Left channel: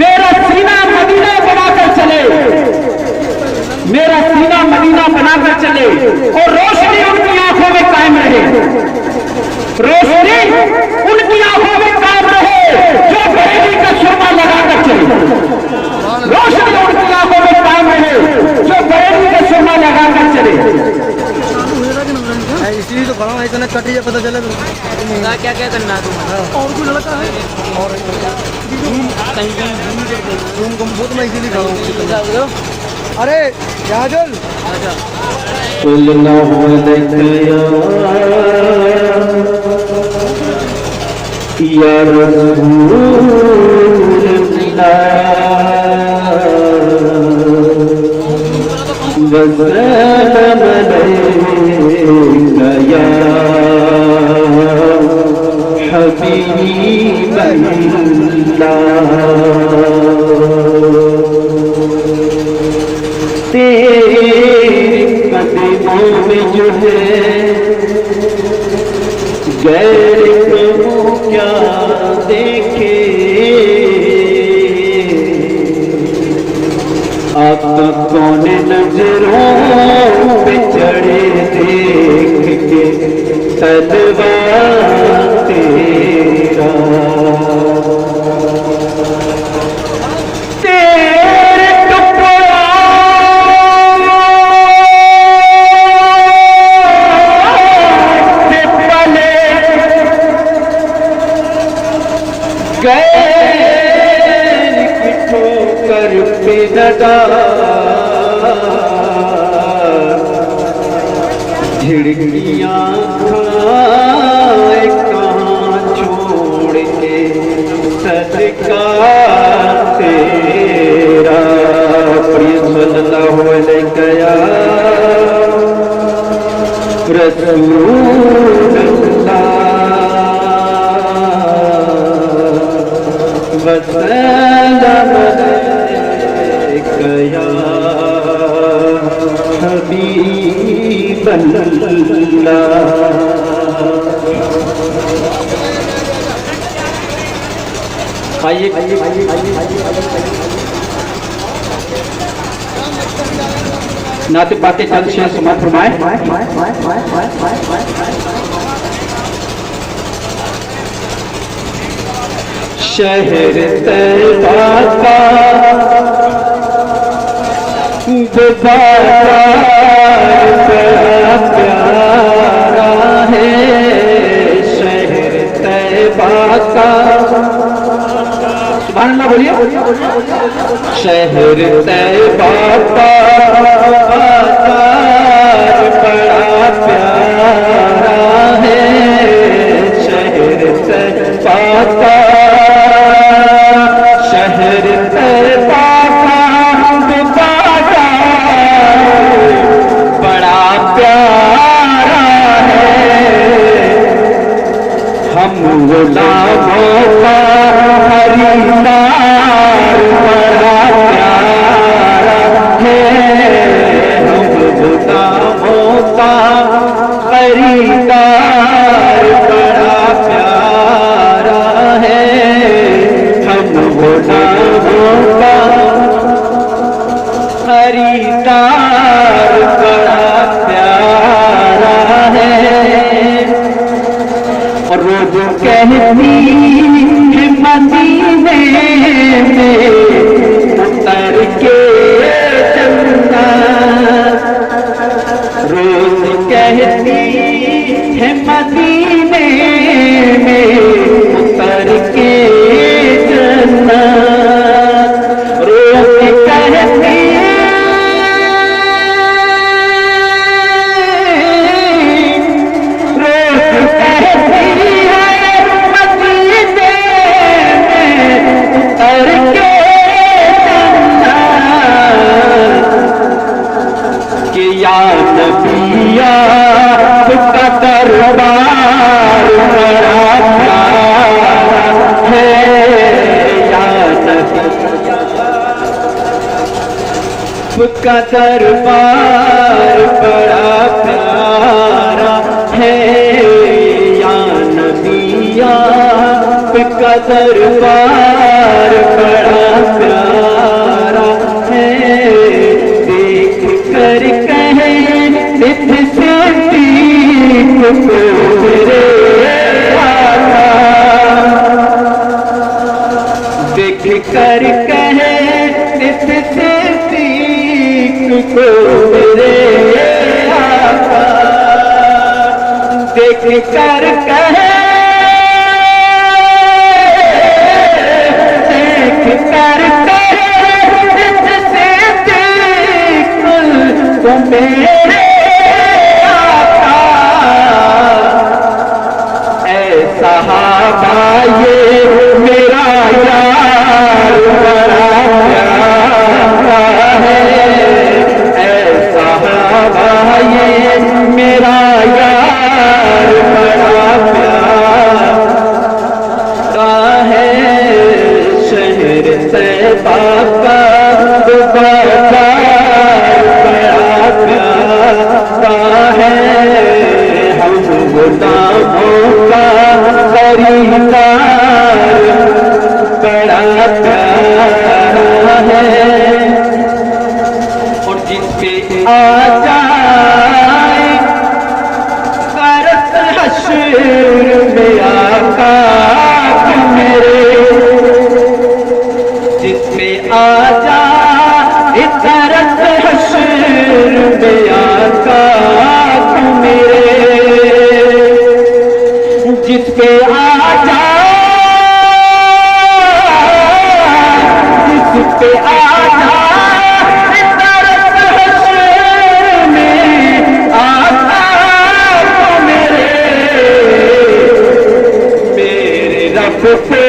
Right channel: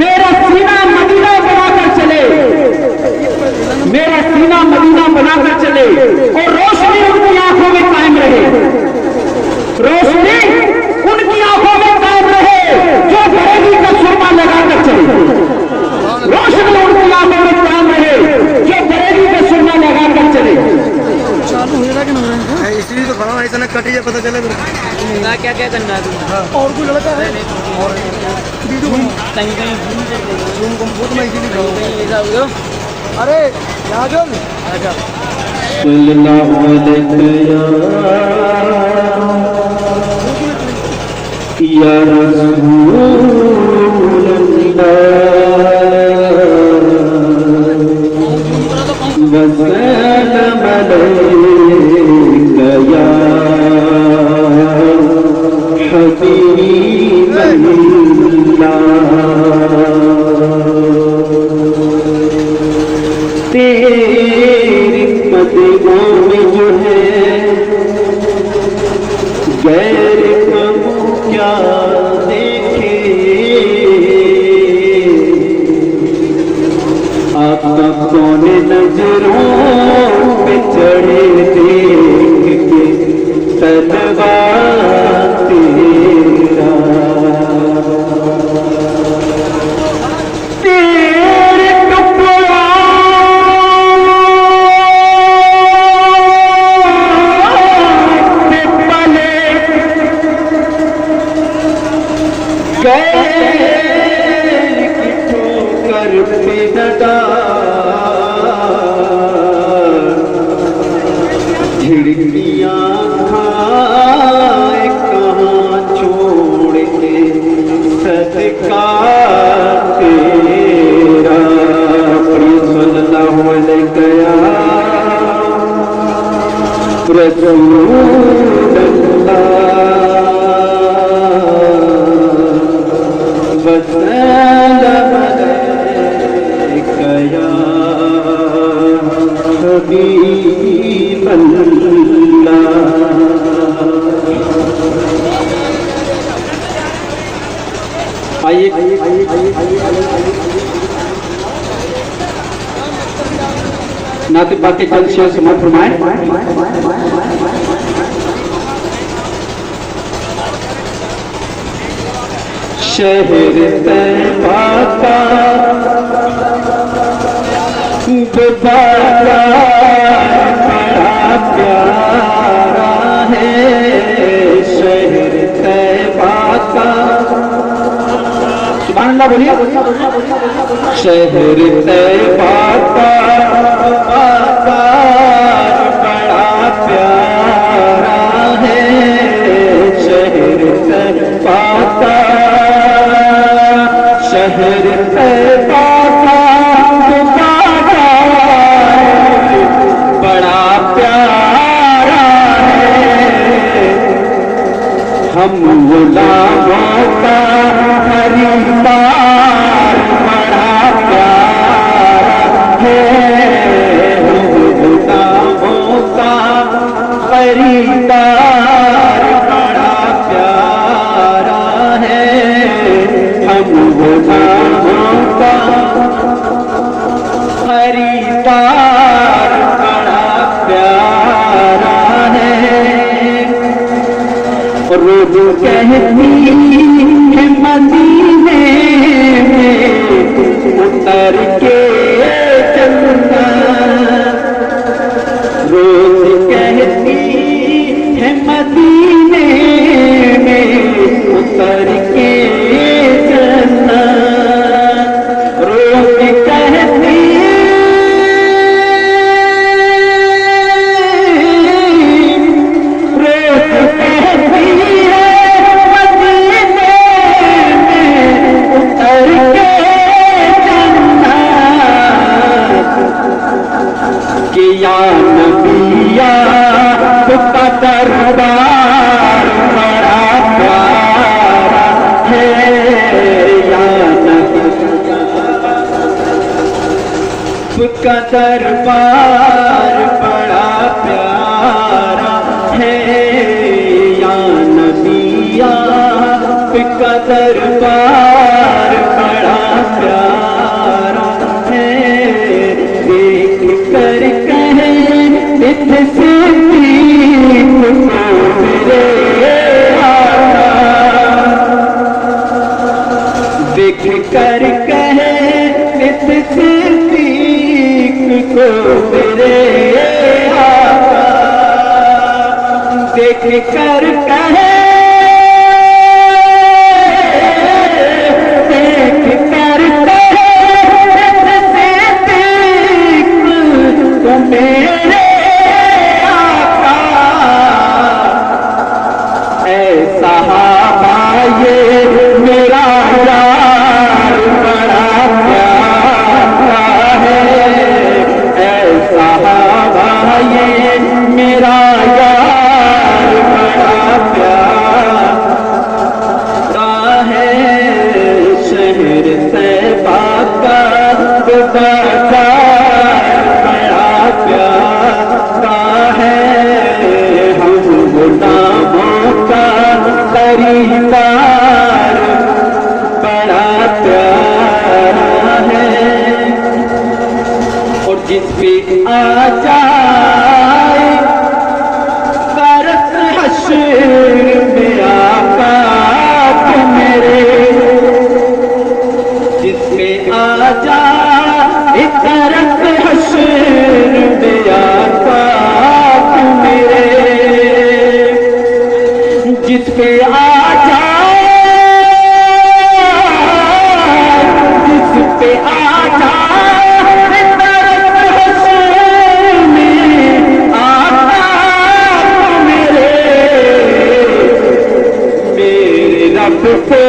मेरा सीना मदीना बनाकर चले, मेरा सीना मदीना बनाकर चले और रोशनी उनकी आंखों में कायम रहे, रोशनी उनकी आंखों में कायम रहे जो बरेली का सुरमा लगाकर चले, रोशनी उनकी आंखों में कायम रहे जो बरेली का सुरमा लगाकर चले। इसलिए तो खड़ा है, इतना कट ही पता चले क्या क्या करना है तुम्हारा और कुछ लड़का है कहीं कहीं जूम कर देना जूम कम्पोज में इसीलिए कहीं कहीं ऐसा हो जाओ। अरे याजुल अच्छा या गैर करूं क्या देखे आप कौन नजरों पे चढ़े देख के सलवा तेरा तेरे कपड़ा गैर की ठोकर पे लगा झिड़कियां खाए कहाँ छोड़ के सदका तेरा सल्लल्लाहु अलैहि आइए नाते पाके चंद शेर समाप्त फरमाए। शहर तैबा का गुजारा बड़ा प्यारा है, शहर तैबा का सुभान अल्लाह बोलिए, शहर तैबा का बाजार बड़ा प्यारा है, शहर तैबा का शहर तैबा का बड़ा प्यारा है, हम गुलामों का खरीदार बड़ा प्यारा है, हम गुलामों का खरीदार बड़ा प्यारा है, हम गुलामों का खरीदार बड़ा प्यारा है। और रोज कहती है मदीने में उतर के चलना, रोज कहती है मदीने में उतर के चलना, रोज कहती दरबार बड़ा प्यारा है, का दरबार बड़ा प्यारा है, या नबी का दरबार बड़ा دیکھ کر کہے اس صدیق کو میرے آقا، دیکھ کر کہے میرے آقا، اے صحابہ یہ میرا یار بڑا پیارا ہے، اے صحابہ یہ میرا یار بڑا پیارا ہے، شہر طیبہ کا ہے، ہم غلاموں کا خریدار بڑا پیارا ہے، اور جس پہ آ جائے فرس حشر میں آقا میرے، جس پہ آ جائے فرس حشر میں آقا میرے، جس پہ آ جائے، جس پہ آ جائے درد حشر میں آقا میرے رب پہ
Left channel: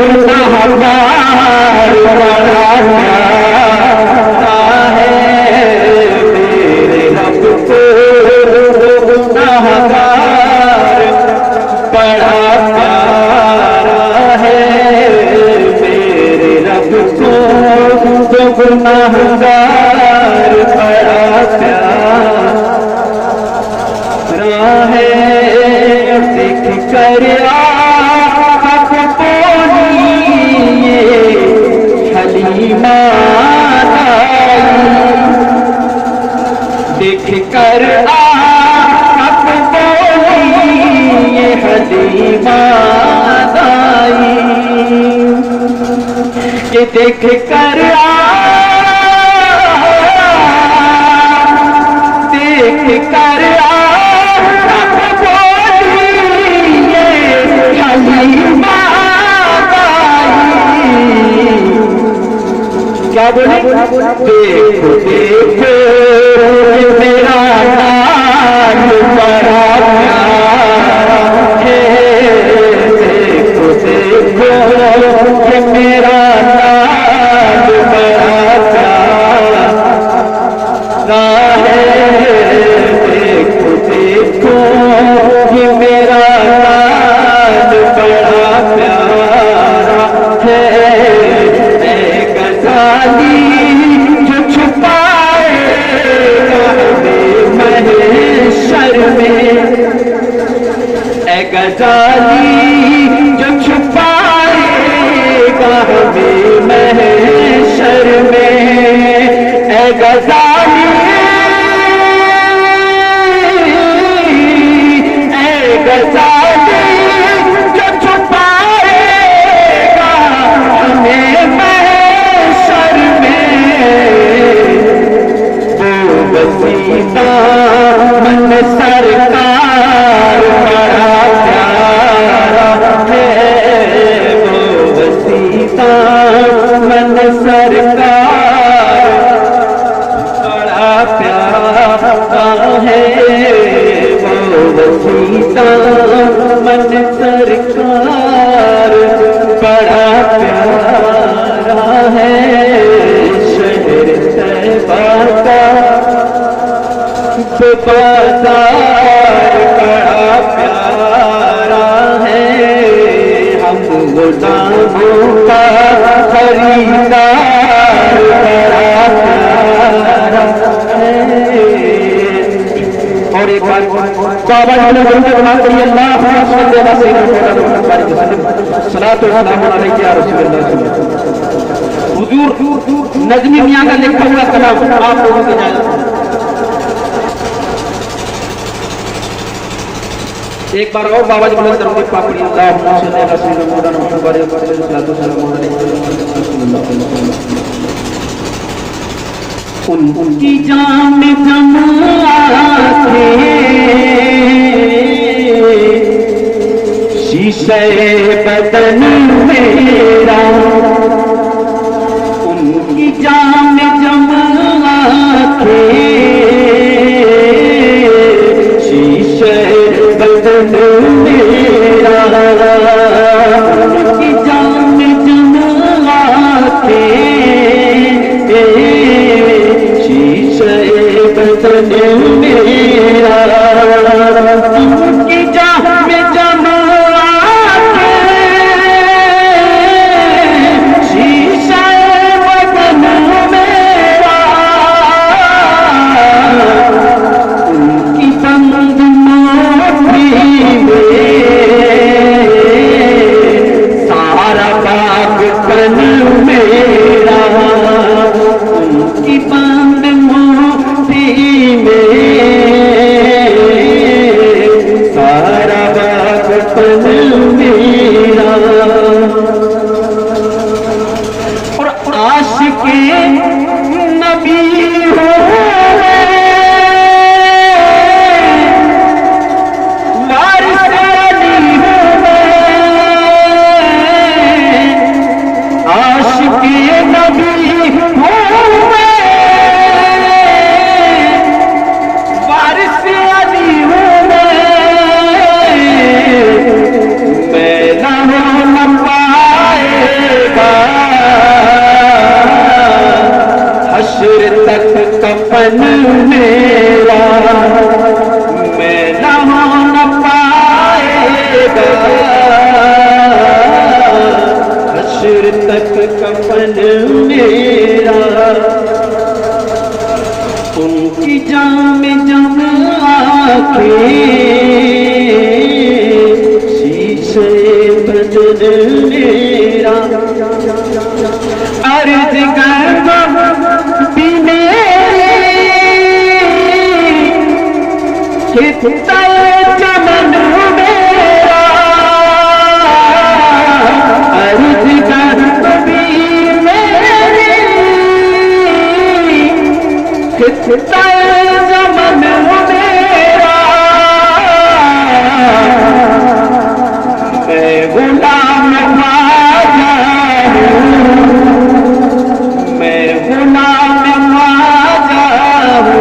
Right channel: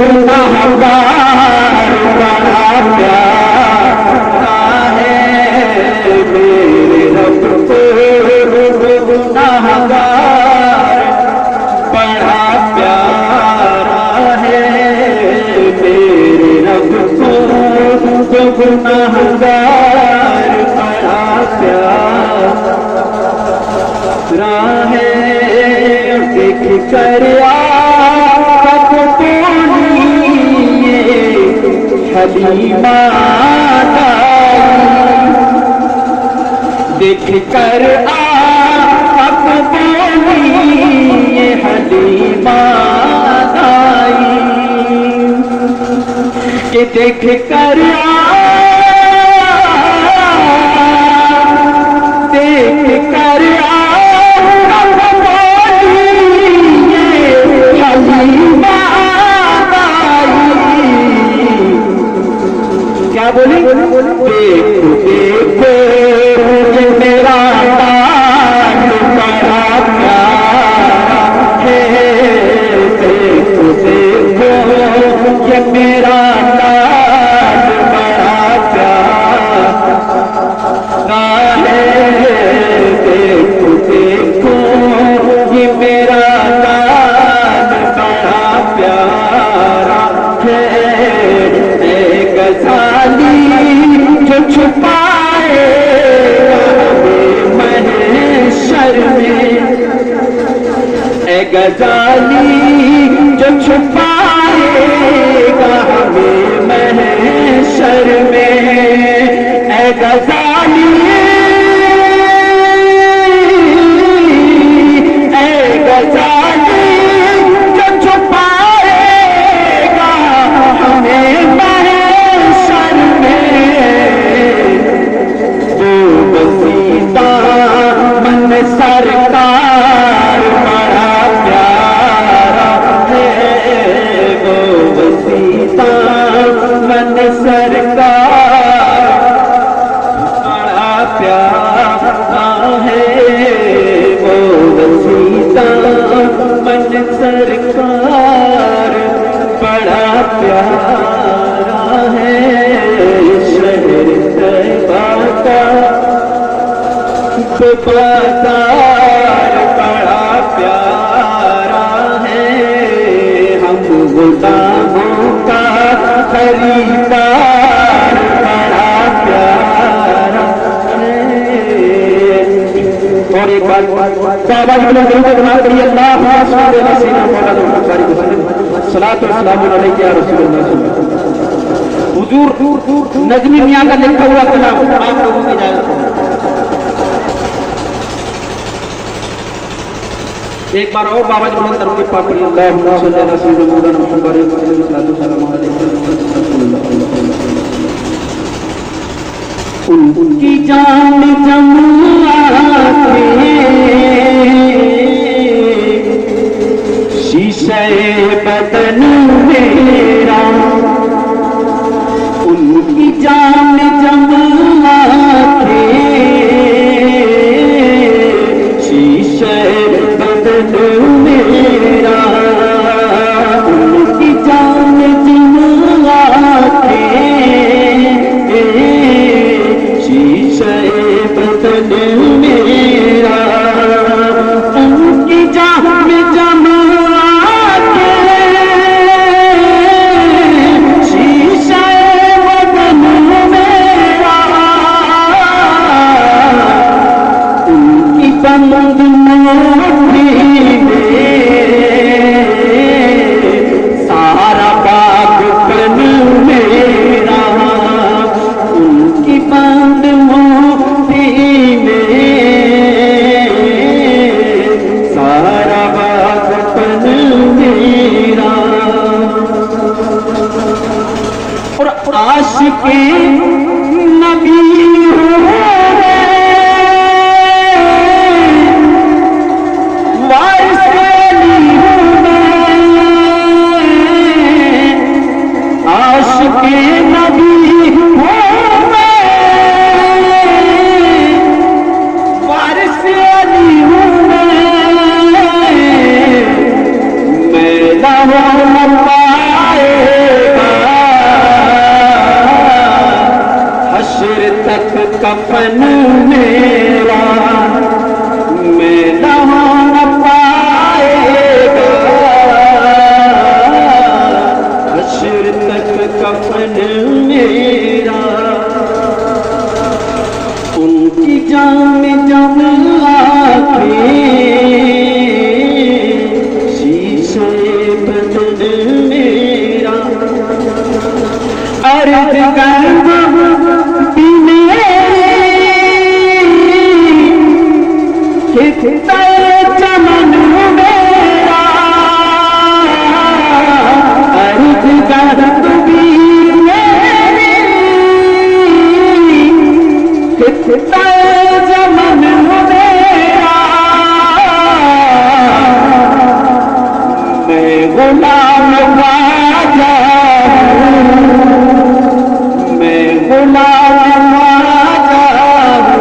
گناہگار بڑا پیارا ہے، میرے رب پہ گناہگار بڑا پیارا ہے، میرے رب کو گناہگار بڑا پیارا ہے، دیکھ کر آفت بولی حلیمہ دیکھ کر آفت بولی حلیمہ کہ دیکھ کر دیکھ کر کیا بولے؟ دیکھو دیکھو میرا نام بڑا پیارا ہے، دیکھو دیکھو یہ میرا نام بڑا پیارا ہے، دیکھو دیکھو یہ میرا نام بڑا پیارا ہے، جو چھپائے محشر میں، اے غزالی جو چھپائے محشر میں، اے غزالی اے غزالی جو چھپائے ہمیں من سرکار بڑا پیارا ہے، وہ وسیلہ من سرکار بڑا پیارا ہے، وہ وسیلہ من سرکار بڑا پیارا ہے، شہر طیبہ کا بازار بڑا پیارا ہے، ہم غلاموں کا خریدار بڑا پیارا ہے، اور ایک بار کعبہ والے درود پاک پڑھیے، اللہم صلی علی سیدنا محمد صلاۃ و سلام علیک یا رسول اللہ صلی اللہ علیہ وسلم۔ حضور نظمی میاں کا لکھا ہوا کلام آپ لوگوں کی اجازت ہے۔ ایک بار اور بابا جی بلند کرتے پاک پڑھی اللہم صلی اللہ علیہ وسلم محمد ان کی جان جماعت شیشہ بدن میرا ان کی جان جماعت شیشہ بدن میرا ان کی جان جماعت شیشہ بدن میرا ان کی جان جماعت شیشہ بدن میرا ان کی بند سارا باغ بن میرا ان کی بند موتی میں سارا باغ بن میرا اور عاشق نبی کفن میرا میں نہ پائے گا حشر تک کفن میرا ان کی جان جما کے شیشہ بدن میرا عرض کتنا چمن میرا عرض کبیر میری کتنا چمن میرا میں غلام خواجہ ہوں میں غلام خواجہ ہوں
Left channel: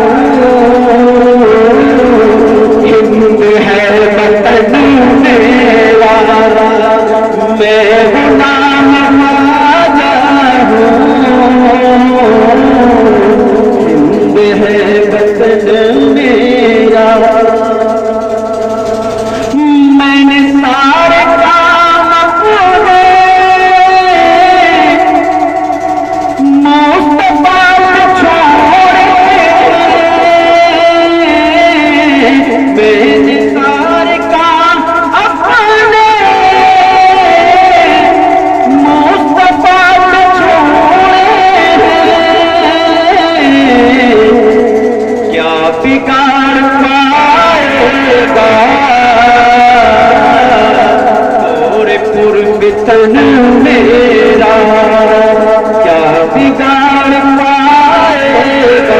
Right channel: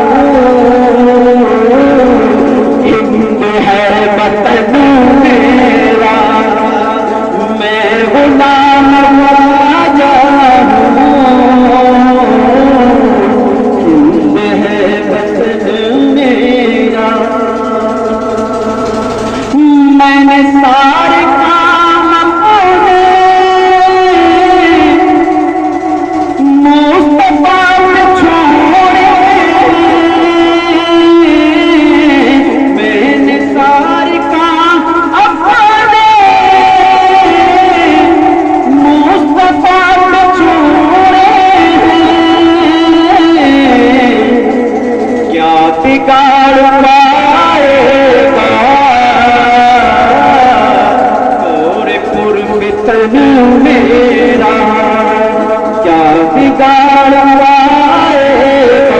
میرا کیا بگاڑ پائے گا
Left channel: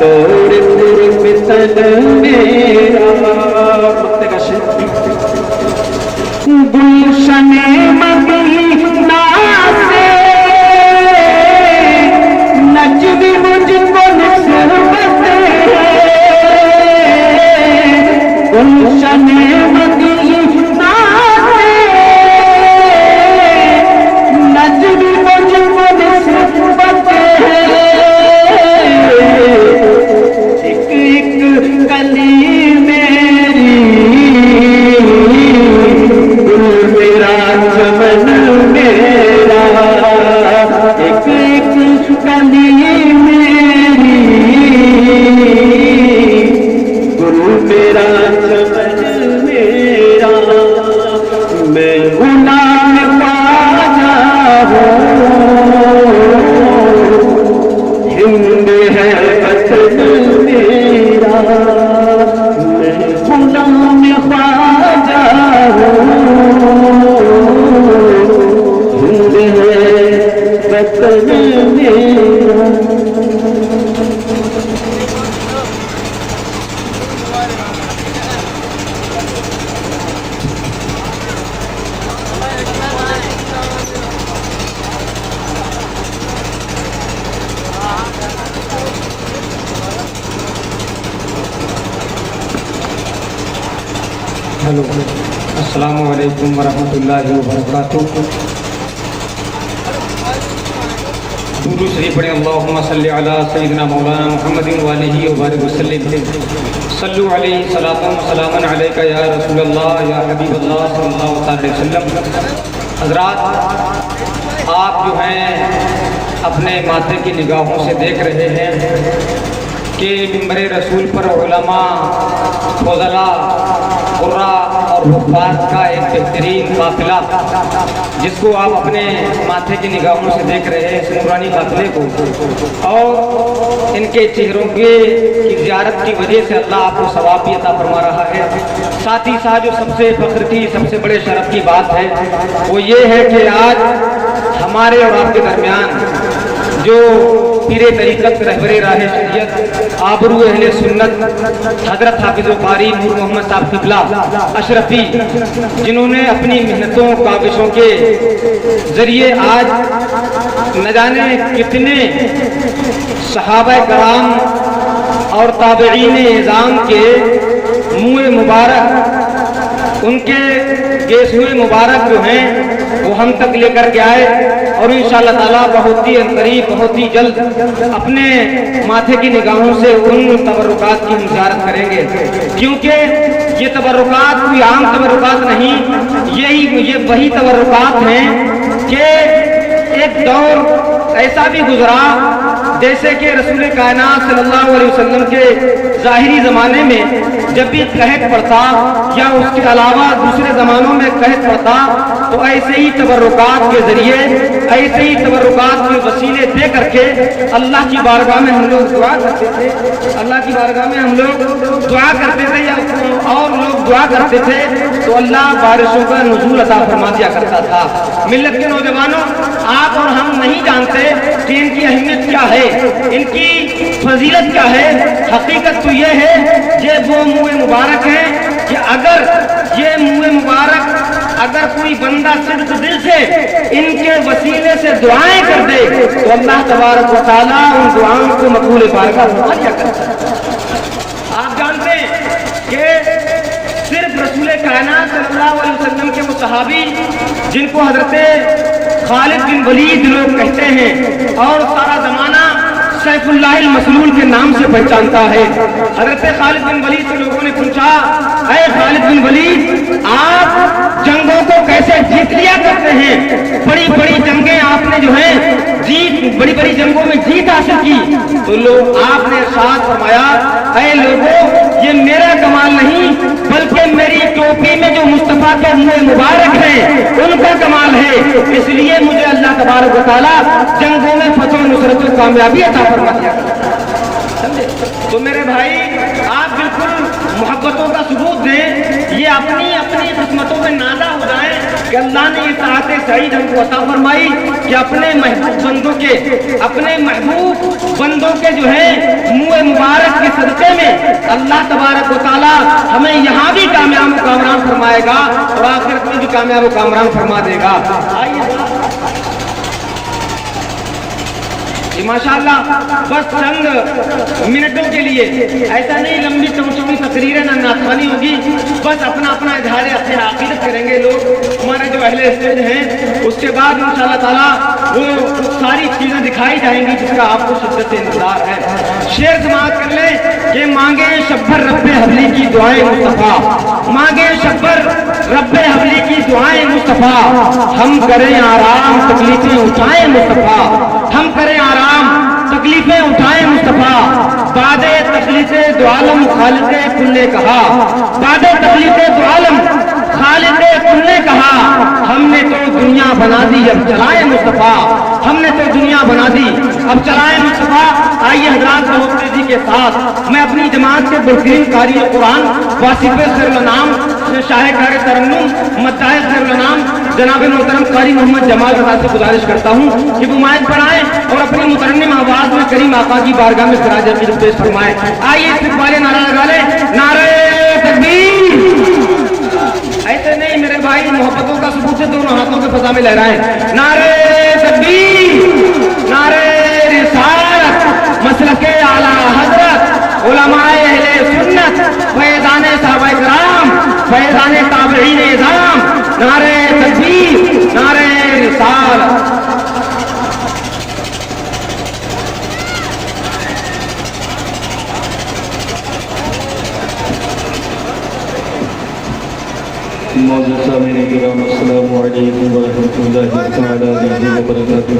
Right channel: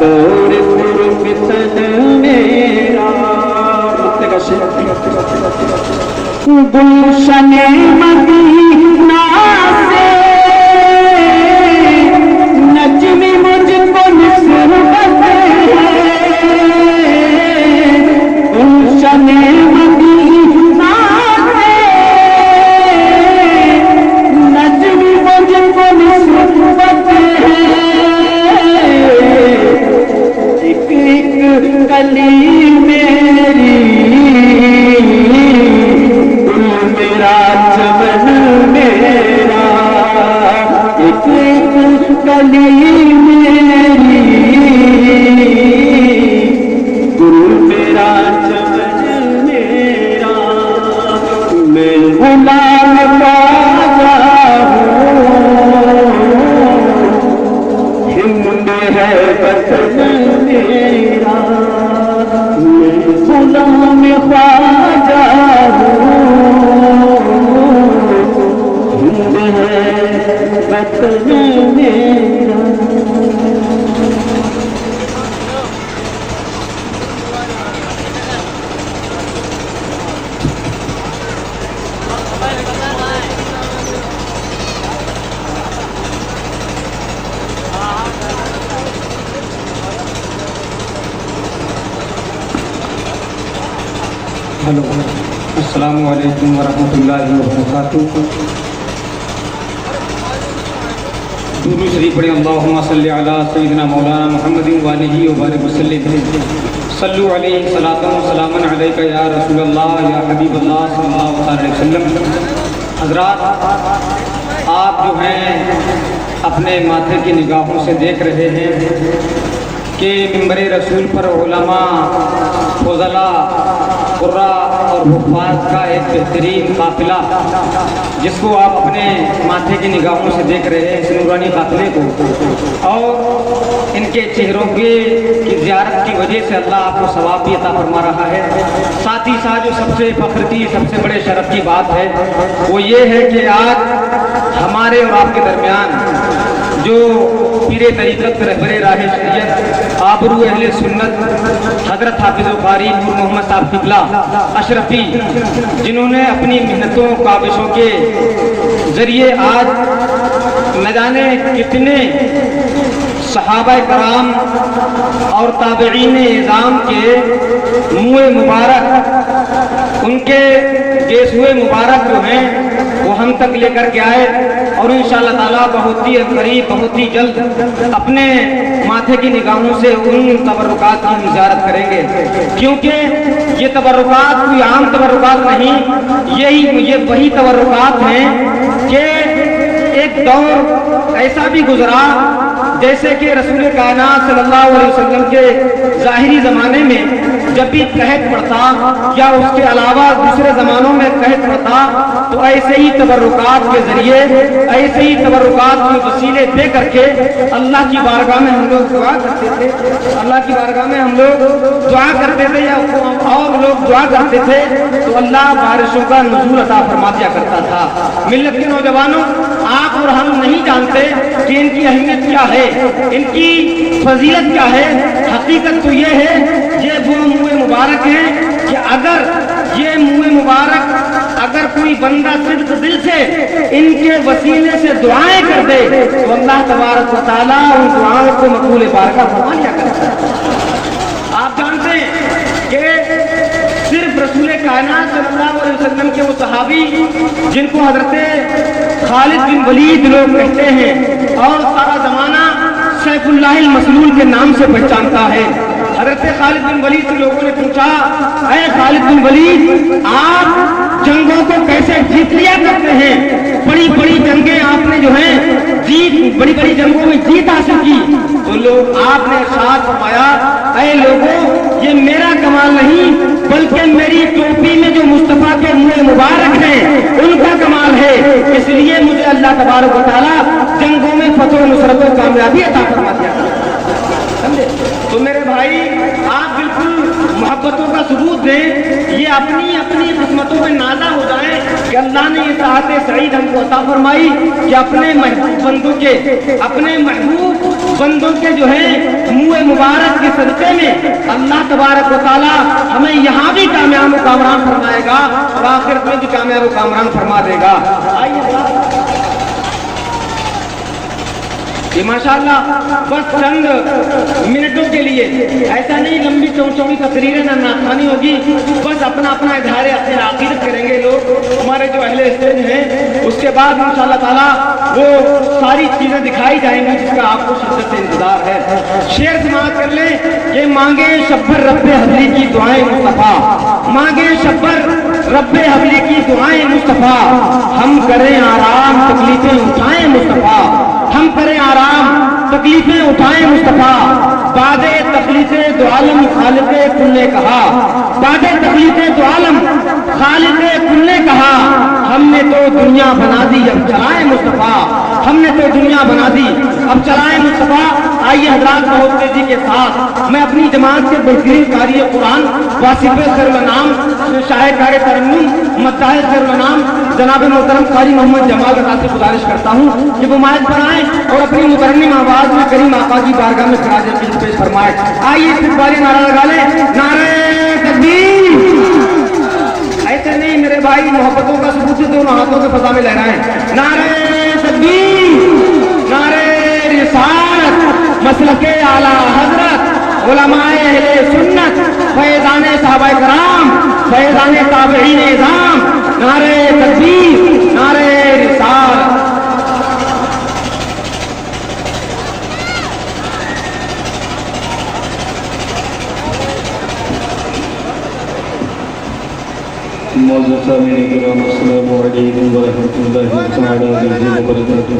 توڑ فتن میرا گلشن مدینہ سے نجم مجھ کو نسبت ہے گلشن ہند ہے وطن میرا हेलो अस्सलामु अलैकुम वरहमतुल्लाहि वबरकातुहू। दुरूद शरीफ पढ़ें। अल्लाहुम्मा सल्लि अला सय्यिदिना मौलाना मुहम्मदिन व आलिहि व बारिक वसल्लिम। सल्लु अलैहि सलातन व सलामन अलैका या रसूलल्लाह या हबीबल्लाह सल्लल्लाहु अलैहि वसल्लम। हज़रात, आप जो हैं अपने माथे की निगाहों से देख रहे हैं कि मिंबर रसूल पर उलमा, फज़ला, कुर्रा और हुफ़ाज़ का एक बेहतरीन काफ़िला, जिसको आप अपने माथे की निगाहों से देख रहे हैं, इस नूरानी काफ़िले को, और इनके चेहरों की ज़ियारत की वजह से अल्लाह आपको सवाब भी अता फरमा रहा है। साथ ही साथ जो सबसे फ़ख्र की, सबसे बड़े शरफ़ की बात है वो ये है कि आज हमारे और आपके दरमियान जो पीरे तरीक़त रहबरे राह शरीयत आबरू अहले सुन्नत हज़रत हाफ़िज़ कारी नूर मोहम्मद साहब क़िबला अशरफी, जिन्होंने अपनी मेहनतों काविशों के ज़रिए आज न जाने कितने सहाबा कराम और ताबईन इज़ाम के मुँह मुबारक, उनके गेसुए मुबारक जो हैं वो हम तक लेकर के आए, और इंशाअल्लाह ताला बहुत ही करीब, बहुत ही जल्द अपने माथे की निगाहों से उन तबर्रुकात की ज़ियारत करेंगे। क्योंकि ये तबर्रुकात कोई आम तबर्रुकात नहीं, ये वही तबर्रुकात हैं कि एक दौर ऐसा भी गुजरा जैसे कि रसूल कायनात सल्लल्लाहु अलैहि वसल्लम के ज़ाहिरी ज़माने में जब भी कहत पड़ता या उसके अलावा दूसरे ज़मानों में कहत पड़ता, तो ऐसे ही तबर्रुकात के ज़रिए, ऐसे ही तबर्रुकात के वसीले दे करके अल्लाह की बारगाह में हम लोग दुआ करते थे, अल्लाह की बारगाह में हम लोग दुआ करते थे, या और लोग दुआ करते थे तो अल्लाह बारिशों का नुज़ूल अता फरमा दिया करता था। मिल्लत के नौजवानों, आप और हम नहीं जानते कि इनकी अहमियत क्या है, इनकी फजीलत क्या है। हकीकत तो ये है, ये वो मुँह मुबारक हैं कि अगर ये मुँह मुबारक अगर कोई बंदा सिर्फ दिल से इनके वसीले से दुआएं कर दे तो अल्लाह तबारक व तआला उन दुआओं को मकबूल बारगाह फरमा लिया करता है। आप जानते हैं कि सिर्फ रसूल कायनात सल्लल्लाहु अलैहि वसल्लम के वो सहाबी जिनको हजरत खालिद बिन वलीद लोग कहते हैं और सारा जमाना सैफुल्लाहिल मसलूल के नाम से पहचानता है। हजरत खालिद बिन वलीद से लोगों ने पूछा, अरे खालिद बिन वलीद, आप जंगों को कैसे जीत लिया करते हैं? बड़ी बड़ी जंगें आपने जो है जीत, बड़ी बड़ी जंगों में जीत हासिल की। तो लोग आपने इरशाद फरमाया, अरे लोगों, ये मेरा कमाल नहीं बल्कि मेरी टोपी में जो मुस्तफा के मुँह मुबारक हैं उनका कमाल है। इसलिए मुझे अल्लाह तबारक व तआला जंगों में फतह नुसरत और कामयाबी अता फरमा दिया। समझे? तो मेरे भाई, आप बिल्कुल मोहब्बतों का सबूत दें, ये अपनी अपनी किस्मतों में नाज़ा हो जाएं कि अल्लाह ने ये साहते सईद हमको अता फरमाई कि अपने महबूब बंदों के, अपने महबूब बंदों के जो है मुँह मुबारक के सदक़े में अल्लाह तबारक व तआला हमें यहाँ भी कामयाब कामरान फरमाएगा और आखिरत में भी कामयाब कामरान फरमा देगा। आइए, ये माशाअल्लाह बस चंद मिनटों के लिए, ऐसा नहीं लंबी चौड़ी तकरीरें न नाथवानी होगी, बस अपना अपना इजहार अपने अकीदत करेंगे लोग, हमारे जो अहले स्टेज हैं। उसके बाद इंशाअल्लाह ताला वो सारी चीज़ें दिखाई जाएंगी जिसका आपको शिद्दत से इंतजार है। शेर समाप्त कर लें कि मांगे शब्बर रब्बे हबली की दुआएं मुस्तफ़ा, मांगे शब्बर रब्बे हबली की दुआएं मुस्तफ़ा, हम करें आराम तकलीफें उठाएं मुस्तफ़ा, हम करें आराम तकलीफें उठाएं मुस्तफ़ा, बादे तकलीफे दो आलम खालिक़े कुल ने कहा, बादे तकलीफे दो आलम खालिक़े कुल ने कहा, हमने तो दुनिया बना दी अब चलाए मुस्तफ़ा, हमने तो दुनिया बना दी دی. اب چلائیں مصطفیٰ. آئیے حضرات بہت تیزی کے ساتھ میں اپنی جماعت سے بلقین قاری قرآن واصف سرلنام شاہ کار ترنم مداح سرلنام جناب محترم قاری محمد جمال رضا سے گزارش کرتا ہوں کہ وہ مائک پر آئیں اور اپنی مترنم آواز میں کریم آقا کی بارگاہ میں خراج عقیدت پیش فرمائیں. آئیے استقبال نعرہ لگا لیں. نعرہ تکبیر. ایسے نہیں میرے بھائی, محبتوں کا ثبوت سے دونوں ہاتھوں کے فضا میں لہرائیں. نعرہ تکبیر. نعرہ رسالت. مسلک اعلی حضرت علماء اہل سنت فیضان صحابہ کرام فیضان تابعین اعظام. نعرہ تکبیر. نعرہ رسالت. معزز سامعین کرام السلام علیکم ورحمۃ اللہ تعالی وبرکاتہ.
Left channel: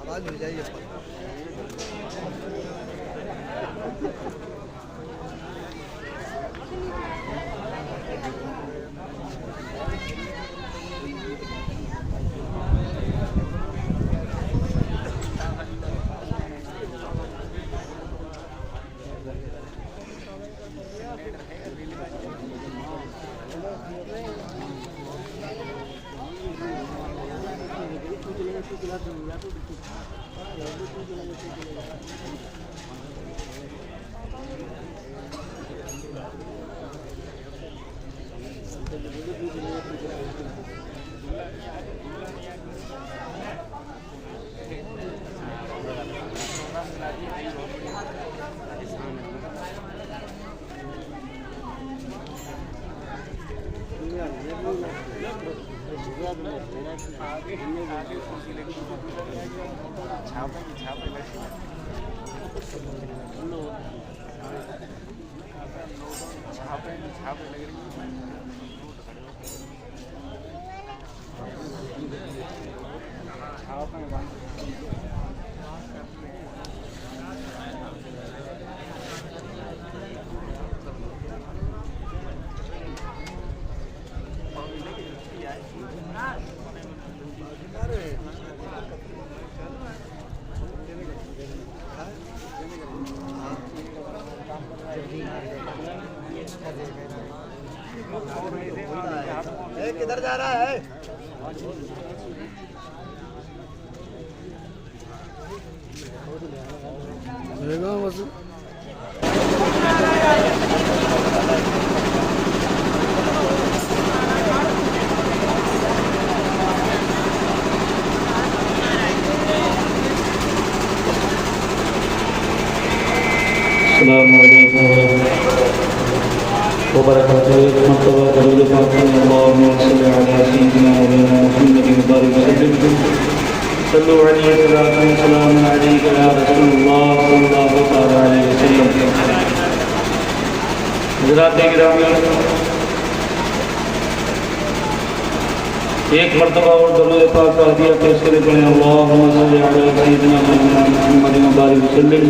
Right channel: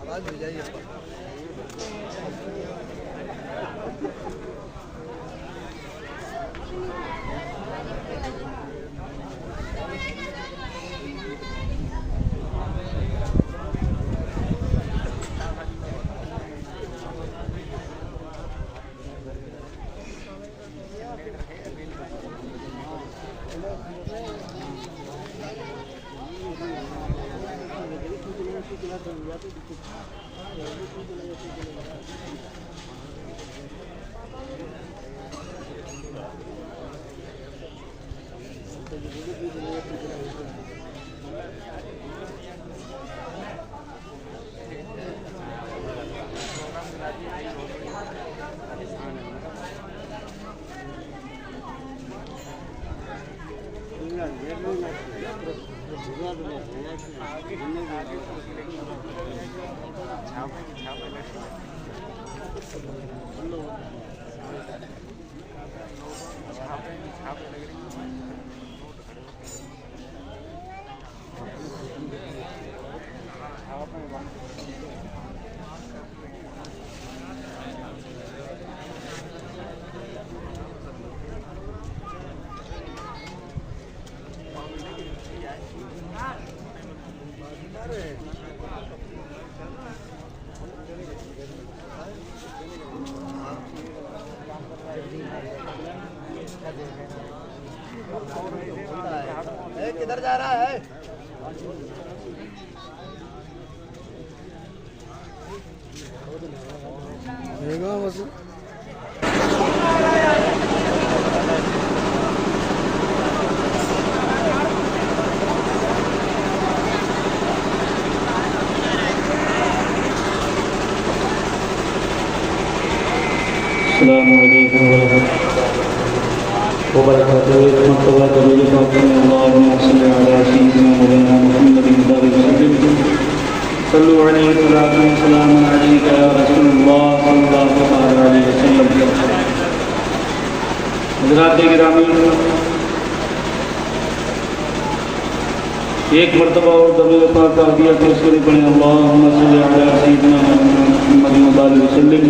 آواز مل جائے گی. کدھر جا رہا ہے؟ السلام علیکم وبرکاتہ. ایک مرتبہ دلیل پاک میں اللہم صلی علی سیدنا مولانا محمد مبارک وسلم. صلو علیہ وسلم علیک یا رسول اللہ صلی اللہ علیہ وسلم. حضرات گرامی, ایک مرتبہ اور دلیل پاک پڑھ دیا کہ اس کے لیے پڑھیں اللہم صلی علی سیدنا مولانا محمد مبارک وسلم.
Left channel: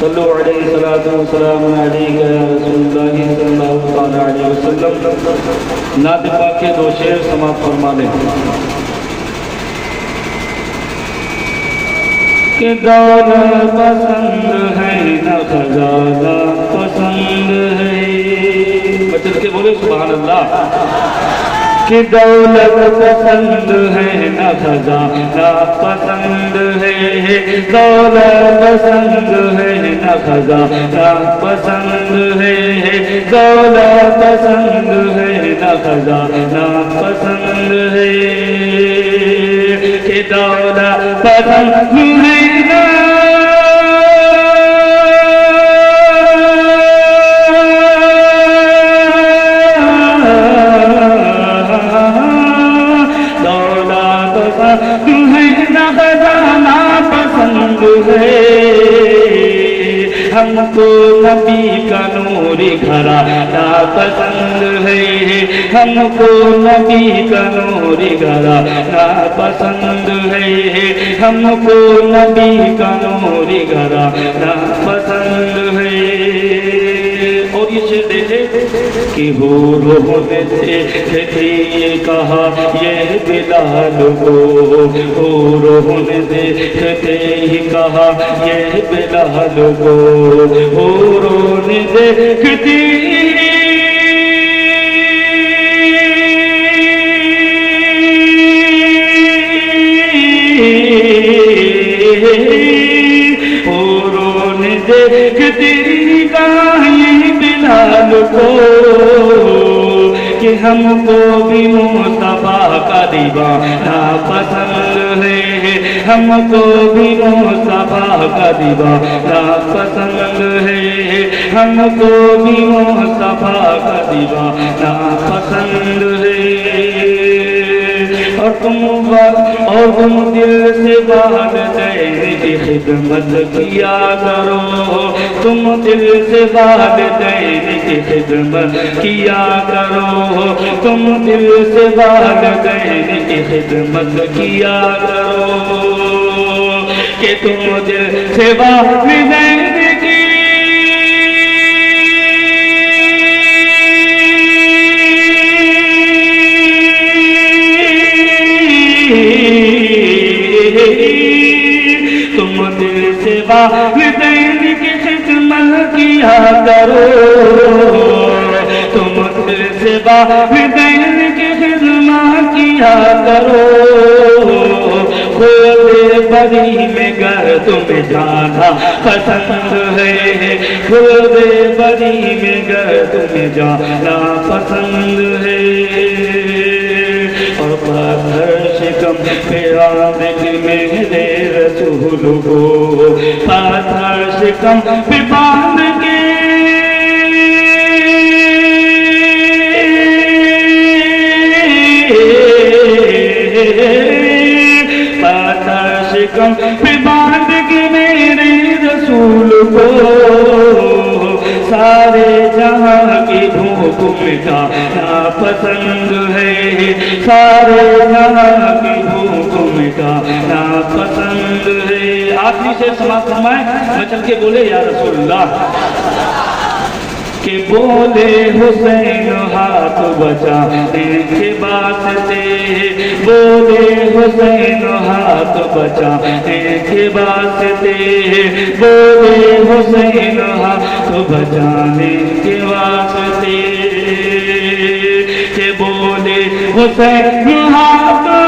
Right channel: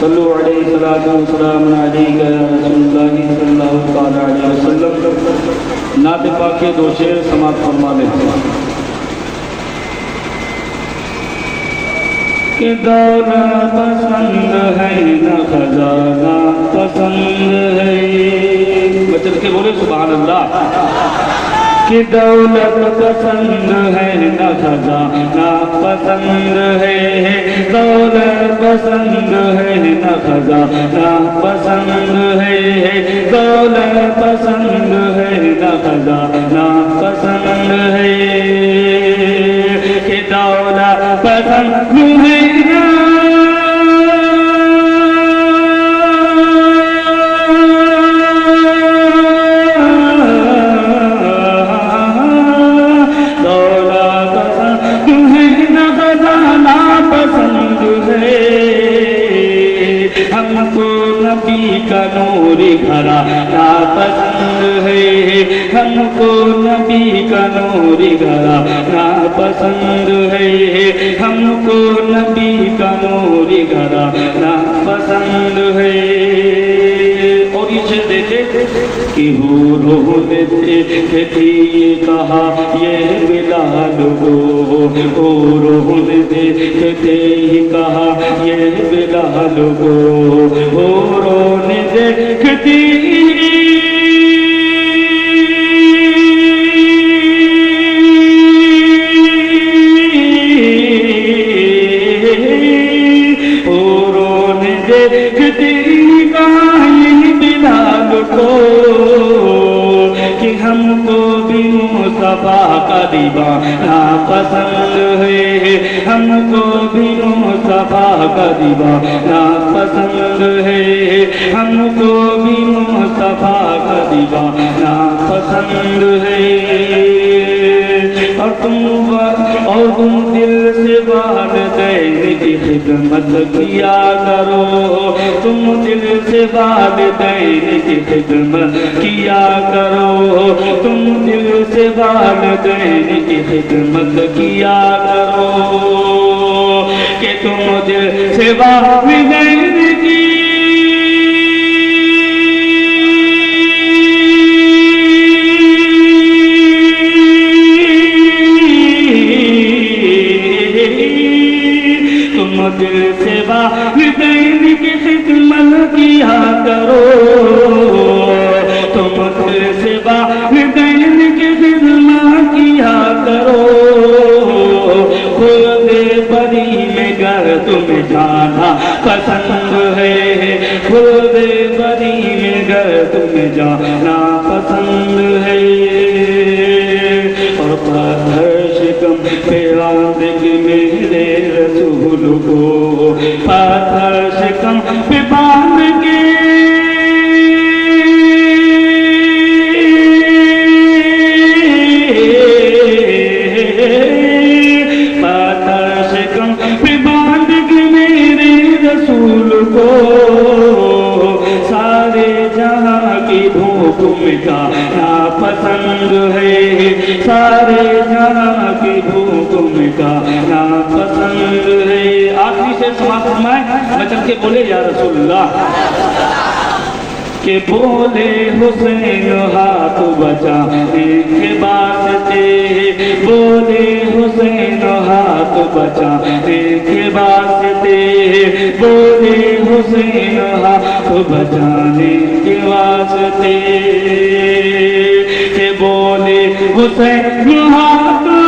صلو علیہ وسلم علیک یا رسول اللہ صلی اللہ علیہ وسلم. नात पाक के दो शेर समाप्त फरमा लें कि दौलत पसंद है न खजाना पसंद है। बचन के बोले सुभान अल्लाह। कि दौलत पसंद है न खजाना पसंद है, दौलत पसंद है न खजाना पसंद है, दौलत पसंद है न खजाना पसंद है, कि दौलत पसंद है न हमको नबी का नूर घराना पसंद है, हमको नबी का नूर घराना पसंद है, हमको नबी का नूर घराना पसंद है। और ये देखे कि हो रोने से ये कहा ये बिलाल को, हो रोने से ही कहा ये बिलाल को, हो रोने देखती हो रोने देखती को कि हमको भी मुस्तफा का दीवाना पसंद है, हमको भी मुस्तफा का दीवाना पसंद है, हमको भी मुस्तफा का दीवाना पसंद है। और तुम दिल से वालिदैन की खिदमत किया करो, तुम दिल से वालिदैन की खिदमत किया करो, तुम दिल से वालिदैन की खिदमत किया करो, कि तुम दिल से वालिदैन की दिल से वालिदैन की खिदमत किया करो, तुम दिल से वालिदैन की खिदमत किया करो, खुद बरी में घर तुम्हें जाना पसंद है, खुद बरी में घर तुम्हें जाना पसंद है। और पाथर शिकम पे आमद मेरे रसूल को, पाथर शिकम पे बांध के पाथर शिकम पे बांध के मेरे रसूल को, सारे जहां की भूख मिटाना पसंद है, सारे जहां की भूख मिटाना पसंद है। आखिरी से समाप्त फरमाए नकल के बोले या रसूलुल्लाह, के बोले हुसैन हाथ बचाने के वास्ते, बोले हुसैन हाथ बचाने के वास्ते, बोले हुसैन हाथ बचाने के वास्ते, के बोले हुसैन हाथ वास्ते,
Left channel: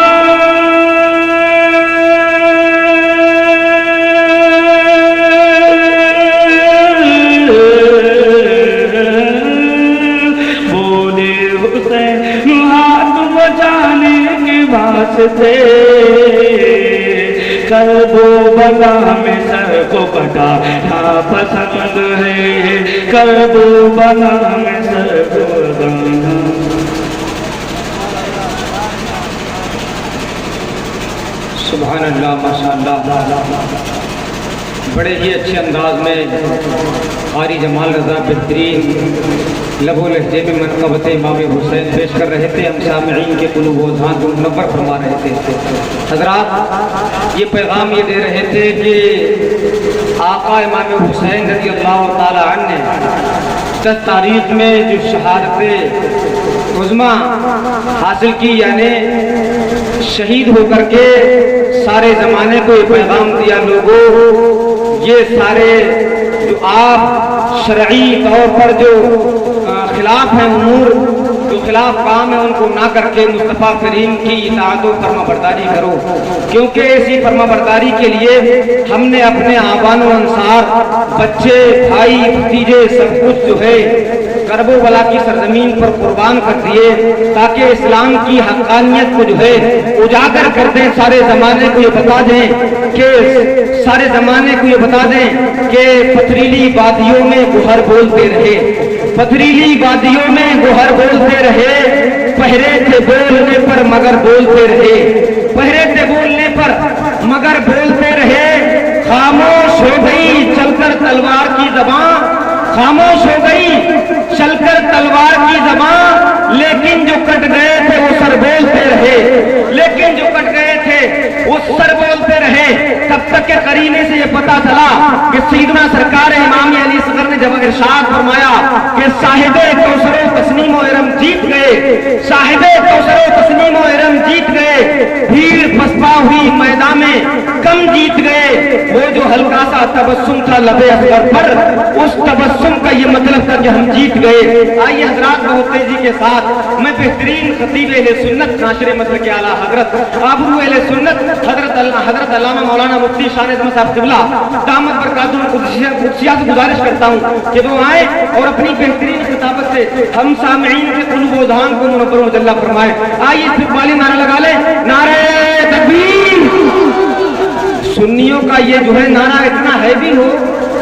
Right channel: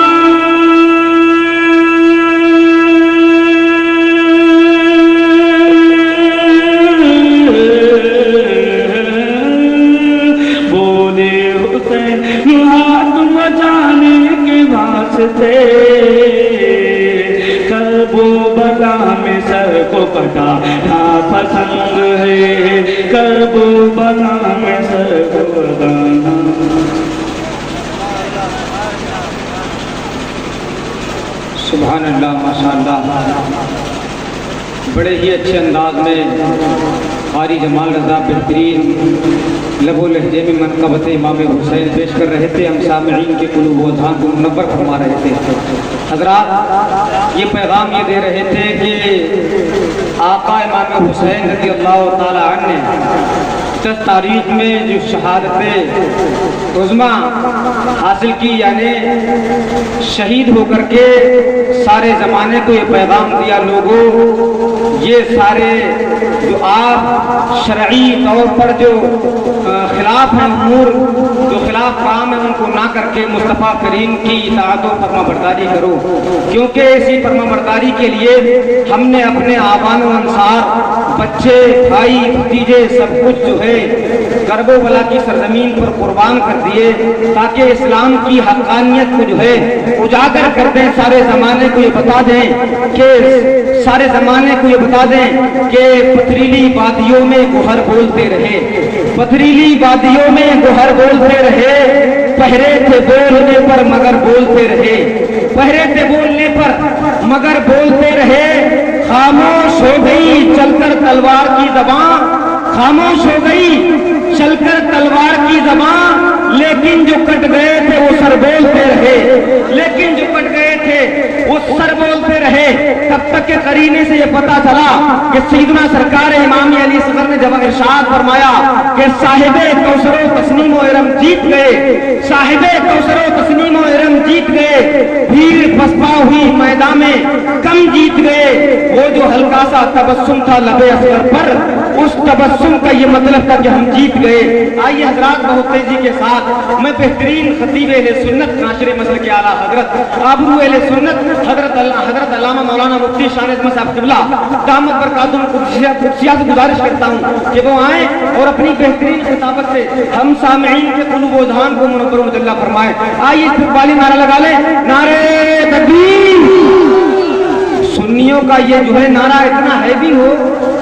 करबो बला में सर को कटाना पसंद है, करबो बला में सर को कटाना। सुभान अल्लाह, माशाअल्लाह। बड़े ही अच्छे अंदाज में कारी जमाल रजा बेहतरीन लबो लहजे में मनक़बत इमाम हुसैन पेश कर रहे थे। हम सामईन के कुलूब व अज़हान को मुनव्वर फरमा रहे थे। हज़रात ये पैगाम ये दे रहे थे कि आका इमाम हुसैन रज़ी अल्लाह ताला अन्हु ने 10 تاریخ میں جو شہادت عظمیٰ حاصل کی، یعنی شہید ہو کر کے سارے زمانے کو یہ پیغام دیا، لوگوں یہ سارے جو آپ شرعی طور پر جو خلاف ہیں امور، جو خلاف کام ہے، ان کو نہ کر کے مصطفیٰ کریم کی اطاعت و فرما برداری کرو، کیونکہ اسی فرما برداری کے لیے ہم نے اپنے آبان و انصار، بچے، بھائی، بھتیجے سب کچھ جو ہے کرب و بلا کی سرزمین پر قربان کر دیے، تاکہ اسلام کی حقانیت کو جو ہے اجاگر کر دیں، سارے زمانے کو یہ بتا دیں کہ پتھریلی وادیوں میں گوہر بولتے رہے، پتھریلی وادیوں میں گوہر بولتے رہے، پہرے تھے بولنے پر مگر بولتے رہے، پہرے تھے بولنے پر مگر بولتے رہے، خاموش ہو گئی چل کر تلوار کی زبان، خاموش ہو گئی چل کر تلوار کی زبان، لیکن جو کٹ گئے تھے وہ سر بولتے رہے، لیکن جو کٹ گئے تھے وہ سر بولتے رہے، تب تک کہ قرینے سے یہ پتا چلا کہ سیدنا سرکار امام علی اصغر نے جب ارشاد فرمایا کہ صاحب کوثر و تسنیم و ارم جیت گئے، صاحب کوثر و تسنیم و ارم جیت گئے، بھیڑ پسپا ہوئی میدان میں کم جیت گئے، وہ جو ہلکا سا تبسم تھا لب اصغر پر، اس تبسم کا یہ مطلب تھا کہ ہم جیت گئے۔ آئیے حضرات بہت تیزی کے ساتھ میں بہترین خطیب اہل سنت ناشر مسلک اعلیٰ حضرت آبرو اہل سنت حضرت علامہ مولانا مفتی شان احمد صاحب قبلہ دامت برکاتہ قدسیہ سے گزارش کرتا ہوں کہ وہ آئیں اور اپنی بہترین خطابت سے ہم سامعین کے قلوب و اذہان کو منور و مجلہ فرمائیں۔ آئیے استقبالی نعرہ لگا لیں، نعرہ تکبیر۔ سنیوں کا یہ جو ہے نعرہ اتنا ہیوی ہو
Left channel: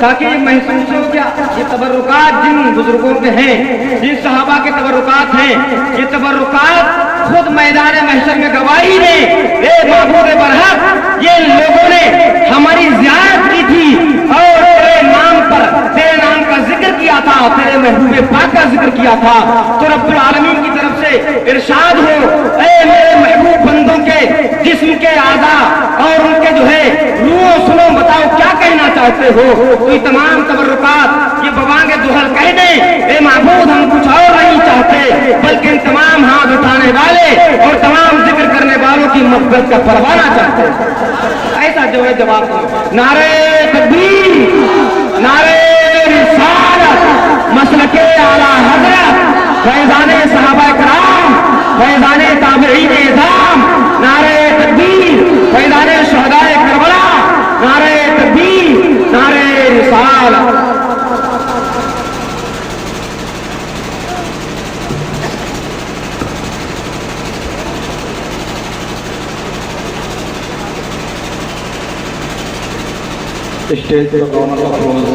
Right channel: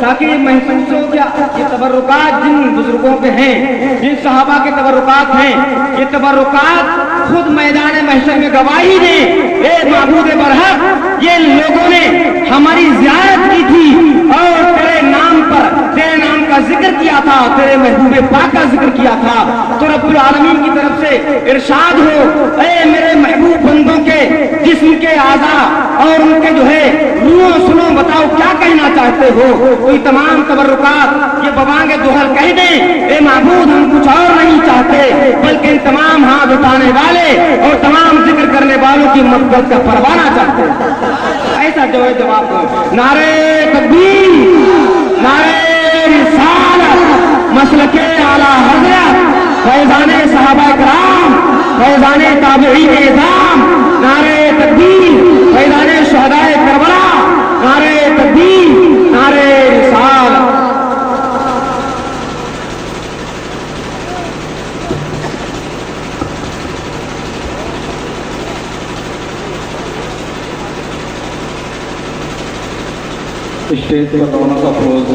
تاکہ یہ محسوس ہو کہ یہ تبرکات جن بزرگوں کے ہیں، جن صحابہ کے تبرکات ہیں، یہ تبرکات خود میدان محشر میں گواہی دیں، اے معبود برحق یہ لوگوں نے ہماری زیارت کی تھی اور تیرے نام پر، تیرے نام کا ذکر کیا تھا، تیرے محبوب پاک کا ذکر کیا تھا، تو رب العالمین کی طرف سے ارشاد ہو، اے میرے محبوب بندوں کے جسم کے اعضاء اور ان کے جو ہے روح سنو، بتاؤ کیا کہنا چاہتے ہو؟ کوئی تمام تبرکات یہ بوانگ دوہل کہہ دیں، اے معبود ہم کچھ اور نہیں چاہتے بلکہ تمام ہاتھ اٹھانے والے اور تمام ذکر کرنے والوں کی مغفرت کا پروانہ چاہتے ہیں۔ ایسا جو ہے جواب دو، نعرہ تکبیر، نعرہ رسالت، مسلک اعلیٰ حضرت، فیضان صحابہ کرام، فیضان تابعین اعظام، نعرہ تکبیر، فیضان شہداء کربلا، نعرہ تکبیر، نعرہ رسالت۔ اسٹیج پر رونق افروز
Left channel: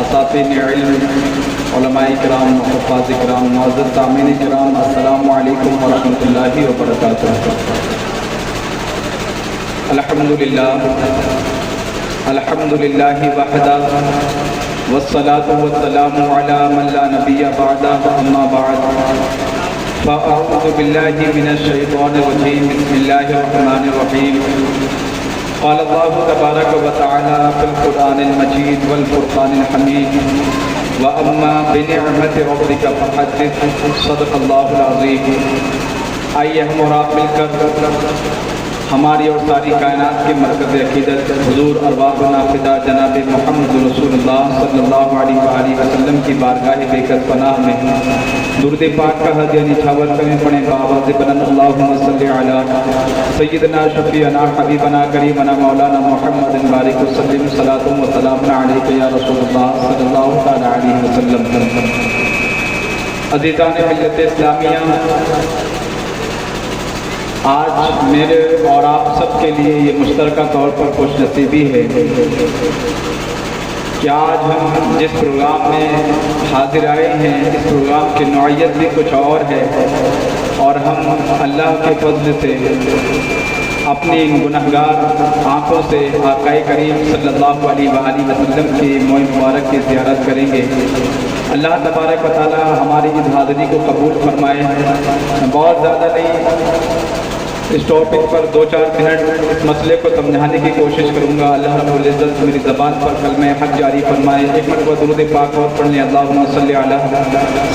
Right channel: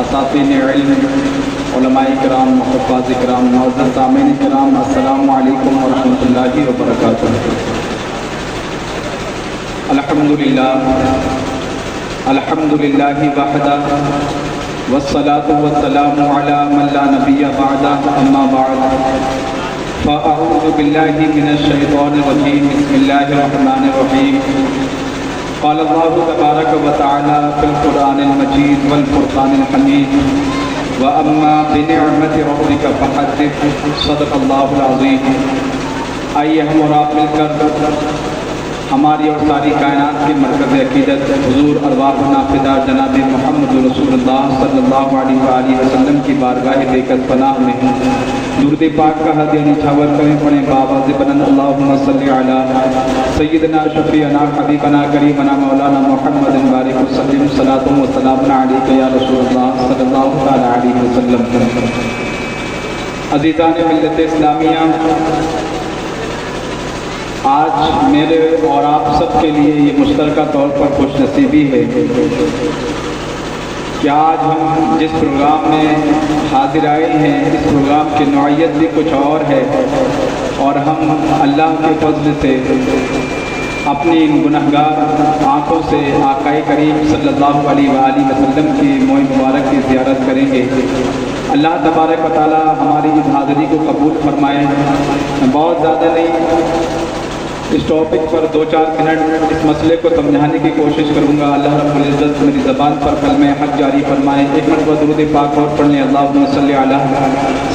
اساتذہ علم، علماء کرام، حفاظ کرام، معزز سامعین کرام، السلام علیکم ورحمۃ اللہ وبرکاتہ۔ الحمدللہ وحدہ والصلاة والسلام علی من لا نبی بعدہ، اما بعد فاعوذ باللہ من الشیطان الرجیم، بسم اللہ الرحمن الرحیم۔ قال اللہ تبارک و تعالی فی القرآن المجید والفرقان الحمید، وَأَمَّا بِنِعْمَةِ رَبِّكَ فَحَدِّثْ، صدق اللہ العظیم۔ آئیے ہم اور آپ مل کر ہماری اور ساری کائنات کے مرکز عقیدت حضور ارواحنا فدا جناب محمد رسول اللہ صلی اللہ علیہ وآلہ وسلم کی بارگاہ بیکت پناہ میں درود پاک کا ہدیہ نچھاور کریں پڑھیں بآواز بلند، اللہم صلی علی سیدنا شفیعنا حبیبنا کریمنا مولانا محمد بارک وسلم، صلاۃ و سلام علیک یا رسول اللہ صلی اللہ تعالی علیہ وسلم۔ عزیزان ملت اسلامیہ، آج میرے اور آپ سب کے لیے یہ مشترکہ طور پر خوش نصیبی ہے کہ آج ہم جس پروگرام میں حاضر آئے ہیں، اس پروگرام کی نوعیت بھی کچھ اور ہے، اور ہم اللہ کے فضل سے اپنی گنہگار آنکھوں سے آقا کریم صلی اللہ علیہ وآلہ وسلم کی موئے مبارک کی زیارت کریں گے۔ اللہ تبارک و تعالی ہماری اس حاضری کو قبول فرمائے۔ بہت زیادہ نہیں، اس ٹاپک پر 2-4 منٹ اس مسئلے کو سمجھانے کی کوشش کروں گا۔ اللہ رب العزت میری زبان پر کلمہ حق جاری فرمائے۔ ایک مرتبہ درود پاک اور پڑھیں، اللہم صلی علی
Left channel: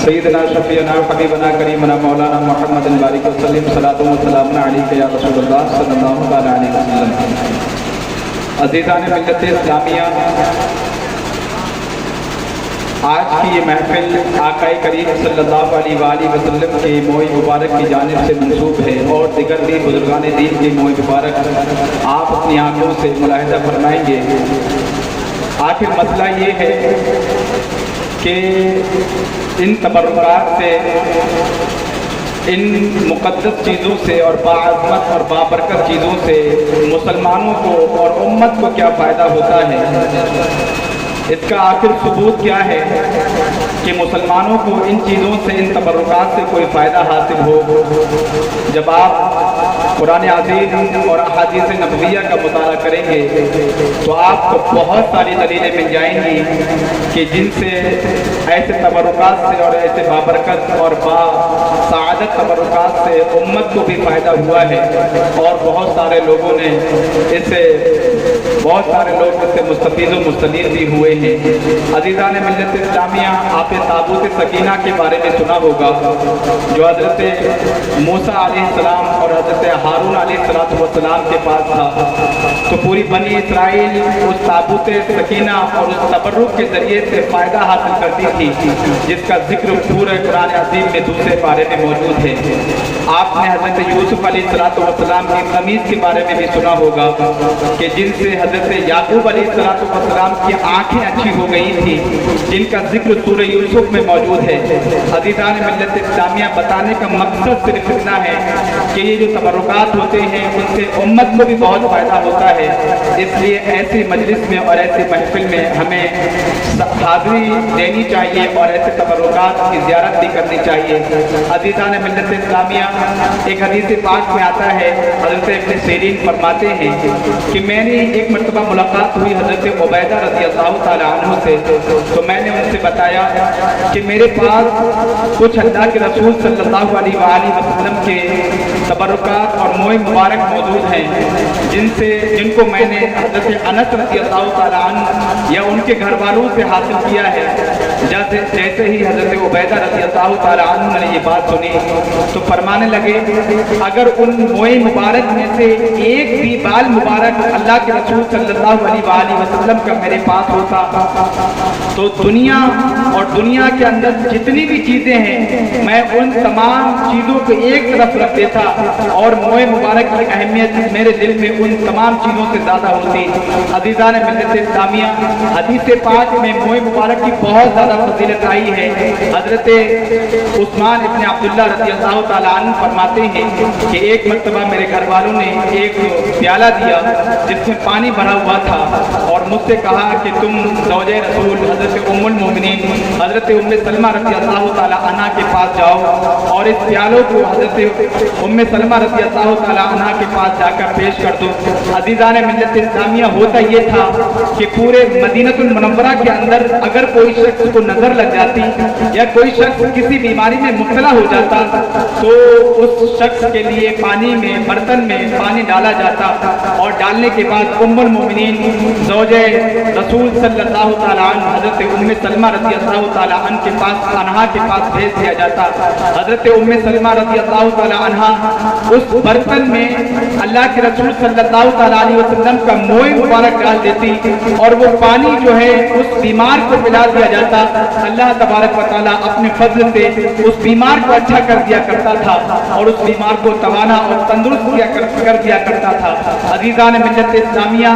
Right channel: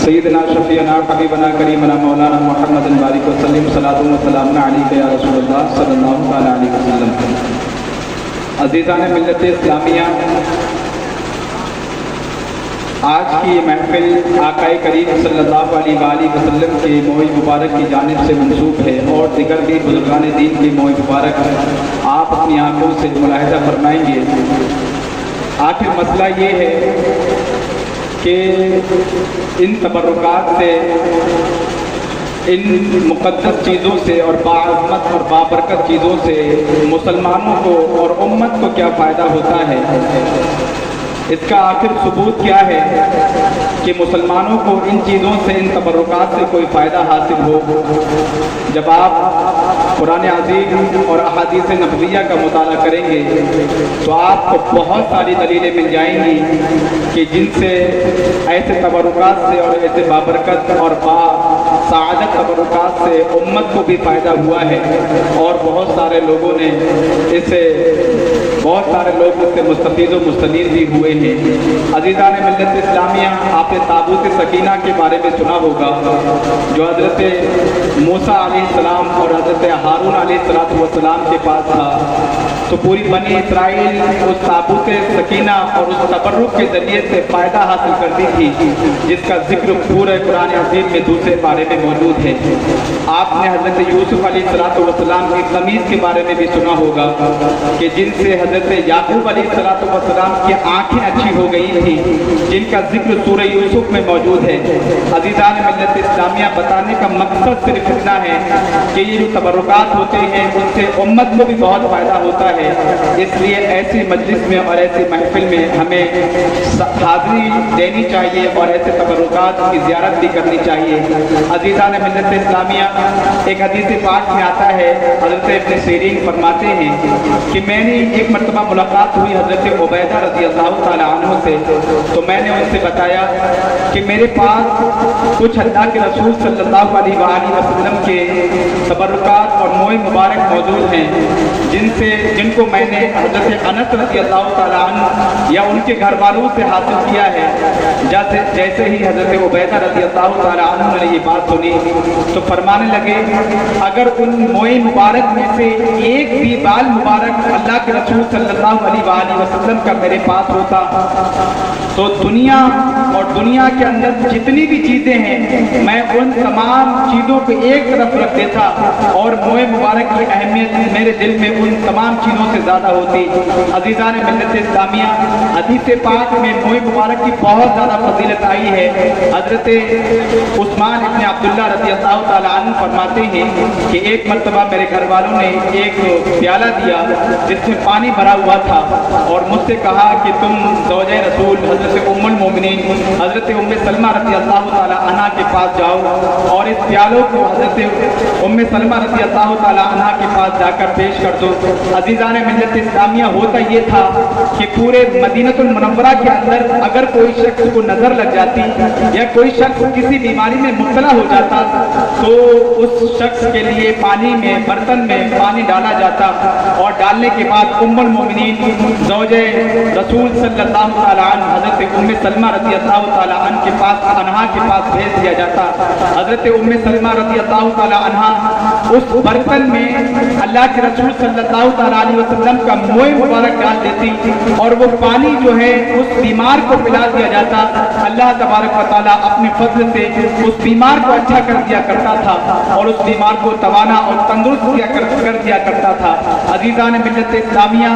سیدنا شفیعنا حبیبنا کریمنا مولانا محمد بارک وسلم، صلاۃ و سلام علیک یا رسول اللہ صلی اللہ تعالی علیہ وسلم۔ عزیزان ملت اسلامیہ، آج کی یہ محفل آقا کریم صلی اللہ علیہ وآلہ وسلم کے موئے مبارک کی جانب سے منسوب ہے، اور دیگر بھی بزرگان دین کے موئے مبارک آپ اپنی آنکھوں سے ملاحظہ فرمائیں گے۔ آخر مسئلہ یہ ہے کہ ان تبرکات سے، ان مقدس چیزوں سے اور باعظمت اور بابرکت چیزوں سے مسلمانوں کو اور امت کو کیا فائدہ ہوتا ہے؟ اس کا آخر ثبوت کیا ہے کہ مسلمانوں کو ان چیزوں سے، ان تبرکات سے کوئی فائدہ حاصل ہو؟ جب آپ قرآن عظیم اور احادیث نبویہ کا مطالعہ کریں گے تو آپ کو بہت ساری دلیلیں مل جائیں گی کہ جن سے ایسے تبرکات سے اور ایسے بابرکت اور سعادت تبرکات سے امت کو بھی فائدہ ہوا ہے، اور بہت سارے لوگوں نے بہت سارے لوگ اس سے مستفید و مستنیر بھی ہوئے ہیں۔ عزیزان ملت اسلامیہ، آپ نے تابوت سکینہ کے بارے میں سنا ہوگا، جو حضرت موسیٰ علیہ السلام اور حضرت ہارون علیہ السلام کے پاس تھا، تو پوری بنی اسرائیل اس تابوت سکینہ اور اس تبرک کے ذریعے سے فائدہ حاصل کرتی تھی، جس کا ذکر پورے قرآن عظیم میں دوسرے پارے میں موجود ہے۔ آپ نے حضرت یوسف علیہ السلام کی قمیص کے بارے میں بھی سنا ہوگا کہ جن سے حضرت یعقوب علیہ السلام کی آنکھیں اچھی ہو گئی تھی، جن کا ذکر سورہ یوسف میں موجود ہے۔ عزیزان ملت اسلامیہ، بتانے کا مقصد صرف اتنا ہے کہ یہ جو تبرکات ہوتے ہیں ان سے امت کو بھی بہت فائدہ ہوتا ہے، اس لیے ایسی مجلس میں اور ایسی محفل میں ہمیں حاضری دینی چاہیے اور ایسے تبرکات کی زیارت بھی کرنی چاہیے۔ عزیزان ملت اسلامیہ، ایک حدیث پاک میں آتا ہے، حضرت ابن سیرین فرماتے ہیں کہ میں نے ایک مرتبہ ملاقات ہوئی حضرت عبیدہ رضی اللہ تعالیٰ عنہ سے، تو میں نے ان سے بتایا کہ میرے پاس کچھ اللہ کے رسول صلی اللہ علیہ وآلہ وسلم کے تبرکات اور موئے مبارک موجود ہیں، جن کو میں نے حضرت انس رضی اللہ تعالیٰ عنہ یا ان کے گھر والوں سے حاصل کیا ہے۔ جیسے ہی حضرت عبیدہ رضی اللہ تعالیٰ عنہ نے یہ بات سنی تو فرمانے لگے، اگر ان موئے مبارک میں سے ایک بھی بال مبارک اللہ کے رسول صلی اللہ علیہ وآلہ وسلم کا میرے پاس ہوتا تو دنیا اور دنیا کے اندر جتنی بھی چیزیں ہیں میں ان تمام چیزوں کو ایک طرف رکھ دیتا، اور موئے مبارک کی اہمیت میرے دل میں ان تمام چیزوں سے زیادہ ہوتی۔ عزیزان ملت اسلامیہ، حدیث پاک میں موئے مبارک کی بہت زیادہ فضیلت آئی ہے۔ حضرت عثمان ابن عبداللہ رضی اللہ تعالیٰ عنہ فرماتے ہیں کہ ایک مرتبہ میرے گھر والوں نے ایک پیالہ دیا جس میں پانی بھرا ہوا تھا، اور مجھ سے کہا کہ تم زوجہ رسول حضرت ام المومنین حضرت ام سلمہ رضی اللہ تعالیٰ عنہ کے پاس جاؤ اور اس پیالوں کو حضرت ام سلمہ رضی اللہ تعالیٰ عنہ کے پاس جا کر پیش کر دو۔ عزیزان ملت اسلامیہ، ہوتا یہ تھا کہ پورے مدینہ المنورہ کے اندر اگر کوئی شخص کو نظر لگ جاتی یا کوئی شخص کسی بیماری میں مبتلا ہو جاتا تو اس شخص کے لیے پانی میں، برتن میں پانی ڈالا جاتا، اور ڈالنے کے بعد ام المومنین زوجہ رسول صلی اللہ تعالیٰ عنہ حضرت ام سلمہ رضی اللہ تعالیٰ عنہ کے پاس، انہا کے پاس بھیج دیا جاتا۔ حضرت ام سلمہ رضی اللہ تعالیٰ عنہ اس برتن میں اللہ کے رسول صلی اللہ تعالیٰ علیہ وسلم کا موئے مبارک ڈال دیتی، اور وہ پانی جو ہے اس بیمار کو پلا دیا جاتا۔ اللہ تبارک و تعالیٰ اپنے فضل سے اس بیمار کو اچھا کر دیا کرتا تھا، اور اس بیمار کو توانا اور تندرست کر دیا کرتا تھا۔ عزیزان ملت اسلامیہ،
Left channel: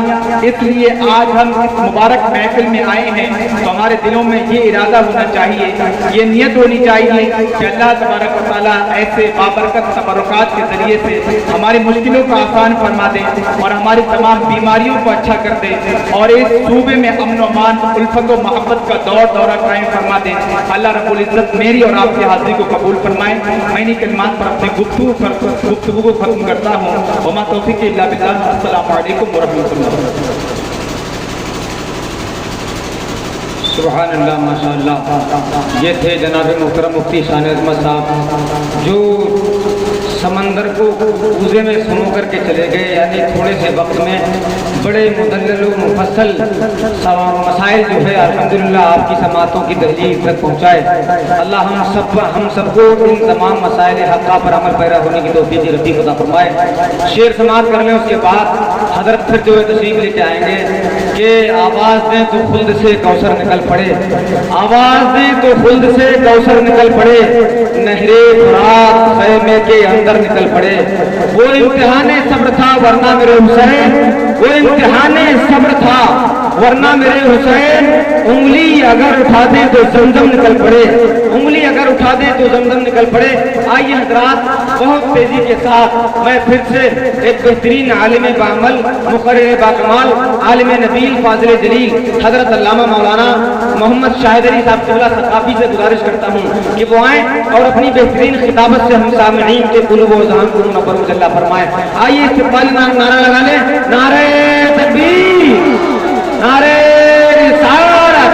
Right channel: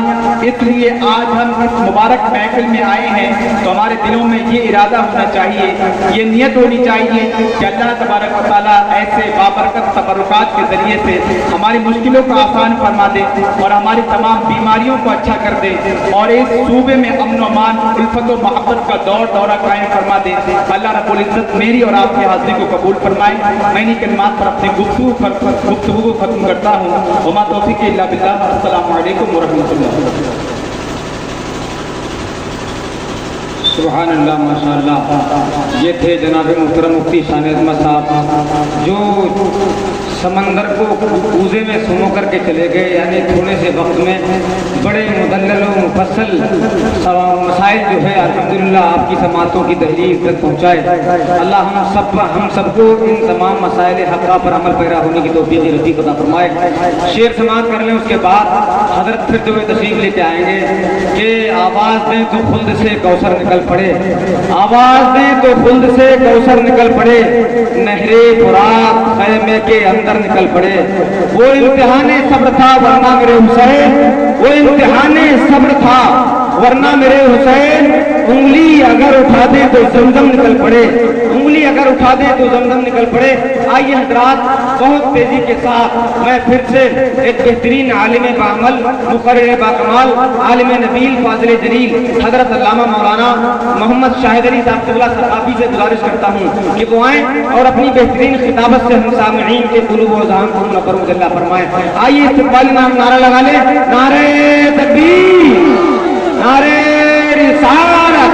اس لیے آج ہم اس مبارک محفل میں آئے ہیں تو ہمارے دلوں میں یہ ارادہ ہونا چاہیے، یہ نیت ہونی چاہیے کہ اللہ تبارک و تعالیٰ ایسے بابرکت تبرکات کے ذریعے سے ہماری مشکلوں کو آسان فرما دے اور ہماری تمام بیماریوں کو اچھا کر دے، اور اس صوبے میں امن و امان، الفت و محبت کا دورہ قائم فرما دے۔ اللہ رب العزت میری اور آپ کی حاضری کو قبول فرمائے۔ میں انہی کلمات پر اپنی گفتگو کو ختم کرتا ہوں۔ وما توفیق الا باللہ۔ السلام علیکم ورحمۃ اللہ۔ سبحان اللہ، ماشاء اللہ۔ یہ تھے جناب محترم مفتی شان عظمت صاحب، جو समंदर को कूजे में सुनो करके चले गए, यानी थोड़े से वक्त में बड़े मुदल्लल व मुफस्सल मसाइल जो है अल्हम्दुलिल्लाह आपकी समातों की दहलीज तक पहुँचाए। अल्लाह हम सबको इन तमाम मसाइल हक़्क़ा पर अमल पैरा होने की तौफ़ीक़ रज़ीक़ अता फरमाए। शेर समात करने उसके बाद हज़रत फिर जो है तशरीफ़ लेके आएंगे कि आवाज़ दें तो खुल्द से कौसर निकल पड़े, आवाज़ दें तो खुल्द से कौसर निकल पड़े, नहरे फुरात खैमे के अंदर निकल पड़े। वो इम्तिहान सब्र था वरना मेरे हुसैन, वो इम्तिहान सब्र था वरना मेरे हुसैन, उंगली अगर उठा दे तो जमजम निकल पड़े, उंगली अगर उठा दे तो जमजम निकल पड़े। आइए हज़रात बहुत तेजी के साथ मैं फिर से एक बेहतरीन आलिम बामल मुक़र्रिर बाकमाल आलिम नबील फाज़िल जलील हज़रत अल्लामा मौलाना मोहम्मद शाहिद अली साहब क़िबला सक़ाफ़ी से गुजारिश करता हूँ कि वो आएँ और अपनी बेहतरीन खिताबत से हम सामईन के क़ुलूब व ज़हान को मुनव्वर फरमाएं। आइए इस्तक़बाली नारा लगा लें, नारे तकबीर, नारे रिसालत,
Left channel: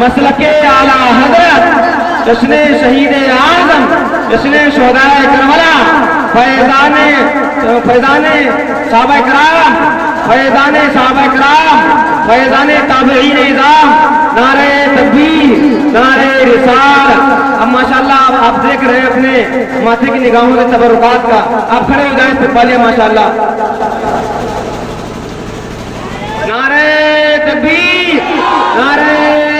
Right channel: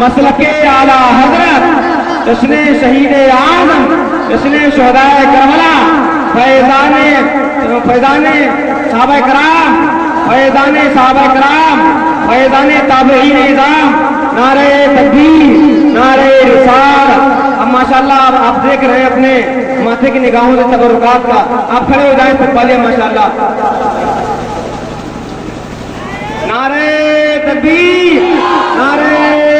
मसलके आला हज़रत, जश्न शहीद आज़म, जश्न शुहदाए करबला, फैज़ाने सहाबा कराम, फैज़ाने सहाबा कराम, फैज़ाने ताबईन निज़ाम, नारे तकबीर, नारे रिसालत। अब माशाअल्लाह आप देख रहे हैं अपने माथे की निगाहों से तबरुकात का, आप खड़े हो जाएं इस्तक़बालिया माशाअल्लाह। नारे तकबीर, नारे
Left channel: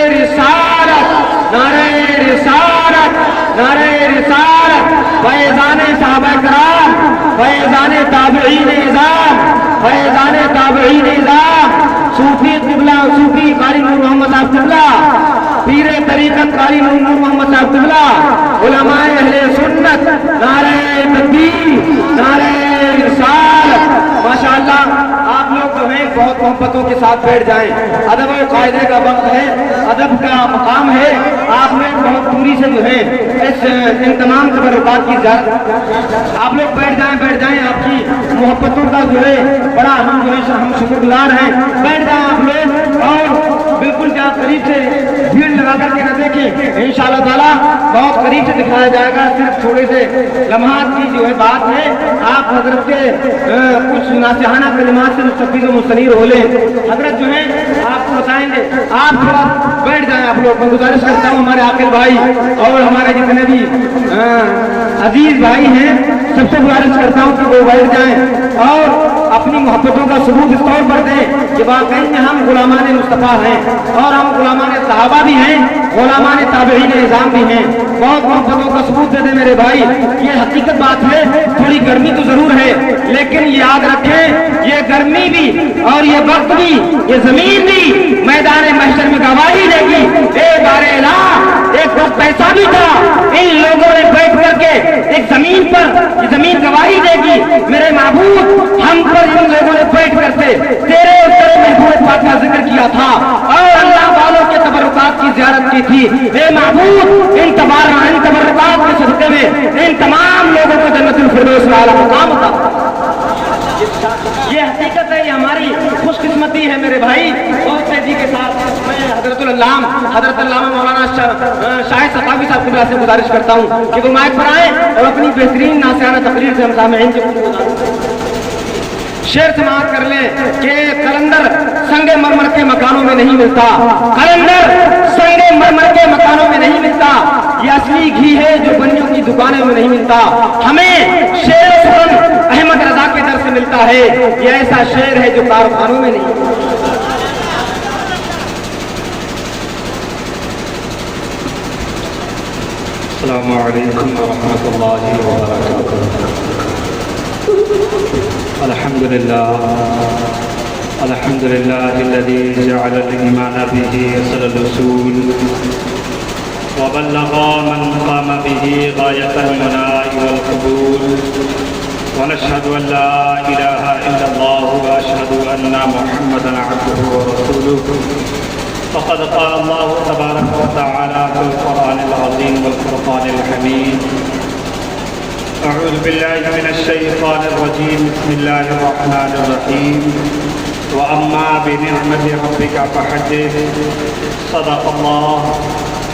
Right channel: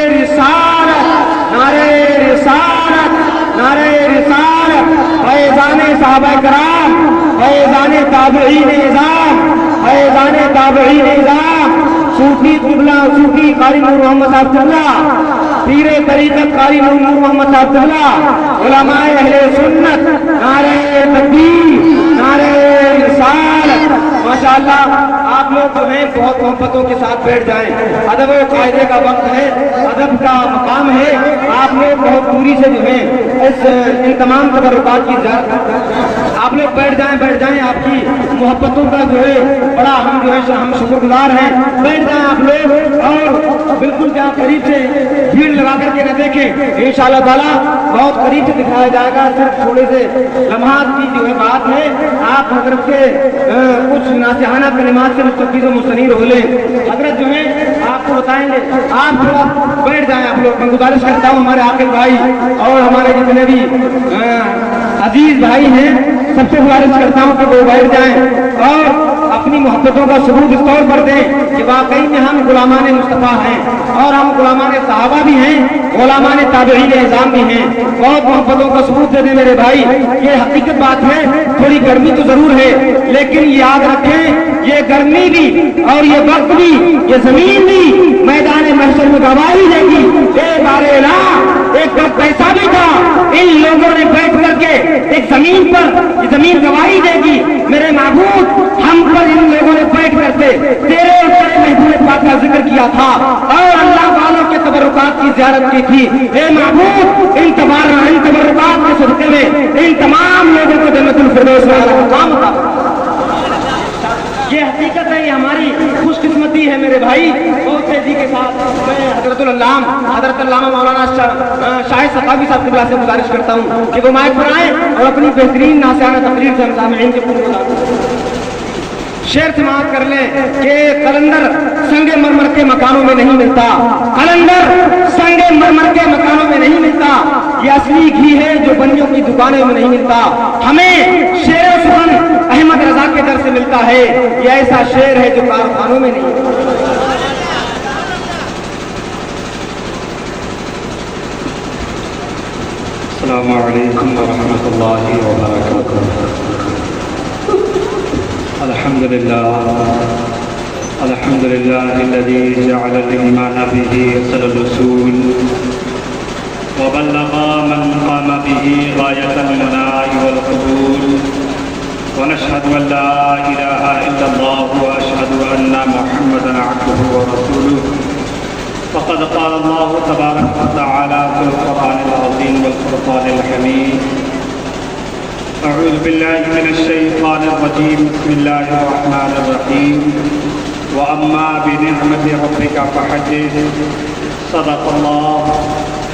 रिसालत, नारे रिसालत, नारे रिसालत, फैज़ाने सहाबा कराम, फैज़ाने ताबईन निज़ाम, फैज़ाने ताबईन निज़ाम, सूफी क़िबला, सूफी कारी नूर मोहम्मद साहब क़िबला, पीरे तरीक़त कारी नूर मोहम्मद साहब क़िबला, उलमाए अहले सुन्नत, नारे तकबीर, नारे रिसालत। माशाअल्लाह आप लोग जो हैं बहुत मोहब्बतों के साथ बैठ जाएं, अदब व कायदे का वक्त है, अदब का मकाम है, आप लोग बहुत दूरी से जो है इन तमाम तबरुकात की आप लोग बैठ जाएं, आपकी मोहब्बतों का जो है बड़ा हम जो है हम शुक्रगुजार हैं। बैठ जाएं आप लोग और बिल्कुल जहाँ करीब से भीड़ लगा करके न देखें, इंशाअल्लाह ताला बहुत करीब से दिखाया जाएगा। सिर्फ थोड़े से लम्हात की जो है बात है, आप हजरत के कुछ नासिहाना कलिमात से मुस्तफ़ीज़ व मुस्तनीर हो ले। हजरत जो है आपको बताएंगे, आप थोड़ा बैठ जाएं आप लोग। मैं गुजारिश करता हूँ हमारे आकिल भाई और हमारे जितने भी अजीज भाई हैं सबसे गुजारिश करता हूँ कि वो बैठ जाएं और अपनी मोहब्बतों का सबूत इस तौर पर दें कि वाकई में हम गुलामान मुस्तफ़ा हैं और हम गुलामान सहाबा भी हैं, गुलामान ताबईन निज़ाम भी हैं। बहुत मोहब्बतों का सबूत दे दें मेरे भाई। ये हकीकत बात है, थोड़ी गर्मी तो जरूर है, लेकिन याद रखें ये गर्मी भी और ये वक्त भी, ये जमीन भी मैदान महशर में गवाही देगी। एक वक्त ऐसा भी था इन लोगों ने बैठ करके एक जमीन पर जमीन गवाही देगी, मेरे महबूब हम पर इन लोगों ने बैठ करके तेरे महबूब पाक का जिक्र किया था और अल्लाह वालों के तबरुकात की ज़ियारत की थी। हे महबूब इन तबरुकात के सदक़े में इन तमाम लोगों को जन्नतुल फिरदौस वाला मुकाम था। ये हकीकत है, हमारी खुशकिस्मती है मेरे भाई। बहुत तेजी के साथ मैं हजरत अल्लामा मौलाना शाहिद सक़ाफ़ी साहब क़िबला से गुजारिश करता हूँ कि वो माइक पर आए और अपनी बेहतरीन नासिहाना तकरीर से हम सामईन के शेर समाअत कर ले कि कलंदर संगे मरमर के मकानों में नहीं मिलता, कलंदर संगे मरमर के मकानों में नहीं मिलता, ये असली घी है जो बनियों की दुकानों में नहीं मिलता। हमें शेर सुन अहमद रजा के दर से मिलता है, ये ऐसा शेर है जो कारखानों में नहीं। अस्सलामु अलैकुम व रहमतुल्लाहि व बरकातुहू। अल्हम्दुलिल्लाहिल्लज़ी जअल al-ईमान बिही असल al-उसूल व बल्लग़ मन क़ाम बिही गायत al-मुनाल वल-क़बूल व नशहदु अन ला इलाहा इल्लल्लाह व अशहदु अन्ना मुहम्मदन अब्दुहु व रसूलुहु। फ़क़द क़ाल अल्लाहु तबारक व तआला फ़िल क़ुरआनिल अज़ीम वल फ़ुरक़ानिल हमीद। अऊज़ु बिल्लाहि मिनश शैतानिर रजीम। बिस्मिल्लाहिर रहमानिर रहीम। व अम्मा बिनिअमति रब्बिका फ़हद्दिस। सदक़ल्लाह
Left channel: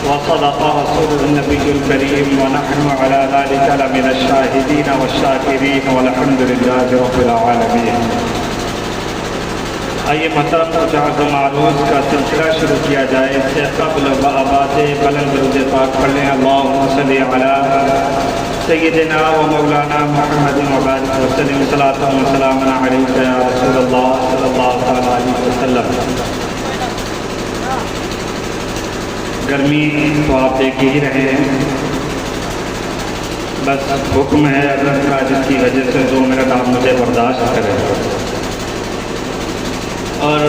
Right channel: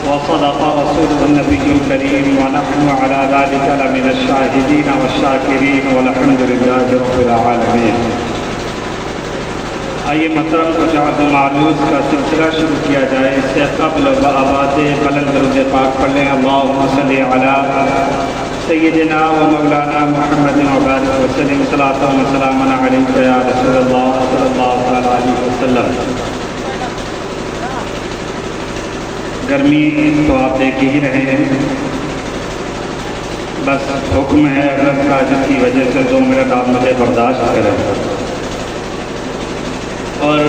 وصدق رسوله النبي الكريم ونحن على ذلك لمن الشاهدين والشاكرين والحمد لله رب العالمين. آئیے محترم کچھ عرض معروض کا سلسلہ شروع کیا جائے. اس سے قبل آباد بلند درود پاک پڑھ لیں. اللہم صلی علی سیدنا و مولانا محمد وبارک وسلم صلاۃ و سلام علیک یا رسول اللہ صلی اللہ علیہ وسلم. گرمی تو آپ دیکھ ہی رہے ہیں، بس حکم ہے حضرت کا جس کی وجہ سے 2 منٹ آپ مجھے برداشت کریں. اور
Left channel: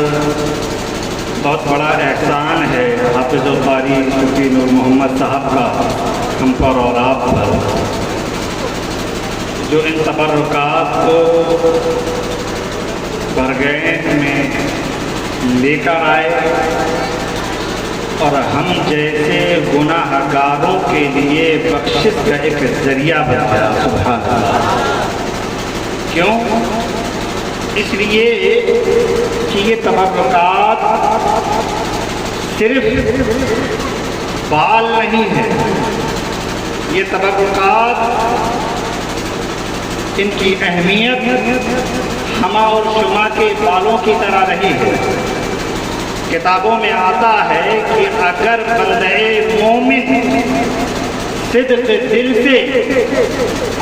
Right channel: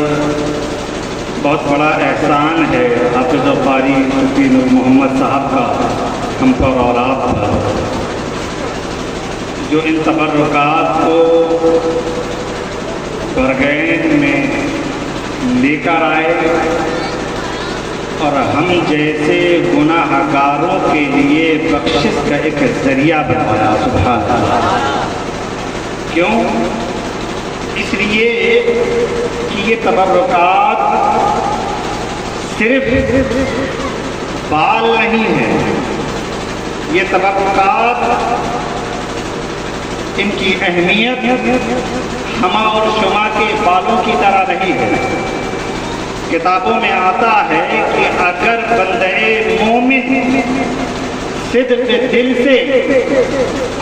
بہت بڑا احسان ہے حافظ القاری صوفی نور محمد صاحب کا ہم پر اور آپ پر، جو ان تبرکات کو برگین میں لے کر آئے اور ہم جیسے گناہ گاروں کے لیے بخشش کا ایک ذریعہ بنایا. سبحان اللہ. کیوں؟ اس لیے کہ یہ تبرکات صرف بال نہیں ہے، یہ تبرکات ان کی اہمیت ہما اور شما کے بالوں کی طرح رہی ہے. کتابوں میں آتا ہے کہ اگر بندہ مومن صدق دل سے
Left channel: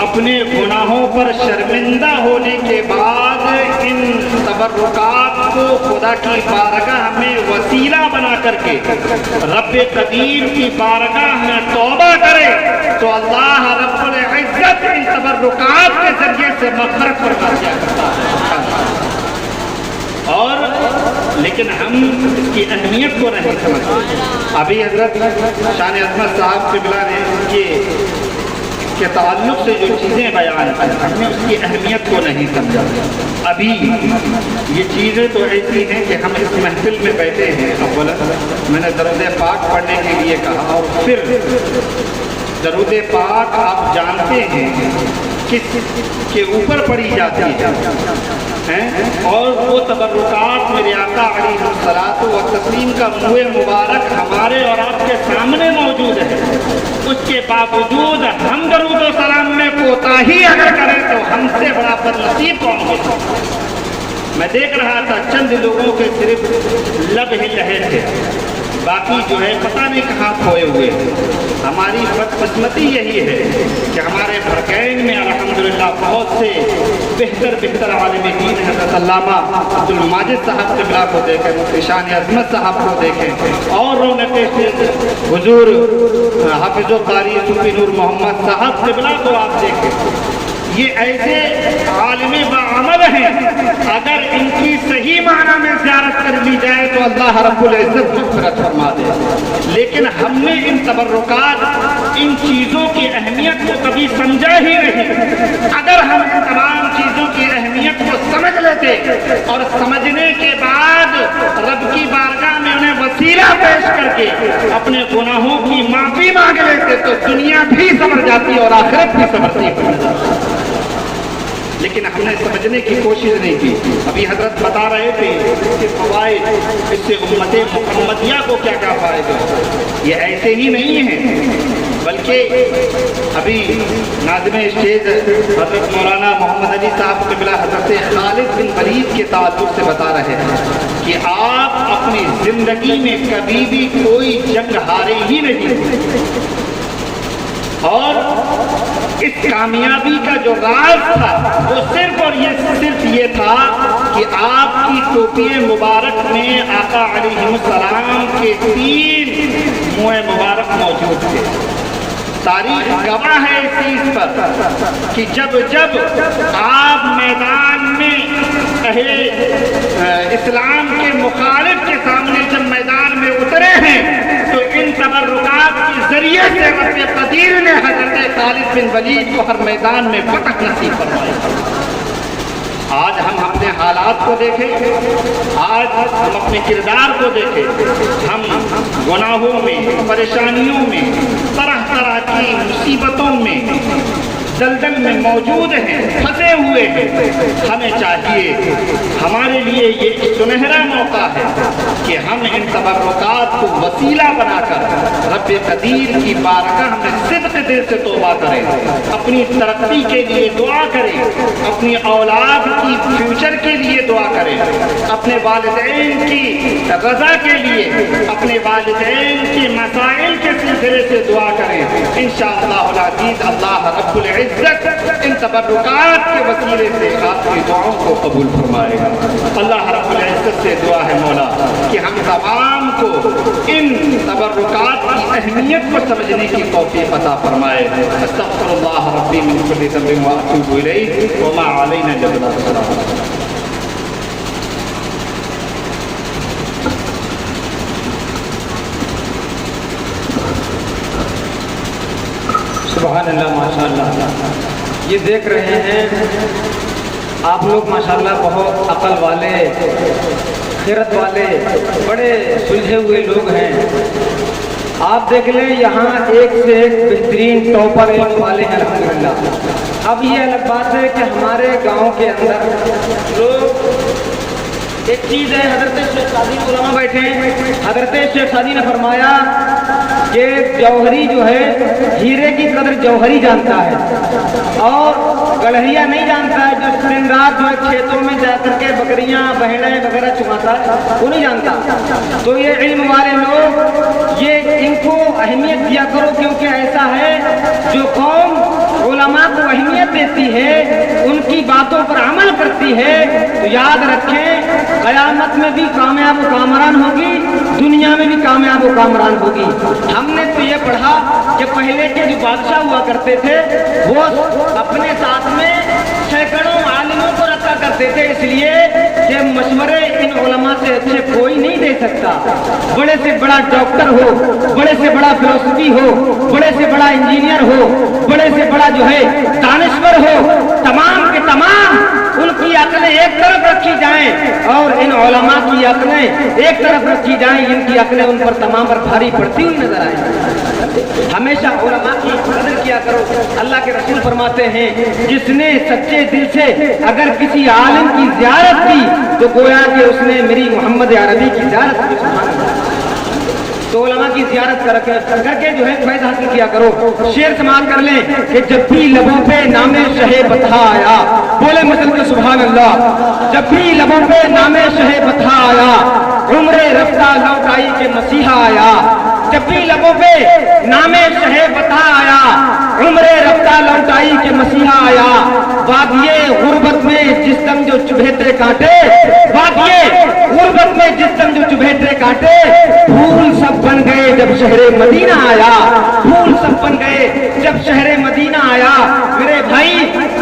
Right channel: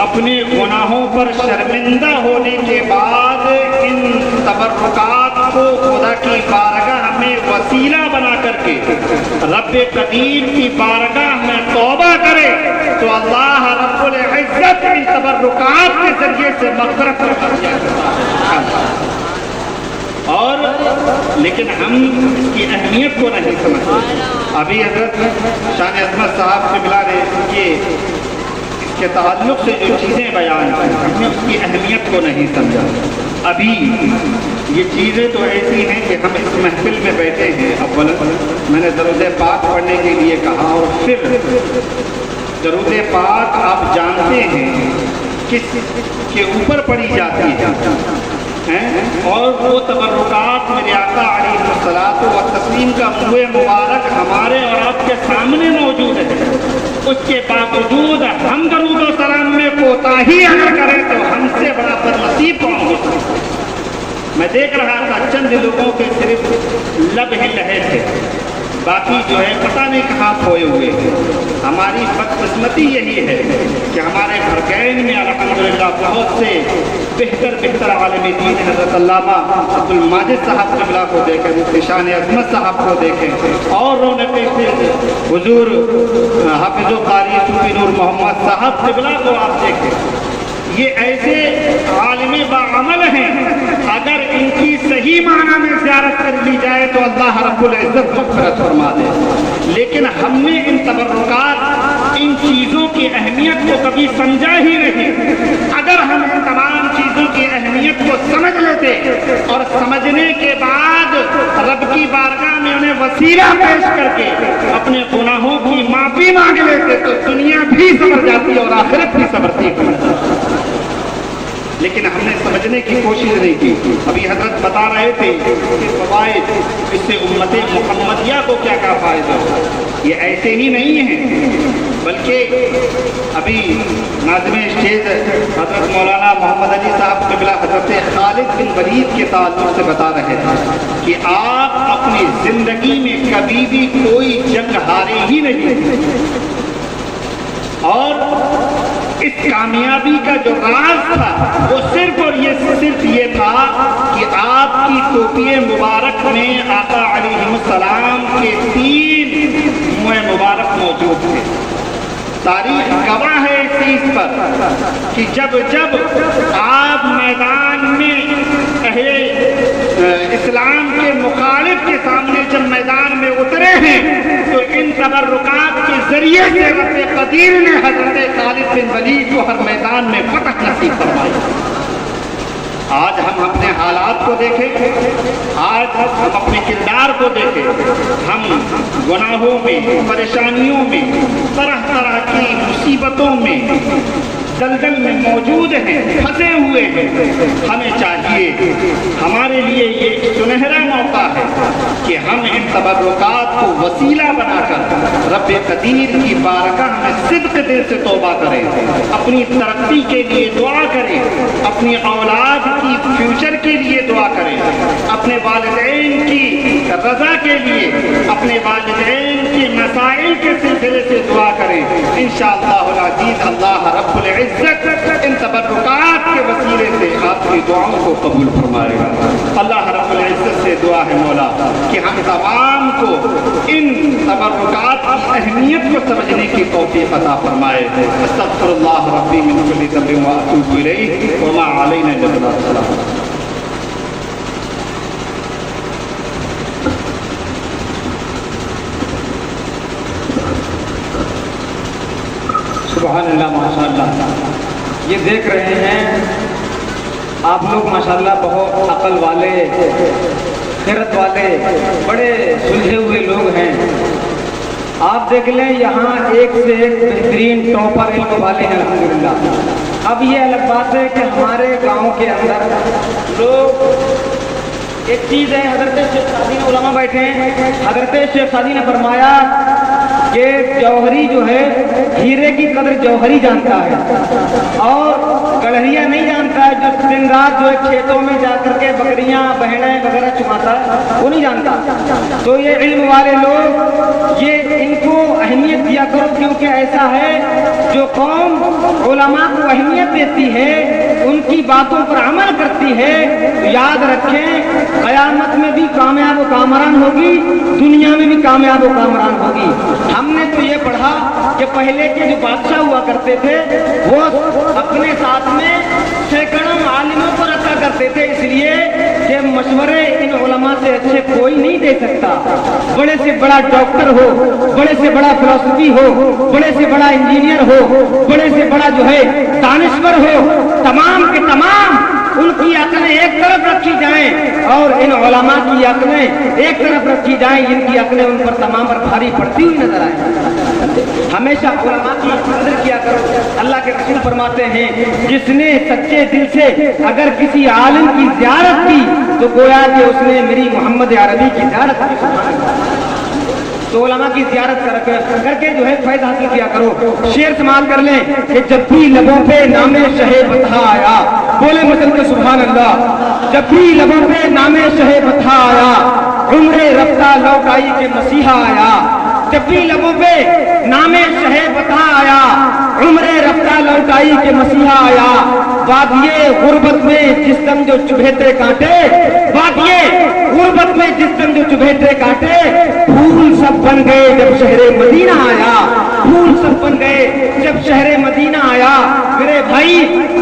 اپنے گناہوں پر شرمندہ ہونے کے بعد ان تبرکات کو خدا کی بارگاہ میں وسیلہ بنا کر کے رب قدیر کی بارگاہ میں توبہ کرے تو اللہ رب العزت ان تبرکات کے ذریعے سے مغفرت فرما جاتا ہے. اور لیکن ہم اس کی اہمیت کو نہیں سمجھتے. ابھی حضرت شان عظمت صاحب قبلہ نے کے تعلق سے جو چیزیں بیان کی ہم نے اس کی اہمیت کو نہیں سمجھا. ابھی یہ چیزیں تو ایسی ہیں کہ ہم اس محفل میں بیٹھے ہیں. اولا میں نے درود پاک پڑھنے کے لیے کہا، اور پھر درود پاک آپ جانتے ہیں کس کے اوپر پڑھی جاتی ہے، اور وہ تبرکات میرے آقا علیہ الصلوۃ والتسلیم کا منہ مبارک ہمارے اور آپ کے سامنے موجود ہے. اس کے باوجود ہم درود و سلام میں کوتاہی اگر کریں تو ہم سے بڑا بدنصیب کون ہو سکتا. میں دیکھ رہا تھا چند لوگوں کے صرف لب ہل رہے تھے، باقی جو ہے پتہ نہیں کہاں کھوئے ہوئے ہیں. ہماری بدقسمتی یہی ہے کہ ہمارے بھرکین میں الحمدللہ بہت سے بہتر عالم دین حضرت علامہ عبد الماجد صاحب قبلہ کو دیکھیں، مفتی شان عظمت صاحب کو دیکھیں، اور رونقیں حضور حافظ القاری صوفی نور محمد صاحب قبلہ کو آپ دیکھیں. یہ ایسے عالم باعمل ہیں، اگر ان کی صحیح معنی میں زیارت کر لی جائے تو اللہ رب العزت مغفرت فرما دے. لیکن ہم نے ان تبرکات، ان چیزوں کی اہمیت کو کبھی سمجھا ہی نہیں. اگر ہم ان تمام چیزوں کی اہمیت کو سمجھ لیتے اور سمجھنے کے بعد رب کی بارگاہ میں انہیں وسیلہ پیش کر کے اپنے گناہوں کی معافی مانگ لیتے تو دنیا بھی سمجھ جاتی اور آخرت بھی سمجھتی. لیکن ہم نے سمجھنے کی کوشش نہیں کی. ابھی حضرت بتا رہے تھے اس سے فوائد، اس سے امت محمدیہ کو کیا کیا فائدے. یہ ایسے ہی نہیں ہیں، بلکہ ابھی ناظم اسٹیج حضرت مولانا محمد علی صاحب قبلہ حضرت خالد بن ولید کے تعلق سے بتا رہے ہیں کہ آپ اپنی زندگی میں کبھی بھی کوئی جنگ ہارے ہی نہیں، اور اس کامیابی کا جو راز تھا وہ صرف اور صرف یہ تھا کہ آپ کی ٹوپی مبارک میں آقا علیہ السلام کے 3 منہ مبارک موجود تھے. تاریخ گواہ ہے اس چیز پر کہ جب آپ میدان میں اہل اسلام کے مخالف کے سامنے جب میدان میں اترے ہیں تو ان تبرکات کے ذریعے سے رب قدیر نے حضرت خالد بن ولید کو ہر میدان میں فتح نصیب فرمایا. آج ہم اپنے حالات کو دیکھیں، آج ہم اپنے کردار کو دیکھیں، ہم گناہوں میں، پریشانیوں میں، طرح طرح کی مصیبتوں میں दलदल में मौजूद हैं, फंसे हुए हैं। हमें चाहिए, हमारे लिए ये सुनहरा मौका है कि हम इन तबर्रुकात को वसीला बनाकर रब कदीर की बारगाह में सिद्क दिल से तौबा करें, अपनी तरक्की के लिए दुआ करें, अपनी औलाद की फ्यूचर के लिए दुआ करें, अपने वालिदैन की रजा के लिए, अपने वालिदैन के मसाइल के सिलसिले से दुआ करें। इंशाअल्लाह अज़ीज़ अल्लाह रब्बुल इज़्ज़त इन तबर्रुकात के वसीले से आपकी दुआओं को कबूल फरमाएगा। अल्लाह रब्बुल इज़्ज़त से दुआ है मौला कि हम तमाम को इन तबर्रुकात की अहमियत को समझने की तौफीक अता फरमाए। अस्तग़फिरुल्लाह रब्बी मिन कुल्ली ज़ंबिन व अतूबु इलैहि व मा अलैना इल्ला अल-बलाग। सुभान अल्लाह, माशाअल्लाह। ये देख रहे हैं आप लोग माशाअल्लाह बहुत अकल वाले, खैरत वाले, बड़े सुलझे हुए लोग हैं। आप देख लें यहाँ एक से एक बेहतरीन टॉपर इल्म वाले हैं अल्हम्दुलिल्लाह। अब ये अलग बात है कि हमारे गांव के अंदर लोग, एक चीज़ है, हज़रत शेख सादी ने उलमा बैठे हैं, हज़रत शेख सादी ने फरमाया कि जौहरी जो है हीरे की कदर जौहरी जानता है और गड़हरिया नहीं जानता है, जो दिन रात जो है खेतों में जा करके बकरियां बहनें वगैरह चुमाता है, वो नहीं जानता। तो ये इल्म वाले लोग, ये इनको अहमियत दिया करो, क्योंकि ऐसा है जो कौम उलमा को अहमियत देती है, उनकी बातों पर अमल करती है, तो याद रखें क़यामत में भी कामयाब व कामरान होगी, दुनिया में भी कामयाब व कामरान होगी। हमने तो ये पढ़ा कि पहले के जो बादशाह हुआ करते थे वो अपने साथ में सैकड़ों आलिमों को रखा करते थे, इसलिए कि मशवरे इन उलमा से अच्छे कोई नहीं दे सकता। बड़े से बड़ा डॉक्टर हो, बड़े से बड़ा फिलोसफी हो, बड़े से बड़ा इंजीनियर हो, बड़े से बड़ा जो है दानिश्वर हो, तमाम के तमाम उनकी अक्लें एक तरफ रखी जाएं और इन उलमा की अक्लें एक तरफ रखी जाएं, इनकी अक्लें उन पर तमाम पर भारी पड़ती हुई नजर आए। हमेशा उलमा की कदर किया करो। अल्लाह के रसूल फरमाते हैं, जिसने सच्चे दिल से अगर किसी आलिम की ज़ियारत की तो गोया कि उसने मेरी मोहम्मद अरबी की ज़ियारत की। तो उलमा की ज़ियारत करके जो है फैज़ हासिल किया करो। शेर समाल कर लें कि जब भी लबों पे नामे शहे बता आया, बोले मुसल के सुभान अल्लाह। जब भी लबों पे नामे शहे बता आया, उम्रे रफ्ता लौट आई के मसीहा आया। जब भी लबों पे नामे शहे बता आया, उम्रे रफ्ता लौट आई के मसीहा आया। वादिये गुर्बत में जिस दम जो चुभेते काटे, वादिये गुर्बत में जिस दम जो चुभेते काटे, फूल सब बन गए जब शहरे मदीना आया। फूल सब बन गए जब शहरे मदीना आया। मेरे भाई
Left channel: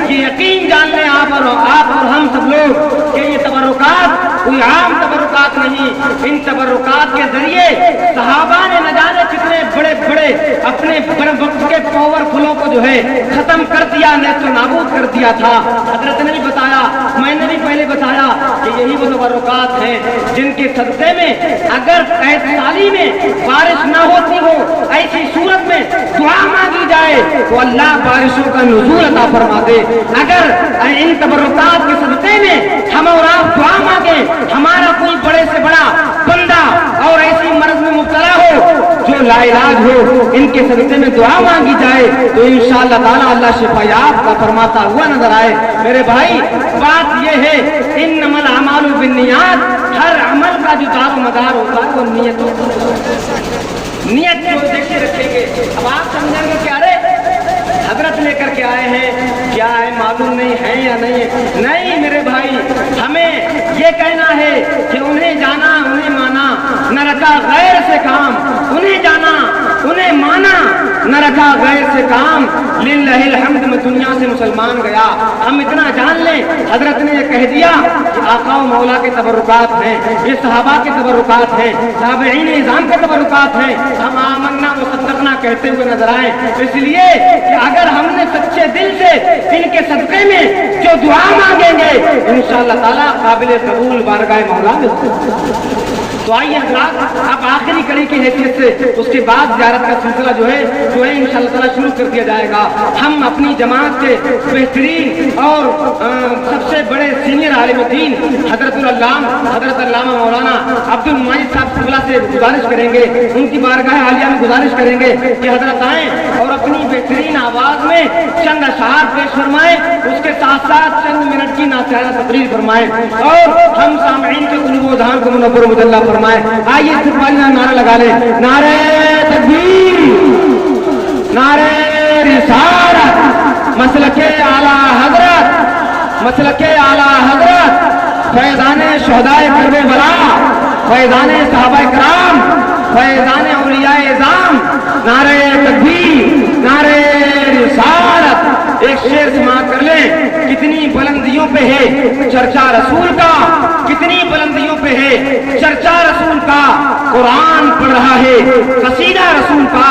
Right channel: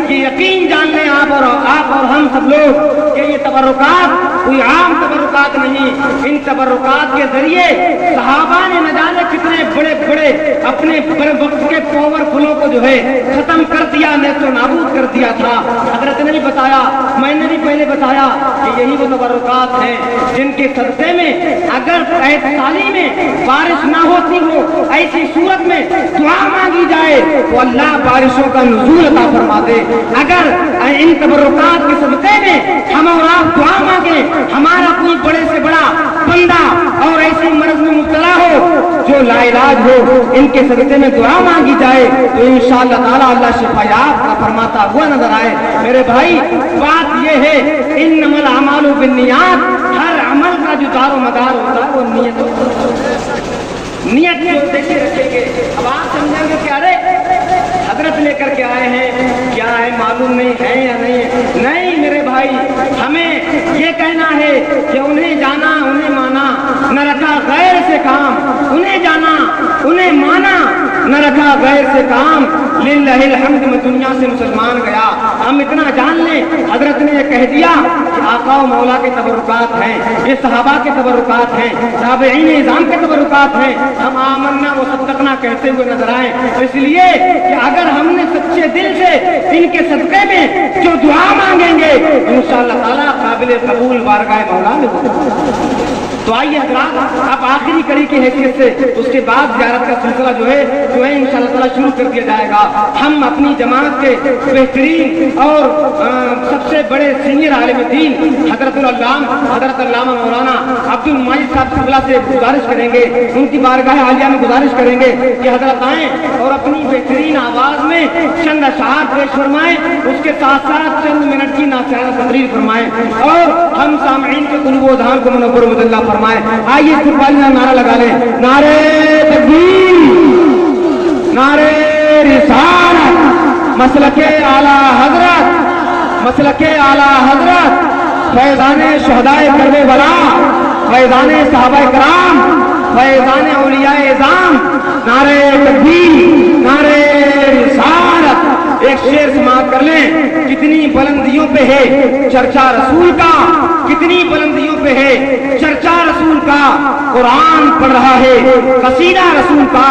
ये यकीन जान लें आप और हम सब लोग कि ये तबर्रुकात कोई आम तबर्रुकात नहीं। इन तबर्रुकात के जरिए सहाबा ने न जाने कितने बड़े बड़े अपने वक्त के पावरफुलों को जो है खत्म कर दिया, नेस्तो नाबूद कर दिया था। हजरत ने भी बताया, मैंने भी पहले बताया कि यही वो तबर्रुकात हैं जिनके सदक़े में अगर साली में बारिश ना होती हो, ऐसी सूरत में दुआ मांगी जाए तो अल्लाह बारिशों का नुज़ूल अता फरमा दे। अगर इन तबर्रुकात के सदक़े में हम और आप दुआ मांगे, हमारा कोई बड़े से बड़ा बंदा और ऐसी मर्ज में मुब्तला हो जो लाइलाज हो, इनके सदक़े में दुआ मांगी जाए तो इंशाअल्लाह ताला अल्लाह शिफायात का फरमाता हुआ नजर आए। मेरे भाई बात यह है, इन्नमल अमालु बिन्नियात, हर अमल का जो दारो मदार होता है वो नियत जो उद्देश्य रखेंगे। अब आप समझेंगे कि अरे हजरत लेकर के आए हैं, क्या है मालूम नहीं है या नहीं। नहीं मेरे भाई, हमें ये कहना है कि उन्हें जाना उन्हें माना, न रखा गैर से काम। उन्हें जाना उन्हें माना, न रखा गैर से काम। लिल्लाहिल हम्द में दुनिया से मुसलमान गया। हम इतना जान लें, हजरत ने ये कह दिया कि आका व मौला के तबर्रुकात हैं, ये सहाबा के तबर्रुकात हैं, ताबईन निज़ाम के तबर्रुकात हैं। हम आमन्ना व सद्दक़ना कहते हुए नजर आए। इसलिए कि अगर हमने सच्चे दिल से इनके सदक़े में जो दुआ मांगेंगे इंशाअल्लाह ताला ताला काबिल कबूल बारगाह मौला में हो। तो आइए हज़रात, अब आखिरी कड़ी की हैसियत से उसके बाद ज़ियारत का सिलसिला जो है इंशाअल्लाह ताला शुरू कर दिया जाएगा। हम अपनी जमात के बेहतरीन और सबसे बड़े सीनियर आलिम दीन हज़रत अल्लामा मौलाना अब्दुल माजिद साहब शुक्ला से गुजारिश करेंगे, उनकी बारगाह आलिया में गुजारिश करेंगे कि हज़रत आएँ और अपनी बेहतरीन आवाज़ में चंद अशआर पेश फरमाएं, उसके साथ साथ चंद मिनट की नासिहाना तकरीर फरमाएं और हम सामईन के कुल्ब व अज़हान को मुनव्वर मुजल्ला फरमाएं। आइए इस्तिक़बालिया नारा लगा लें, नारे तकबीर, नारे रिसालत, मसलके आला हज़रत, फैज़ाने शुहदाए करबला, फैज़ाने सहाबाए कराम, फैज़ाने औलियाए इज़ाम, नारे तकबीर, नारे रिसालत। एक शेर समाअत कर लें, कितनी बुलंदियों पे है चर्चा रसूल का, कितनी बुलंदियों पे है चर्चा रसूल का, कुरान पढ़ रहा है कसीदा रसूल का,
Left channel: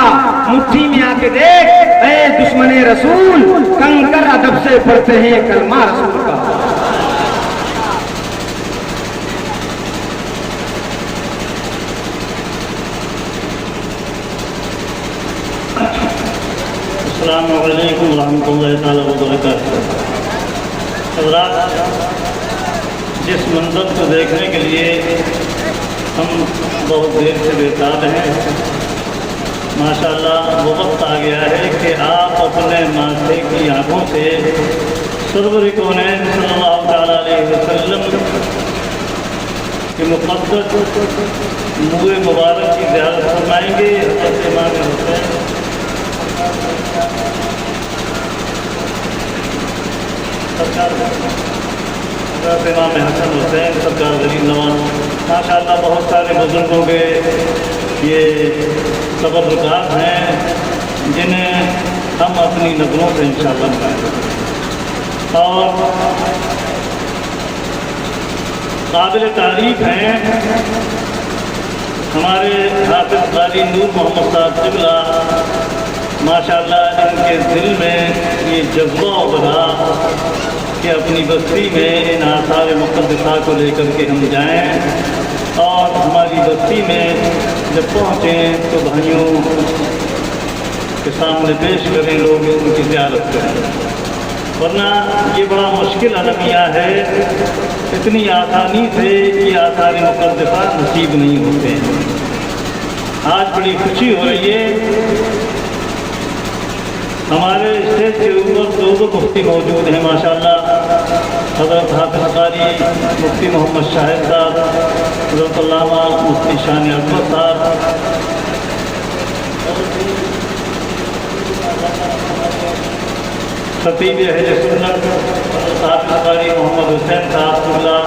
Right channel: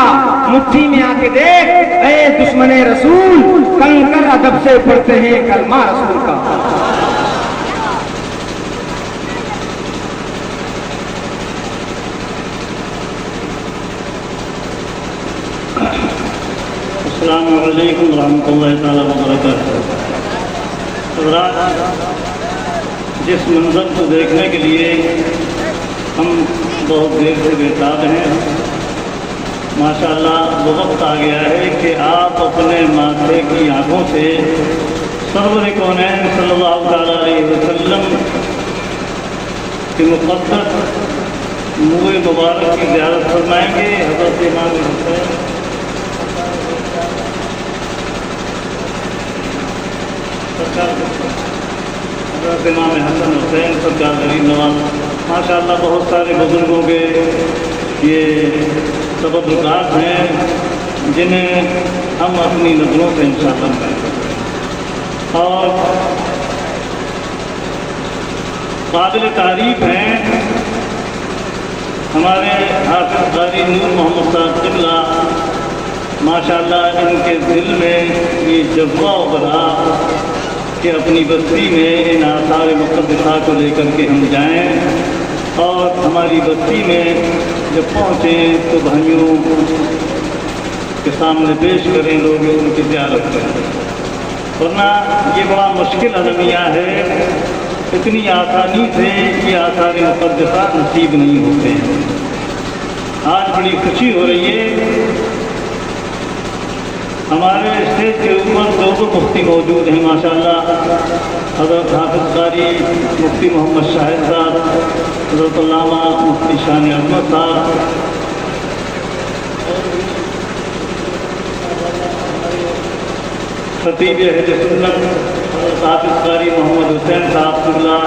मुट्ठी में आके देख ऐ दुश्मने रसूल, कंकर अदब से पढ़ते हैं कलमा रसूल का। अस्सलामु अलैकुम रहमतुल्लाहि तआला व बरकातहू। हज़रात, जिस मंज़र को देखने के लिए हम बहुत देर से बेताब हैं, माशाअल्लाह वक्त आ गया है कि आप अपने माथे की आँखों से सरवर कौनैन सल्लल्लाहु तआला अलैहि वसल्लम की मुक़द्दस मुँह मुबारक की ज़ियारत फरमाएंगे। हज़रत इमाम हुसैन हज़रत इमाम हसन हुसैन सरकार गरीब नवाज, माशाअल्लाह बहुत सारे बुज़ुर्गों के ये तबर्रुकात हैं जिन्हें हम अपनी नज़रों से इंशाअल्लाह बताएंगे और काबिल तारीफ़ हैं हमारे हाफ़िज़ क़ारी नूर मोहम्मद साहब क़िबला। माशाअल्लाह इनके दिल में ये जज्बा उभरा कि अपनी बस्ती में इन आसार मुक़द्दसा को लेकर के हम जाएं और हमारी बस्ती में जब पहुँचें तो भाइयों के सामने पेश करें, लोग उनकी ज़ियारत करें, वरना ये बड़ा मुश्किल अलमिया है, इतनी आसानी से ये आसार मुक़द्दसा नसीब नहीं होते हैं। आज बड़ी खुशी हो रही है, हमारे स्टेज के ऊपर दो मुफ्ती मौजूद हैं माशाअल्लाह। हज़रत हाफ़िज़ क़ारी मुफ्ती मोहम्मद शाहिद साहब, हज़रत अल्लामा मुफ्ती शान अहमद साहब, खतीब अहले सुन्नत हज़रत हाफ़िज़ क़ारी मोहम्मद हुसैन साहब क़िबला,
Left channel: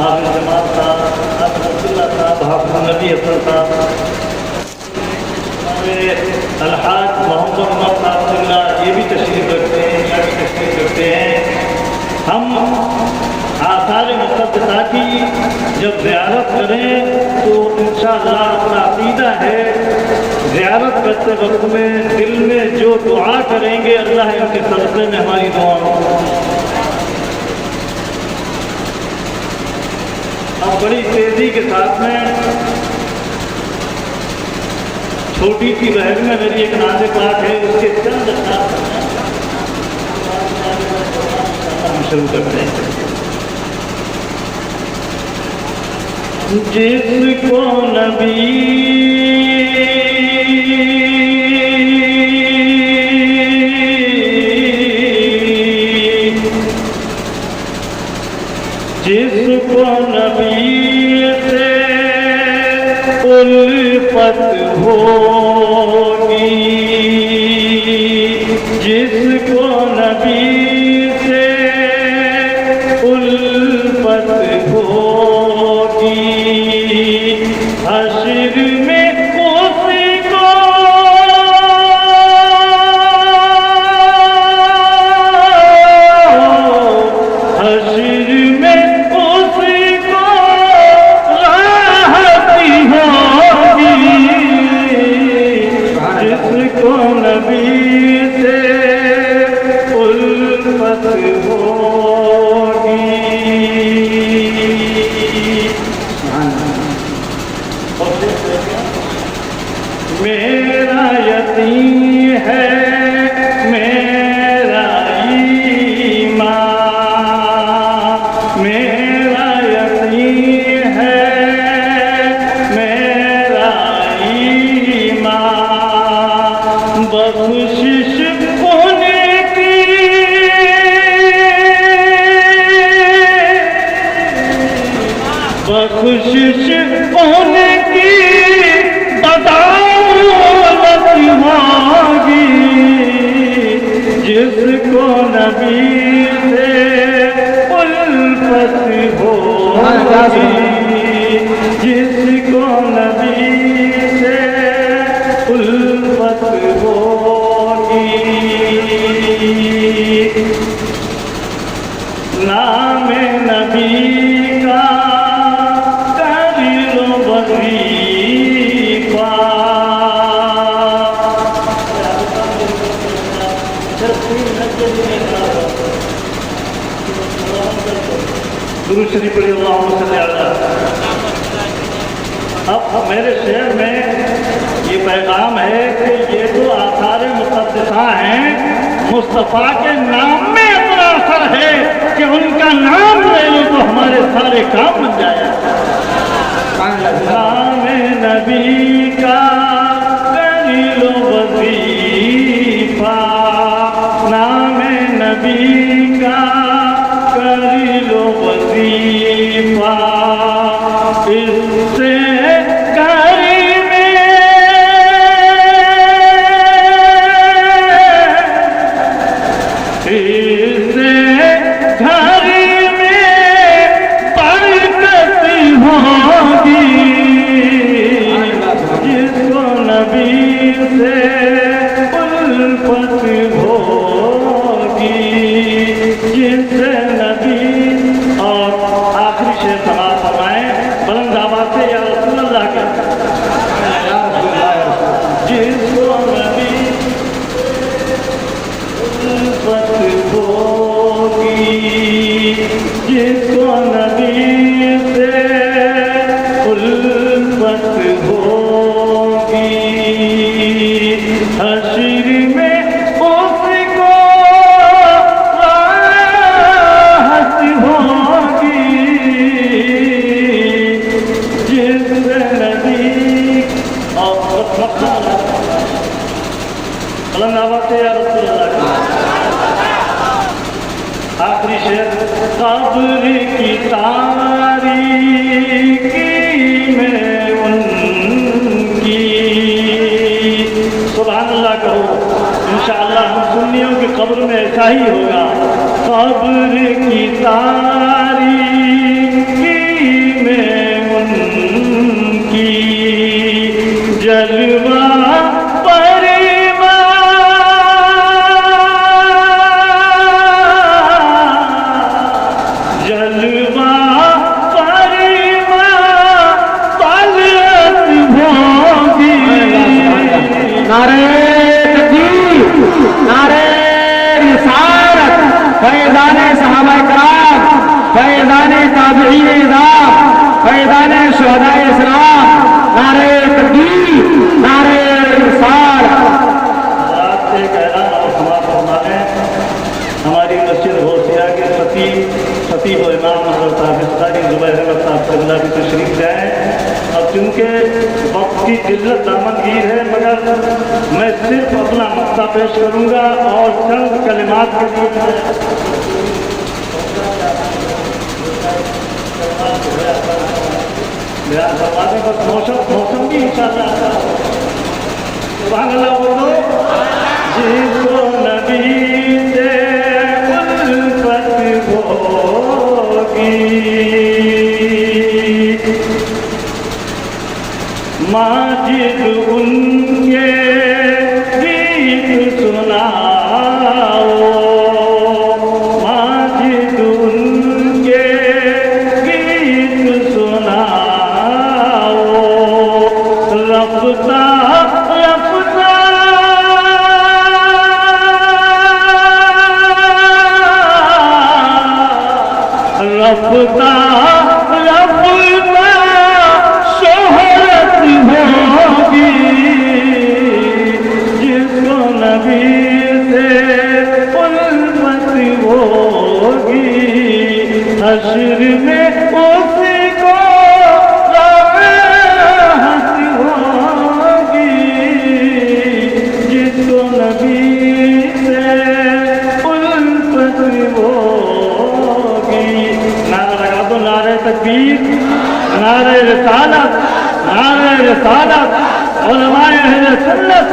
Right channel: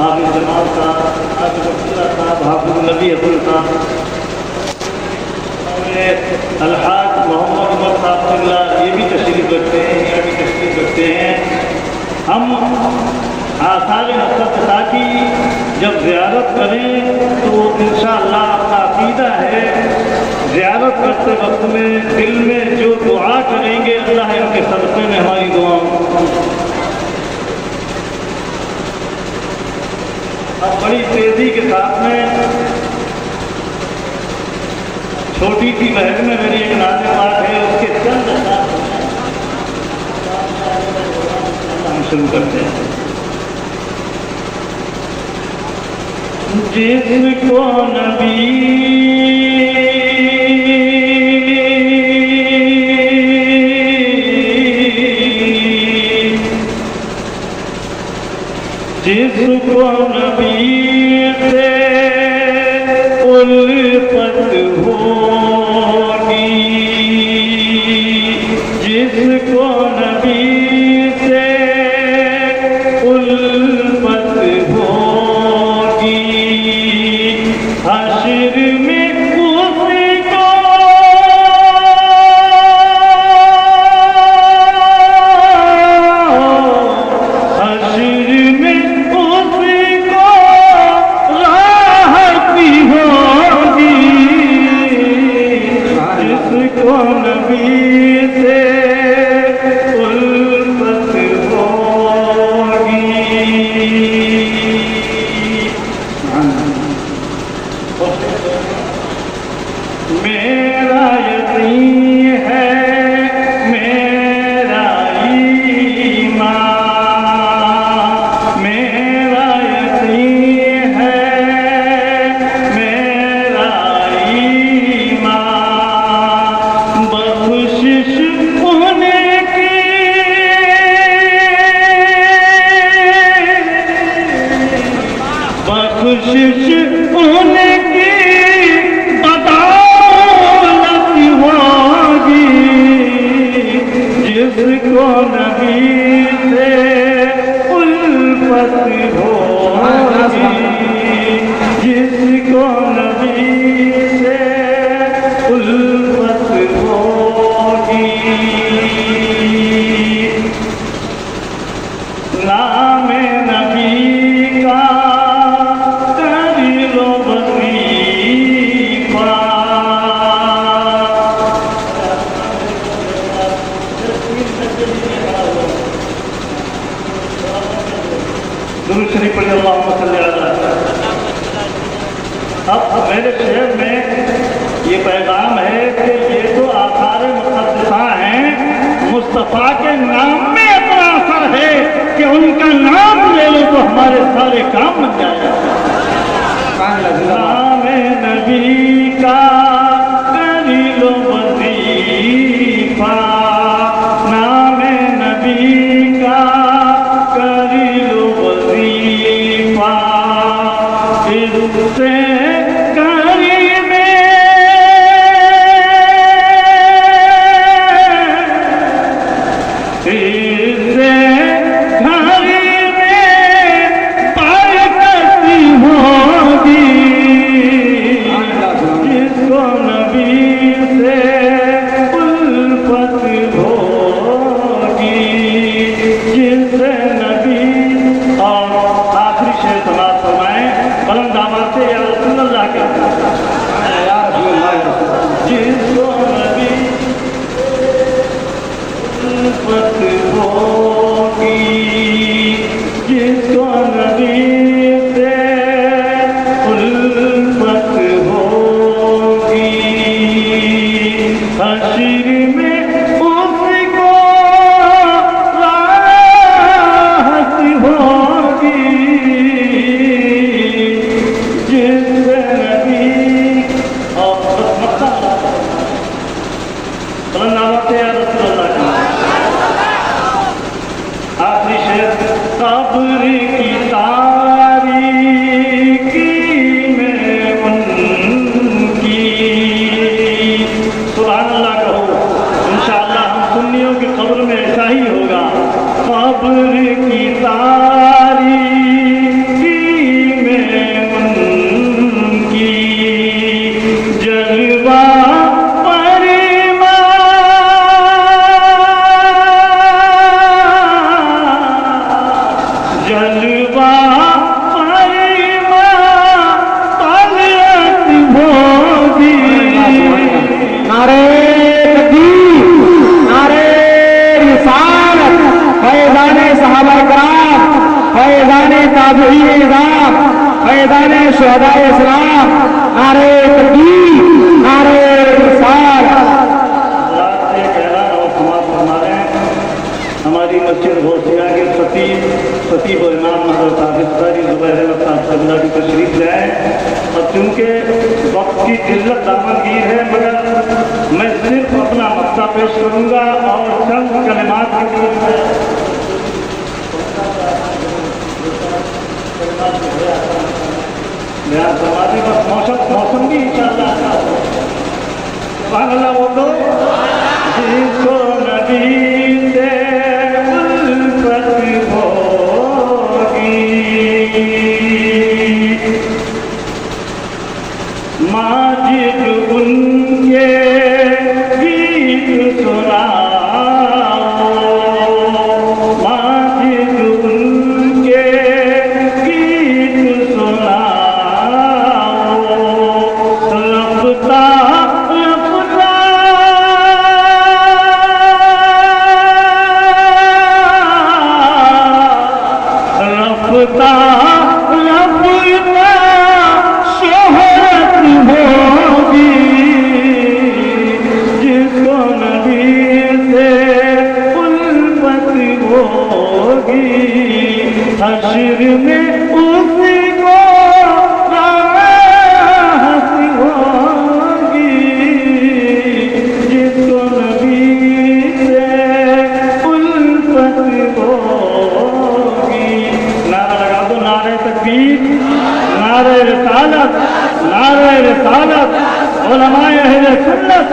हाफ़िज़ जमाल साहब, हाफ़िज़ अब्दुल्ला साहब, हाफ़िज़ नबी हसन साहब, अलहाज मोहम्मद उमर साहब क़िबला ये भी तशरीफ़ रखते हैं, यहाँ भी तशरीफ़ रखते हैं। हम आसार मुक़द्दसा की जब ज़ियारत करें तो इंशाअल्लाह अपना अक़ीदा है, ज़ियारत करते वक्त में दिल में जो दुआ करेंगे अल्लाह इनके सदक़े में हमारी दुआओं अब बड़ी तेज़ी के साथ में छोटी सी बहन में मेरी एक नाज़ बात है, उसके चंद हम शुरू करते हैं। जिसको नबी जिसको नबी से उल्फत होगी, जिसको नबी से उल्फत होगी, हश्र में उसको हश्र में उसको राहती होगी, जिसको नबी से उल्फत होगी। बख्शिश होने की बख्शिश होने की बदौलत होगी जिसको नबी से उल्फत होगी जिसको नबी से उल्फत होगी नाम नबी का करीलो वजीफा दुरूद शरीफ पढ़िए अल्लाहुम्मा सल्ली अला। अब मेरे शेर में ये पैगाम है कि ये तो आसार मुक़द्दसा हैं, मुस्तफ़ा के नाम में इतना असर है कि उनका नाम ले लो तो हमारे सारे काम बन जाएगा। नाम नबी का करीलो वजीफा नाम नबी का करीलो वजीफा इससे जिसको नबी से उल्फत होगी हश्र में उसको राहत होगी जिससे नबी और आखिरी शेर कब्र की तारीकी में उनकी सुभान अल्लाह कहो। इंशाअल्लाह हम सुन्नियों की कब्र में ऐसा ही होगा। कब्र की तारीकी में उनकी जलवा जलवा होगी नारे तकबीर नारे रिसालत फैज़ाने सहाबाए किराम फैज़ाने ताबईन इज़ाम फैज़ाने शुहदाए इस्लाम नारे तकबीर नारे रिसालत। हमारी मस्जिद गौसिया के खतीब और इमाम हज़रत हाफ़िज़ क़ारी ज़ुबैर अहमद साहब क़बला की तशरीफ़ लाए। अब चूँकि वक्त की किल्लत दामनगीर है मगर मैं सिर्फ अपना मक्ता पेश करूँगा और चंद कलिमात के बयान फरमाने बस मौसम भी इंशाअल्लाह सुभान अल्लाह बोलो। जिसको नबी से उल्फत होगी माजिद उनके गीत सुनाओ माजिद उनके गीत सुनाओ रफ्ता रफ्ता शोहरत होगी जिसको नबी से उल्फत होगी हश्र में उसको राहत होगी जिसको تحقیق، نعرہ رسالت، نعرہ رسالت، علماء اہل سنت،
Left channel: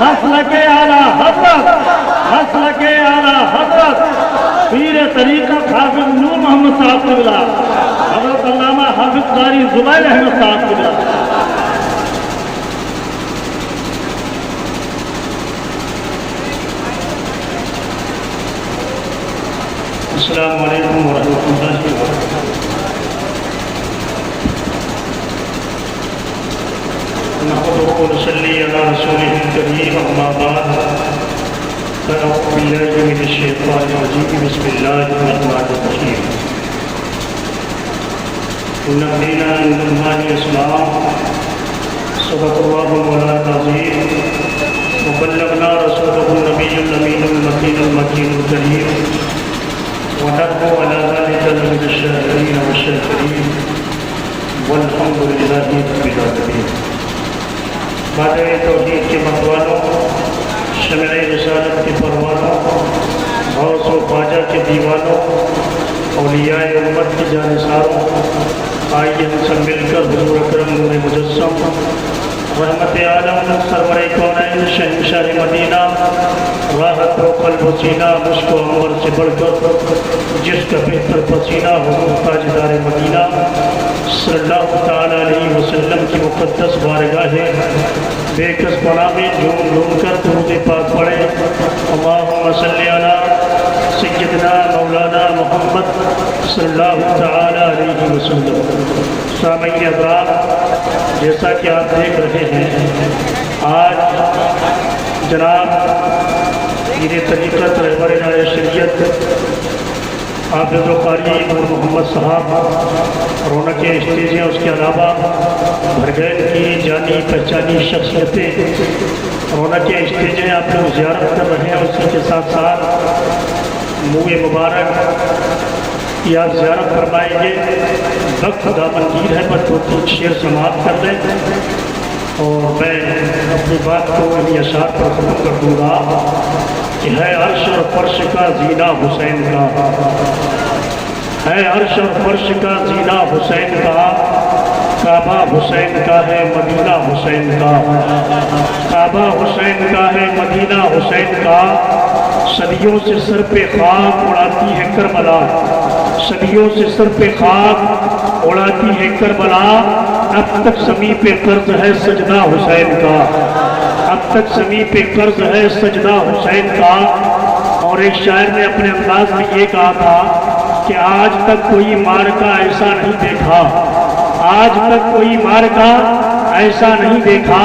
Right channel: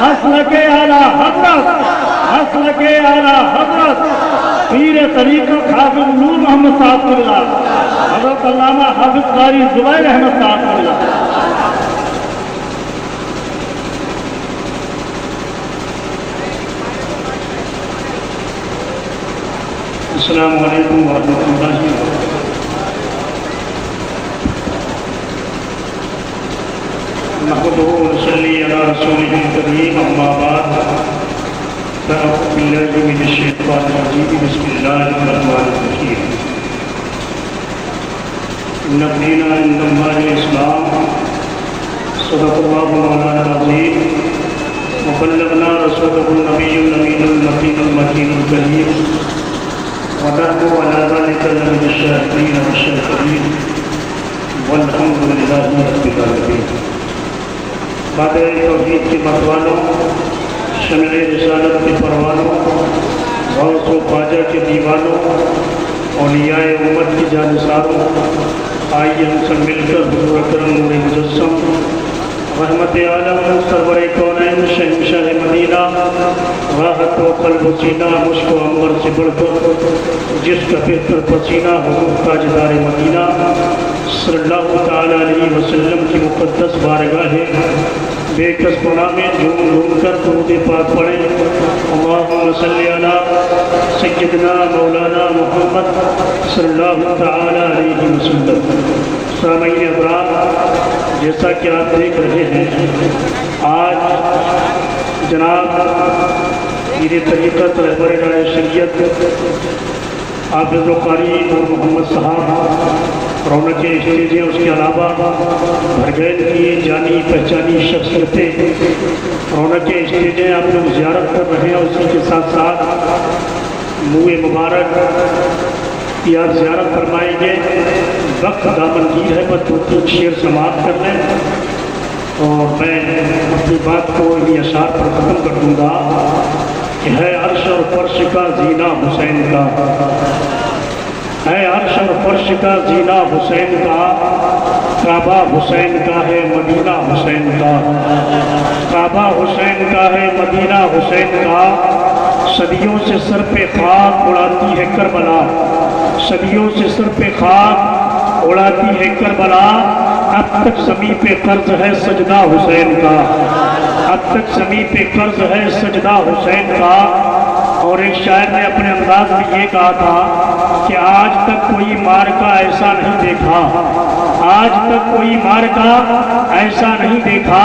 مسلک اعلیٰ حضرت، مسلک اعلیٰ حضرت پیر طریقت حافظ نور محمد صاحب قبلہ، حضرت علامہ حافظ قاری زبیر احمد صاحب قبلہ۔ السلام علیکم ورحمۃ اللہ وبرکاتہ۔ نحمده ونصلي على رسوله الكريم، أما بعد فأعوذ بالله من الشيطان الرجيم، بسم الله الرحمن الرحيم۔ إن الدين عند الله الإسلام، صدق الله مولانا العظيم، وبلغنا رسوله النبي الأمين المتين المكين الكريم، ونحن على ذلك لمن الشاكرين والشاكرين، والحمد لله رب العالمين۔ بادئ توحید کے متوالوں، شمع رسالت کے پروانوں، غوث و خواجہ کے دیوانوں، اولیاء امت کی جانثاروں، آئیے ہم سب مل کر حضور اکرم نور مجسم رحمت عالم سرور کونین شہنشاہ مدینہ راحت و قلب و سینہ مشک و عنبر سے بڑھ کر جس کا بہتر پسینہ حضور تاجدار مدینہ صلی اللہ تعالیٰ علیہ وسلم کی مقدس بارگاہ بے کس پناہ میں جھوم کر درود پاک پڑھیں۔ اللہم صلی علی سیدنا مولانا محمد صلی اللہ تعالیٰ علیہ وسلم۔ سامعین ابرار، جیسا کہ آپ دیکھ رہے ہیں، آج جناب پیر طریقت رہبر شریعت حافظ و قاری نور محمد صاحب رونق اسٹیج ہیں، اس کے علاوہ بھرگین کی جانی پہچانی شخصیتیں رونق اسٹیج ہیں، آپ لوگ زیارت کر رہے ہیں، اسی کے ساتھ ساتھ منہ مبارک کی آپ زیارت فرمائیں گے۔ وقت دامنگیر ہے، بس 2-3 شعر سماعت کر لیں اور میں اپنی بات کو انہی اشعار پر ختم کر دوں گا کہ ہے عرش اور فرش کا زینہ حسین کا، ہے عرش اور فرش کا زینہ حسین کا، کعبہ حسین کا ہے مدینہ حسین کا، کعبہ حسین کا ہے مدینہ حسین کا، صدیوں سے سر پہ خاک اڑاتی ہے کربلا، صدیوں سے سر پہ خاک اڑاتی ہے کربلا، اب تک زمیں پہ قرض ہے سجدہ حسین کا، اب تک زمیں پہ قرض ہے سجدہ حسین کا۔ اور ایک شاعر نے اپنے انداز میں یہ کہا تھا کہ آج تک کوئی مارکا ایسا نہیں دیکھا، آج تک کوئی مارکا ایسا نہیں دیکھا،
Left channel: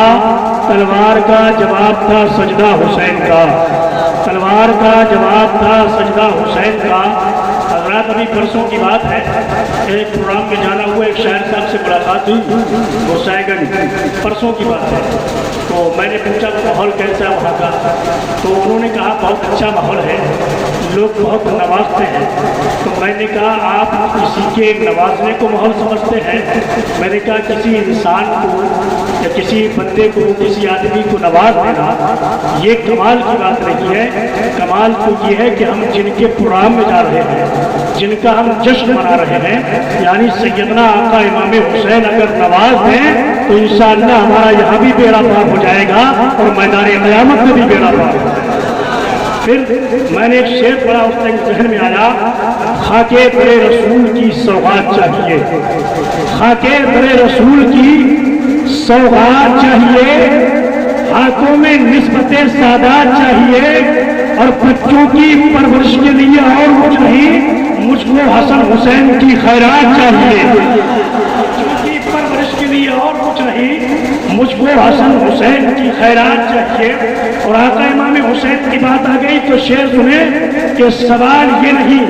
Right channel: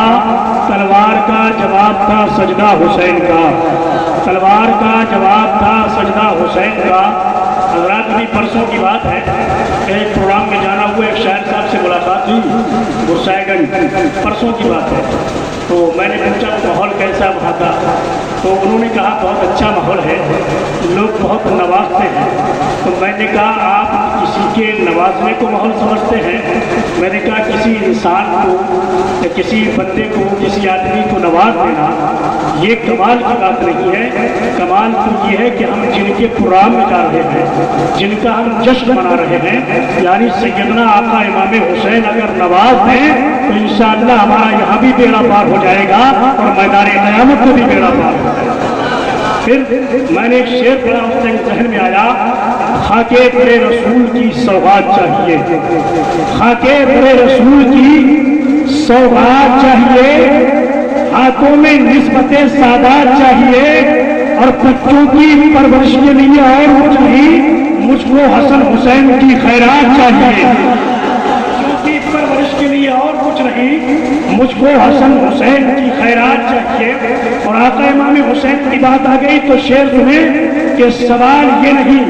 تلوار کا جواب تھا سجدہ حسین کا، تلوار کا جواب تھا سجدہ حسین کا۔ حضرات ابھی پرسوں کی بات ہے کہ ایک پروگرام میں جانا ہوا، ایک شاعر صاحب سے ملاقات ہوئی گسائے گنج، پرسوں کی بات ہے، تو میں نے پوچھا ماحول کیسا وہاں کا، تو انہوں نے کہا بہت اچھا ماحول ہے، لوگ بہت نوازتے ہیں۔ تو میں نے کہا آپ کسی کے نوازنے کو ماحول سمجھتے ہیں؟ میں نے کہا کسی انسان کو یا کسی بندے کو، کسی آدمی کو نواز دینا یہ کمال کی بات نہیں ہے، کمال تو یہ ہے کہ ہم جن کے پروگرام میں جا رہے ہیں، جن کا ہم جشن منا رہے ہیں، یعنی سیدنا آقا امام حسین اگر نواز دیں تو انشاءاللہ ہمارا یہاں بھی بیڑا پار ہو جائے گا اور میدان قیامت میں بھی بیڑا پار ہو جائے گا۔ پھر میں نے ایک شعر پڑھا، اس کے ذہن میں آیا، خاکے پر رسول کی سوغات چاہیے، خاکے پر رسول کی سوغات چاہیے، ہاتھوں میں نسبت سادات چاہیے، اور بچوں کی پرورش کے لیے اور کچھ نہیں، مجھ کو حسن حسین کی خیرات چاہیے، بچوں کی پرورش کے لیے اور کچھ نہیں، مجھ کو حسن حسین کی خیرات چاہیے۔ اور آقا امام حسین کی بات آ گئی تو شعر سنیں کہ سوال یہ نہیں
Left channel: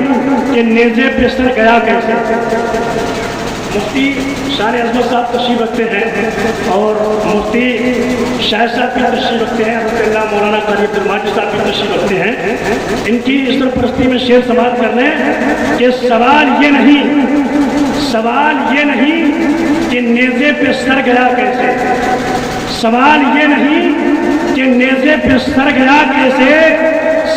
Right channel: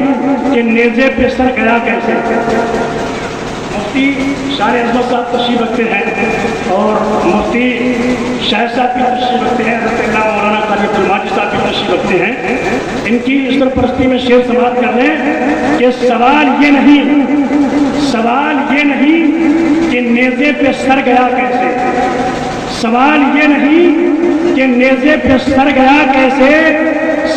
کہ نیزے پہ سر گیا کیسے۔ مفتی شان عظمت صاحب تشریف رکھتے ہیں اور مفتی شاہ صاحب بھی تشریف رکھتے ہیں، حضرت اللہ مولانا قاری عبدالماجد صاحب بھی تشریف رکھتے ہیں، ان کی اس طرح پرستی میں شعر سماعت کر لیں کہ سوال یہ نہیں کہ نیزے پہ سر گیا کیسے، سوال یہ نہیں کہ نیزے پہ سر گیا کیسے،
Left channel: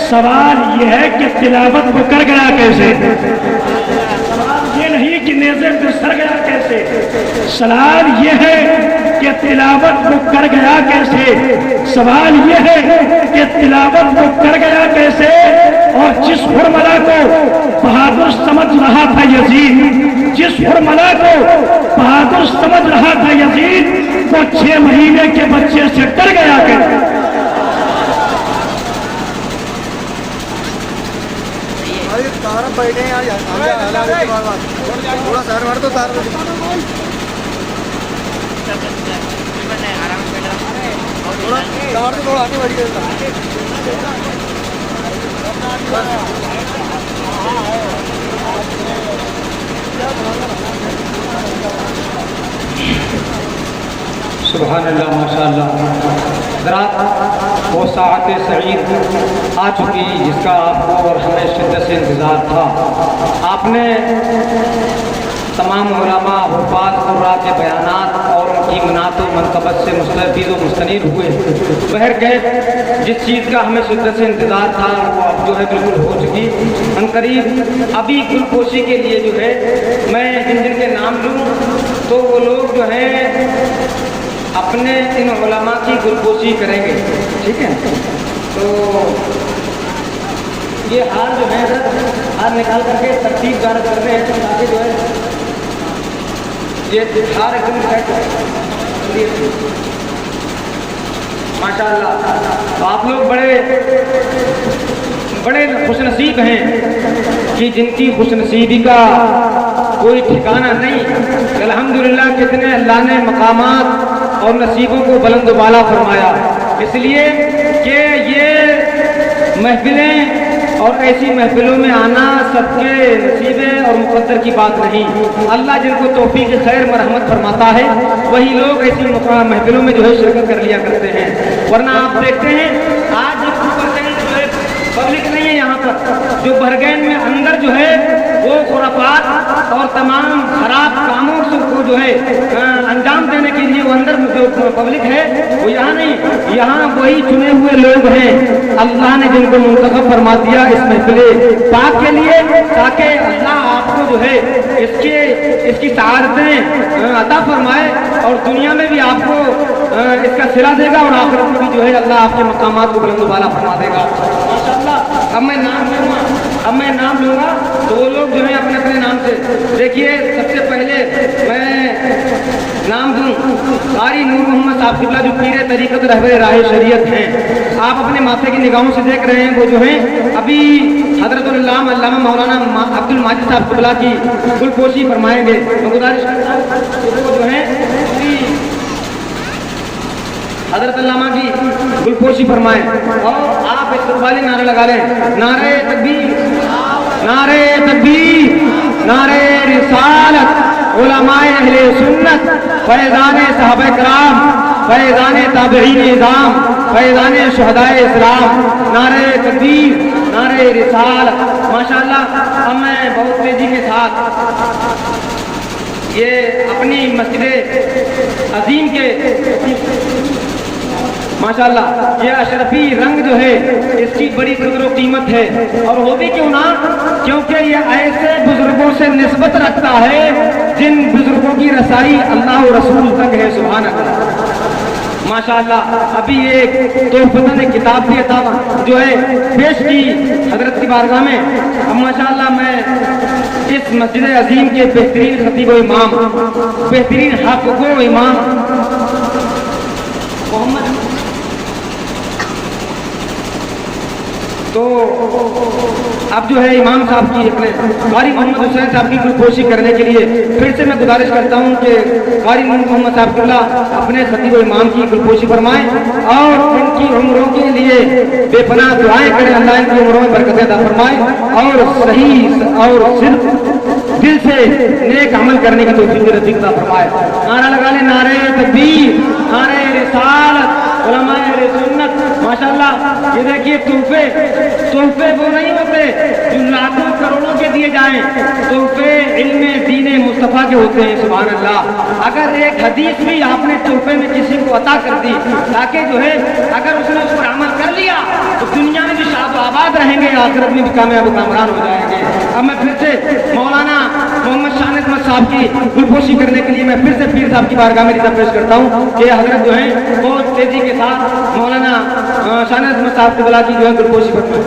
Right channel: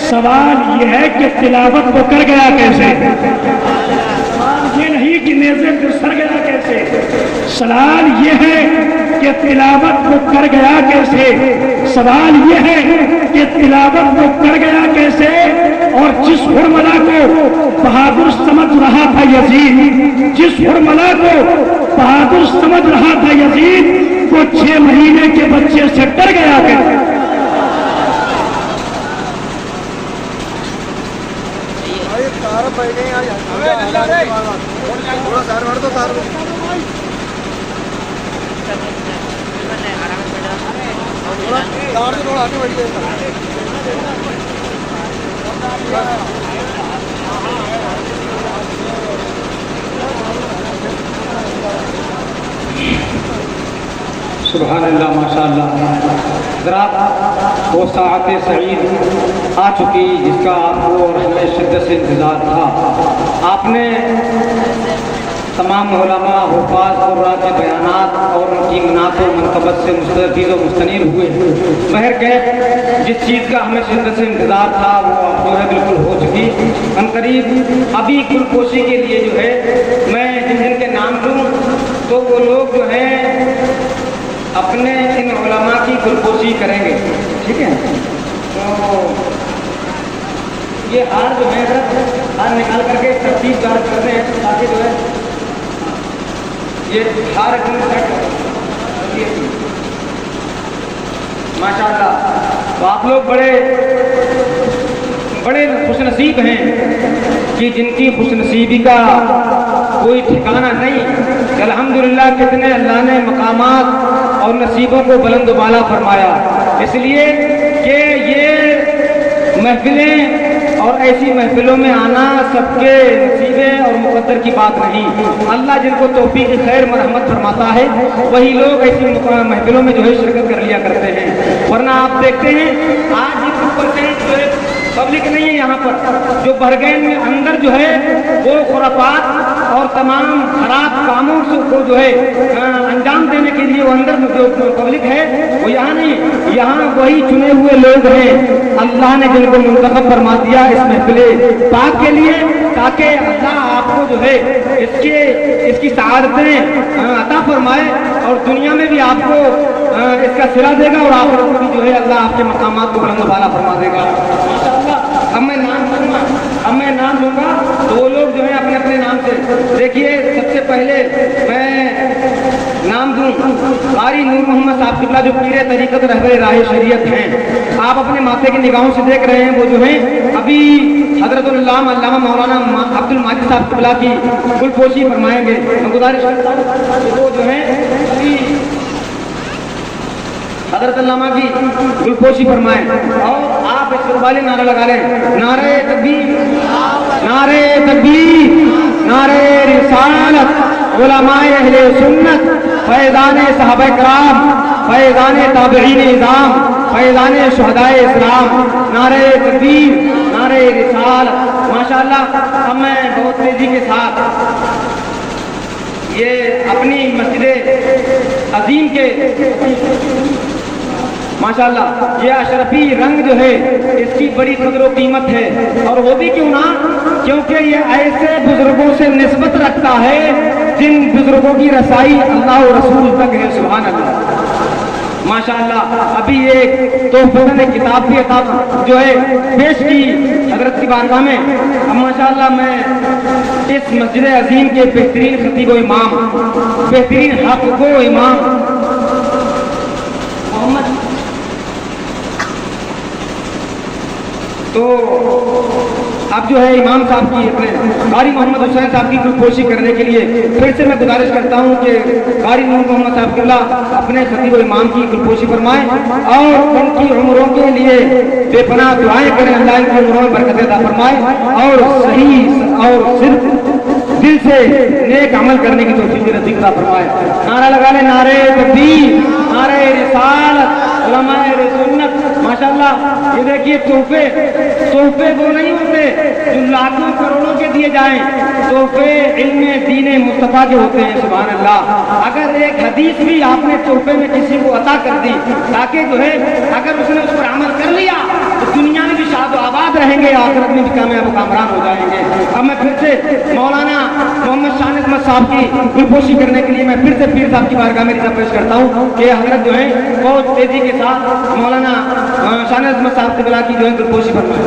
سوال یہ ہے کہ تلاوت کو کر گیا کیسے، سوال یہ نہیں کہ نیزے پہ سر گیا کیسے؟ سوال یہ ہے کہ تلاوت کو کر گیا کیسے؟ سوال یہ ہے کہ تلاوت کو کر گیا کیسے؟ اور جس حرملا کو بہادر سمجھ رہا تھا یزید، جس حرملا کو بہادر سمجھ رہا تھا یزید، وہ 6 مہینے کے بچے سے ڈر گیا کیسے؟ پہلے تھوڑا سار مار تو سار تھوڑا آگے بڑھ گئے سبحان اللہ، ماشاء اللہ۔ حضرات، وہ ساعت سعید آ چکی جس کا آپ کو اور ہمیں شدت سے انتظار تھا۔ آپ نے تمام علماء، حفاظ قراء کے بیانات اور ان کی منات و منقبت سے مستفید و مستنیر ہوئے۔ بہرکیف جس چیز کا ہمیں شدت سے انتظار تھا وہ اب جو ہے بالکل ہو چکی۔ ہم قریب ابھی گل پوشی کے لیے جو ہے میں جن جن کے نام لوں تو وہ لوگ جو ہیں اپنے ان علماء کی گلپوشی کریں گے، ٹھیک ہے؟ تو یہ ہار جو ہے ہار نکال کر کے ترتیب جاری کرتے ہیں تاکہ جو ہے یہ ہار کون سیٹ ہے ماشاء اللہ۔ تو آپ لوگ بڑے خوش نصیب ہیں کہ جن کی خوش نصیبی کا کوئی ٹھکانہ نہیں۔ الحمدللہ کتنے اللہ نے مقامات اور نصیبوں کو بلند و بالا فرمایا، اس لیے کہ یہ محفلیں اور ایسی محفلوں میں آنا سب کے نصیبیں اور مقدر کی بات نہیں۔ اللہ جن کو توفیق خیر مرحمت فرماتا ہے وہی لوگ ایسی محفلوں میں جو ہے شرکت کر لیا کرتے ہیں، ورنہ آپ دیکھتے ہیں آج پبلک نہیں ہے یہاں پر، جو برگین میں اندر جو ہے وہ خرافات اور تمام خراب کاموں کو جو ہے انجام دینے کے لیے وہ اندر جو پبلک ہے وہ یہاں نہیں، یہاں وہی چنے ہوئے لوگ ہیں اللہ نے جن کو منتخب فرما دیا اس محفل پاک کے لیے، تاکہ اللہ آپ کو جو ہے اس کی سعادتیں عطا فرمائے اور دنیا میں بھی آپ کو اس کا صلہ دے گا اور آخرت میں بھی جو ہے اللہ آپ کے مقامات کو بلند و بالا فرما دے گا۔ اب میں نام لوں گا تو وہ لوگ جو ہے اپنے اپنے نام سے دیکھیے۔ سب سے پہلے میں نام دوں قاری نور محمد صاحب قبلہ جو پیر طریقت رہبر راہ شریعت ہیں، آپ اپنے ماتھے کی نگاہوں سے دیکھ رہے ہیں وہ جو ہیں ابھی حضرت علامہ مولانا عبد الماجد صاحب قبلہ کی گل پوشی فرمائیں گے۔ گزارش وہ جو ہیں ابھی حضرت علامہ کی گلپوشی فرمائیں اور آپ ایک قربانی نعرہ لگا لیں، نعرہ تکبیر، نعرہ تکبیر، نعرہ رسالت، علماء اہل سنت، فیضان صحابہ کرام، فیضان تابعین اعظام، فیضان شہداء اسلام، نعرہ تکبیر، نعرہ رسالت۔ ماشاءاللہ اب میں بہت تیزی کے ساتھ یہ اپنی مسجد عظیم کے ماشاءاللہ یہ اشرفی رنگ جو ہے اس کی بڑی قدر و قیمت ہے، اور وہ بھی کیوں نہ کیونکہ یہ ایسے بزرگوں سے نسبت رکھتا ہے جن بزرگوں کی رسائی اللہ و رسول تک ہے۔ سبحان اللہ، ماشاءاللہ۔ ابھی ایک تحفے نے کتاب بھی عطا جو ہے پیش کی حضرت کی بارگاہ میں۔ اب ماشاءاللہ میں اس مسجد عظیم کے بہترین خطیب و امام، بہترین حافظ و امام محمد تو اب جو ہے امام صاحب کی قاری محمد حسین صاحب کی گلپوشی کرنے کے لیے پھر سے میں گزارش کرتا ہوں کہ قاری محمد صاحب اللہ اپنے خطیب و امام کی گلپوشی فرمائیں اور ان کی عمروں کے لیے بے پناہ دعائیں کریں، اللہ ان کی عمروں میں برکت عطا فرمائے اور صحیح اور صرف دل سے نیک عمل کرنے کی توفیق نصیب عطا فرمائے۔ نعرہ لگا لیں، نعرہ تکبیر، نعرہ رسالت، علماء سنت۔ ماشاءاللہ یہ دیکھیے تحفے وہ نہیں ہوتے جو لاکھوں کروڑوں کے دیے جائیں، تحفے علم دین مصطفیٰ کے ہوتے ہیں۔ سبحان اللہ۔ اگر ایک حدیث بھی آپ نے تحفے میں کسی کو عطا کر دی تاکہ جو ہے اگر اس نے اس پر عمل کر لیا تو دنیا میں بھی شاد و आबाद रहेंगे, आखिरत में भी कामयाब कामरान हो जाएंगे। अब मैं फिर से मौलाना मोहम्मद शान अहमद साहब की गुलपोशी करने के लिए मैं फिर से पीर साहब की बारगाह में पेश करता हूँ कि हजरत जो है बहुत तेजी के साथ मौलाना शान अहमद साहब को बुला की जो है गुलपोशी करना।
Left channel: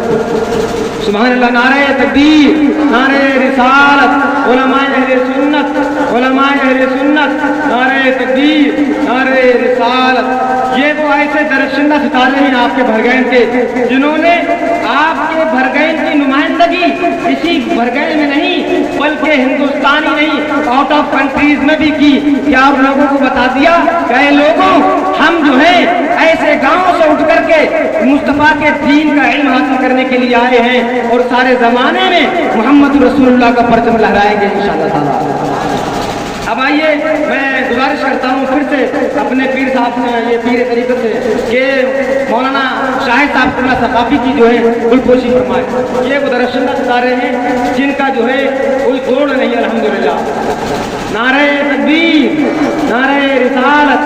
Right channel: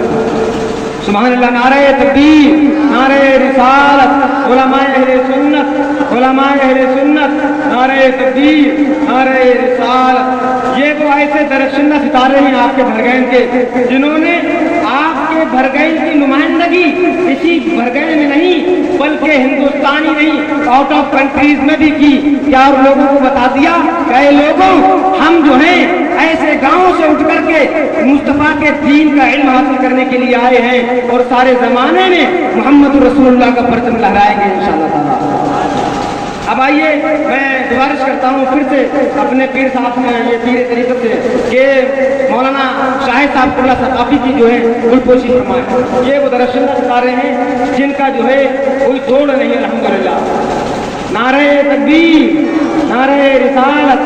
सुभान अल्लाह, नारे तकबीर, नारे रिसालत, उलमाए अहले सुन्नत, उलमाए अहले सुन्नत, नारे तकबीर, नारे रिसालत। ये वो ऐसे दरख्शिंदा सितारे हैं आपके भरगैन के, जिन्होंने आपके भरगैन की नुमाइंदगी इसी भरगैन में नहीं बल्कि हिंदुस्तान ही नहीं आउट ऑफ कंट्रीज में भी की। क्या आप लोगों को बता दिया कि लोगों हम जो है ऐसे गांवों से उठ करके मुस्तफा के दीन का इल्म हासिल करने के लिए आए हैं और सारे जमाने में मोहम्मद रसूलुल्लाह का परचम लहराएंगे इंशाअल्लाह ताला। अब आइए मैं गुजारिश करता हूँ फिर से अपने पीर साहब ने ये पीर तरीक़त से कि मौलाना शाहिद साहब कुल्ला सकाफी की जो है गुलपोशी फरमाए। ये वो दरख्शिंदा सितारे हैं जिनका जो है कोई तोड़ नहीं अल्हम्दुलिल्लाह। नारे तकबीर, नारे रिसालत।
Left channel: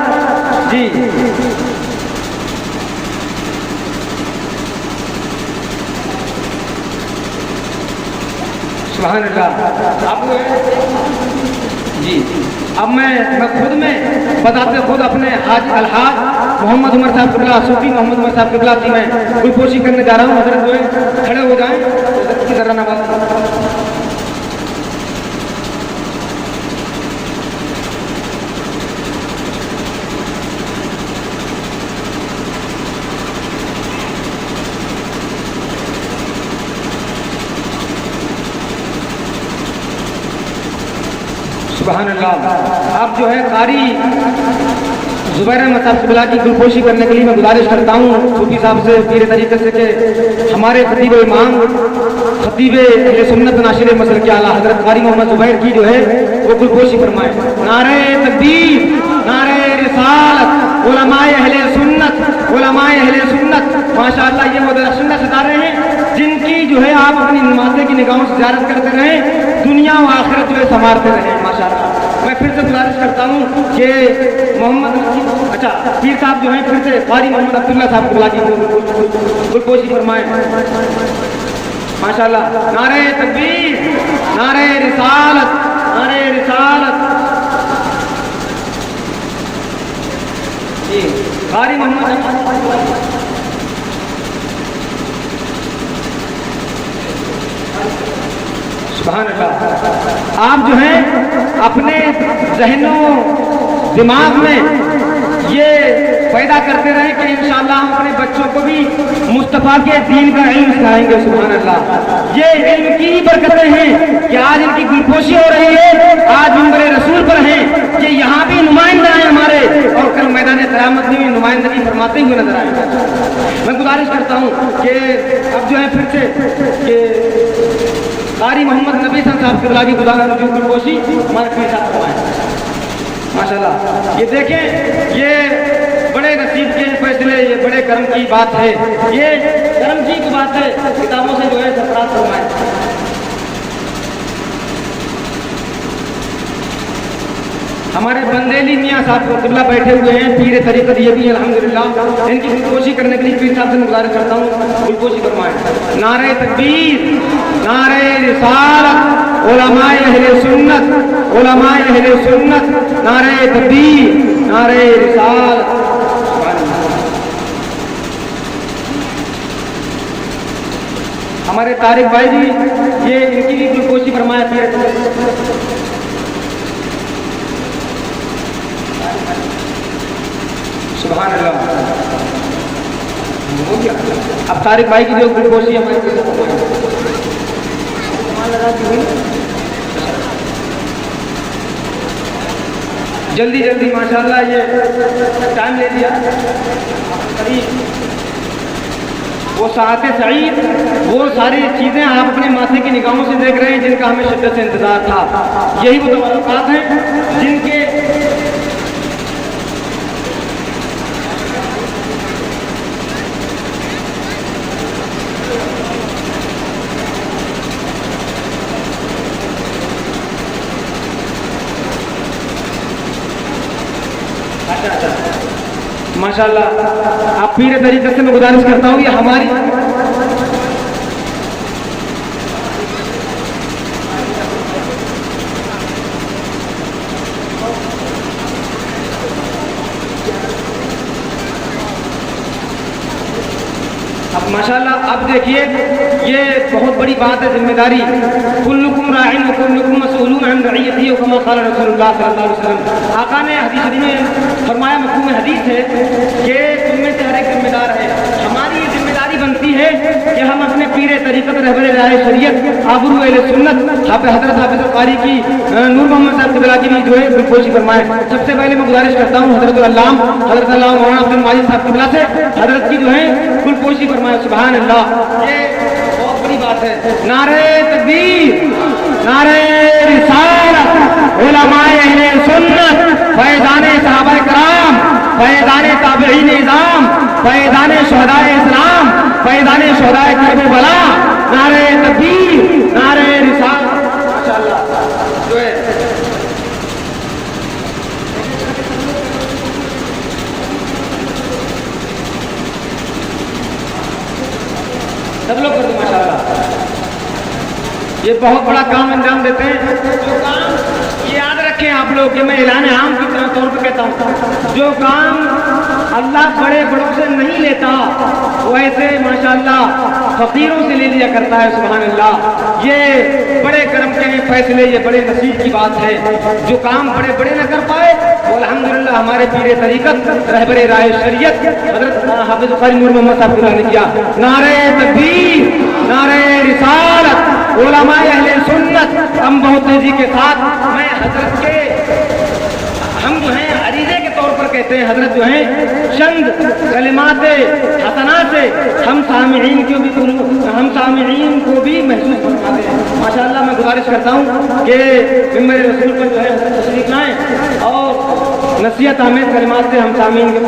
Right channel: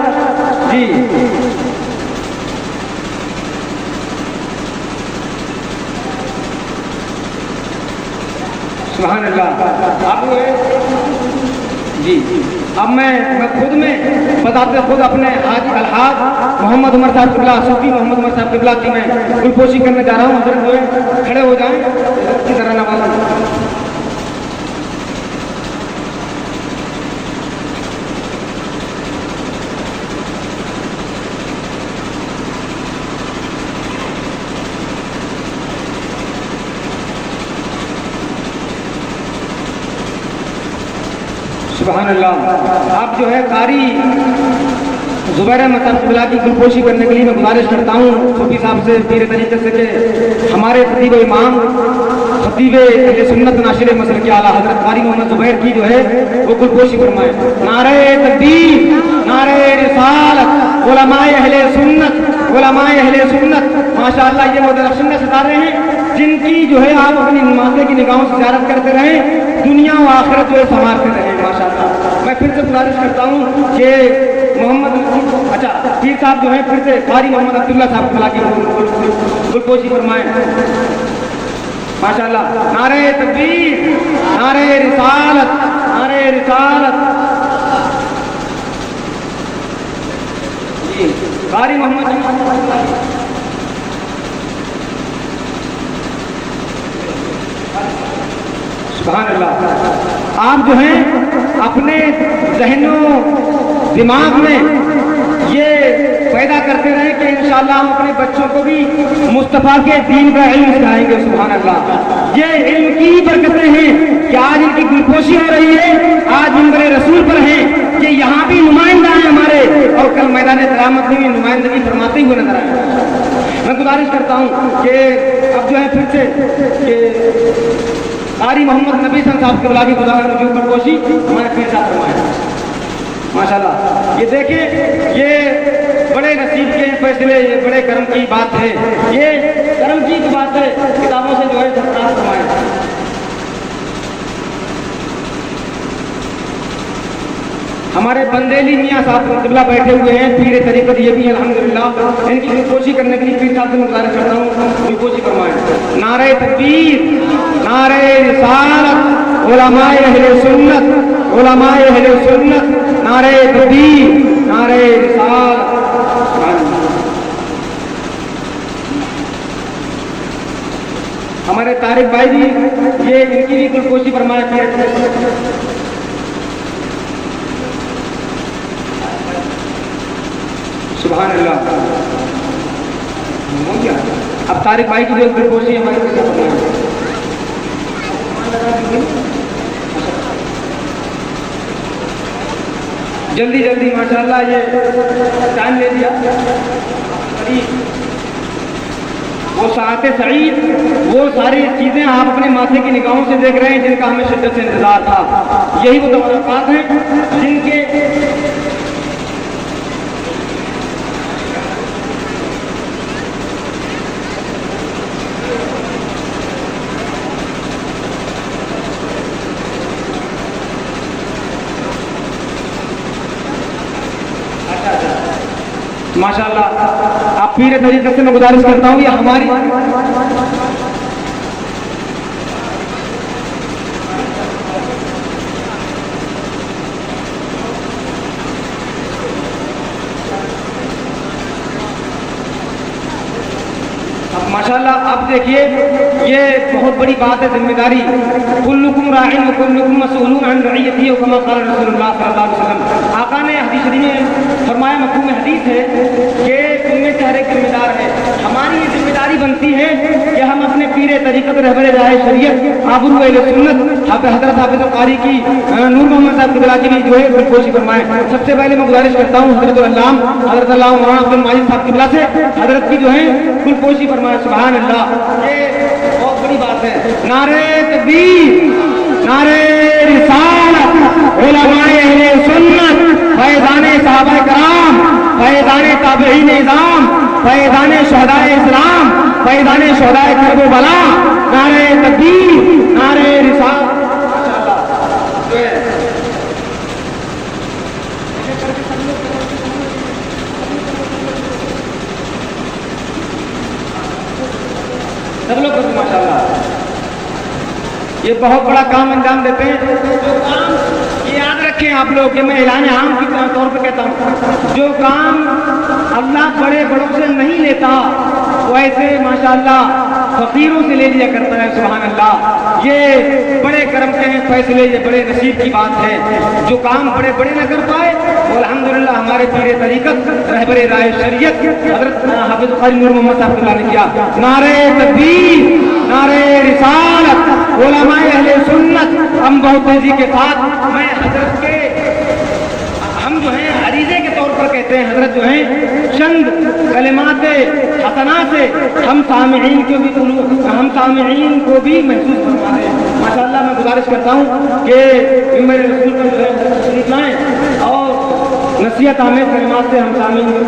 जी सुभान अल्लाह। आप जी अब मैं खुद में बताते खुद अपने हाज अलहाज मोहम्मद उमर साहब किबला, सूफी मोहम्मद उमर साहब किबला की मैं गुलपोशी करने जा रहा हूँ। हजरत जो है खड़े हो जाएं, की तरह नवाज। सुभान अल्लाह। आप जो है कारी ज़ुबैर अहमद किबला की गुलपोशी करने के लिए मैं गुजारिश करता हूँ सूफी साहब से पीर तरीक़े से कि हमारे खतीब इमाम खतीब अहले सुन्नत नाशिर मसल के आला हजरत कारी मोहम्मद ज़ुबैर की जो है वो गुलपोशी फरमाए। नारे तकबीर, नारे रिसालत, उलमाए अहले सुन्नत, उलमाए अहले सुन्नत। माशाअल्लाह ये वो दरख्शिंदा सितारे हैं जिनकी जो है आप अपनी नमाज़े की निगाहों से ज़ियारत करते रहें, दुनिया और आखिरत जो है संवारते रहें माशाअल्लाह। मैं फिर से गुजारिश करता हूँ कि मोहम्मद अच्छा पीर साहब जो है फिर से कारी मोहम्मद अब्दुल्ला साहब को बुला के गुलपोशी फरमाएं माशाअल्लाह। नारे तकबीर, नारे रिसालत, नारे रिसालत। कारी मोहम्मद सुभान अल्लाह। आप जो हैं अपने ज़हनों दिमाग में ये पैदा करते रहे कि इंशाअल्लाह हम अपने बच्चों को भी मुस्तफ़ा के दीन का इल्म सिखाएंगे। सुभान अल्लाह। ये इल्म की बरकतें हैं कि आज इनकी गुलपोशी हो रही है, आज मिंबर रसूल पर हैं, ये यहाँ भी नुमाइंदा हैं हमारे और कल मैदान क़यामत में भी नुमाइंदगी फरमाते हुए नजर आएंगे। मैं गुजारिश करता हूँ कि अब जो है फिर से कि कारी मोहम्मद नबी साहब के बुलावी गुलपोशी हमारे पीर साहब फरमाएं माशाअल्लाह। ये देखें ये बड़े नसीब के फैसले, ये बड़े कर्म की बात है, ये कर्म की बात है। किताबों से जो है सफरान फरमाए। हमारे बंदेली मियाँ साहब किबला बैठे हुए हैं पीर तरीक़त, ये भी अल्हम्दुलिल्लाह। इनकी गुलपोशी करने के लिए पीर साहब से गुजारिश करता हूँ गुलपोशी फरमाएं। नारे तकबीर, नारे रिसालत, उलमाए अहले सुन्नत, उलमाए अहले सुन्नत। नारे तकबीर, नारे रिसालत। हमारे तारिक भाई भी ये इनकी भी गुलपोशी फरमाए। सुभान अल्लाह। अब तारिक भाई की जो गुलपोशी हमारे जल्दी जल्दी माशाअल्लाह ये टाइम ले लिया। वो साथ सईद, वो सारी चीज़ें आप अपने माथे की निगाहों से देख रहे हैं जिनका हमें शिद्दत से इंतजार था। यही वो तवक्कुआत हैं जिनके माशाअल्लाह। आप पीर तरीक़े से मैं गुजारिश करता हूँ कि हमारी माशाल्लाह अब देखिए ये बहुत बड़ी बात है, जिम्मेदारी। कुल्लुकुम राइन व कुल्लुकुम मसऊलून अन रइयतिही व कमा क़ाल रसूलुल्लाह सल्लल्लाहु अलैहि वसल्लम। आका ने हदीस शरीफ में फरमाया, मफ़हूम हदीस है कि तुम में से हर एक जिम्मेदार है। हमारी जिम्मेदारी बनती है कि हम अपने पीर तरीक़त रहबर राह शरीयत आबरू अहले सुन्नत हज़रत हाफ़िज़ कारी की नूर मोहम्मद साहब क़िबला की भी जो है गुलपोशी फरमाएं। सबसे पहले मैं गुजारिश करता हूँ हज़रत अल्लामा मौलाना अब्दुल माजिद साहब क़िबला से हज़रत की जो है गुलपोशी फरमाएं। सुभान अल्लाह, ये बहुत बड़ी बात है। नारे तकबीर, नारे रिसालत, उलमाए अहले सुन्नत, फैज़ाने सहाबाए कराम, फैज़ाने ताबईन निज़ाम, फैज़ाने शुहदाए इस्लाम, फैज़ाने शुहदाए करबला, नारे तकबीर, नारे रिसालत। माशाअल्लाह जो है सब लोग करते माशाअल्लाह, ये बहुत बड़ा काम अंजाम देते हैं। जो काम ये याद रखें आप लोग कि मैं ऐलान आम की तौर पर कहता हूँ, जो काम अल्लाह बड़े बड़ों से नहीं लेता वो ऐसे माशाअल्लाह फकीरों से ले लिया करता है। सुभान अल्लाह, ये बड़े करम के फैसले, ये बड़े नसीब की बात है। जो काम बड़े बड़े न कर पाए वो अल्हम्दुलिल्लाह हमारे पीर तरीक़त रहबर राह शरीयत हज़रत हाफ़िज़ कारी नूर मोहम्मद साहब ने किया। नारे तकबीर, नारे रिसालत, उलमाए अहले सुन्नत। हम बहुत तेजी के साथ मैं हज़रत के हम जो है अरीज़े के तौर पर कहते हैं, हज़रत जो है चंद कलिमात हसना से हम सामिईन को भी महसूस करवाते हैं। माशाअल्लाह मैं गुजारिश करता हूँ कि मेरे रसूल पर जो है तशरीफ़ लाएँ और नसीहत आमेज़ कलिमात से हम सामिईन को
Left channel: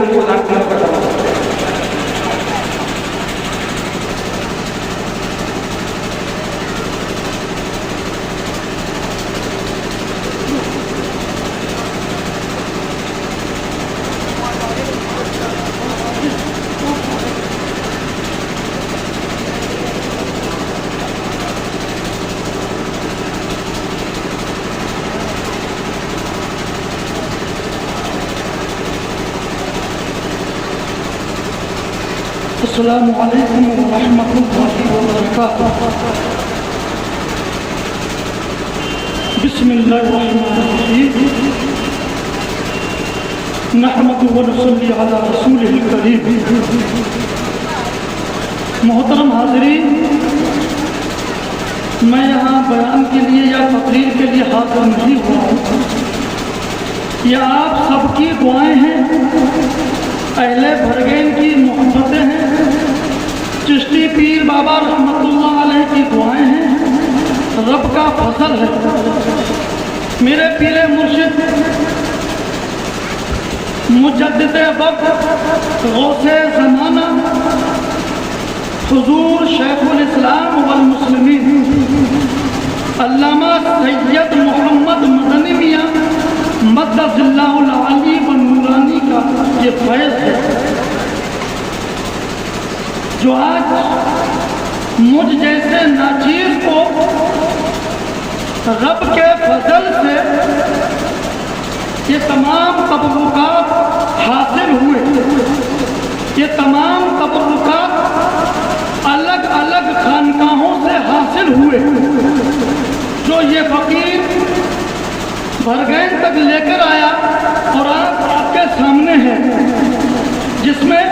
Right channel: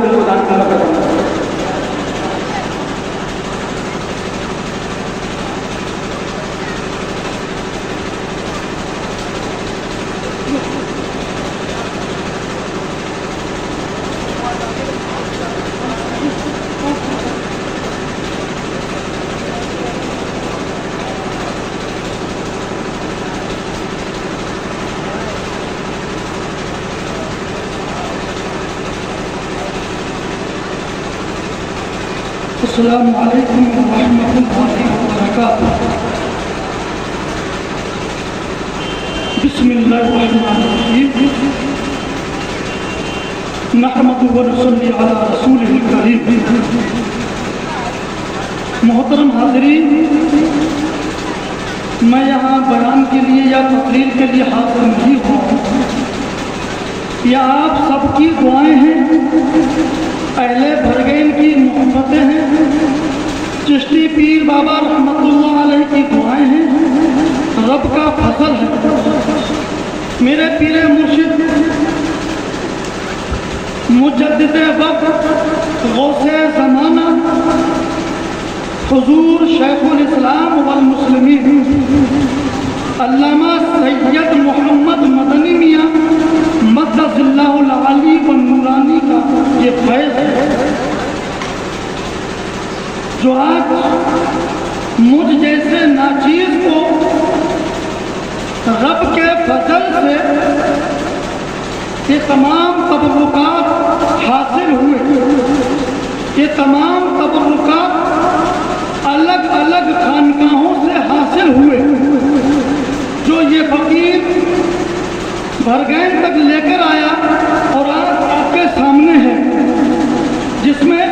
अस्सलामु अलैकुम व रहमतुल्लाहि व बरकातुहू। बिस्मिल्लाहिर्रहमानिर्रहीम। नहमदुहु व नसल्ली अला रसूलिल करीम। मोहतरम हाज़रीन, मैं यहाँ बयान के लिए या तकरीर के लिए हाजिर नहीं हुआ हूँ। यह आप सबकी दुआएं हैं, अहले भरगैन की मोहब्बतें हैं, चिश्ती पीर बाबा रहमतुल्लाह अलैह की दुआएं हैं, रब का फजल है। मेरे पीर मुर्शिद मुजद्दिद वक्त गौसे ज़माना हुजूर शेखुल इस्लाम वल मुस्लिमीन अल्लामा सैयद मोहम्मद मदनी मियां मद्दसिल्लाहुल आली व नूरानी का ये फैज़ है, जो आज मुझ जैसे नाचीज़ को रब के फजल से ये तमाम तबर्रुकात हासिल हुए। ये तमाम तबर्रुकात अलग अलग खानकाहों से हासिल हुए, जो ये फकीर भरगैन तक लेकर आया और आज आपके सामने है, जिसमें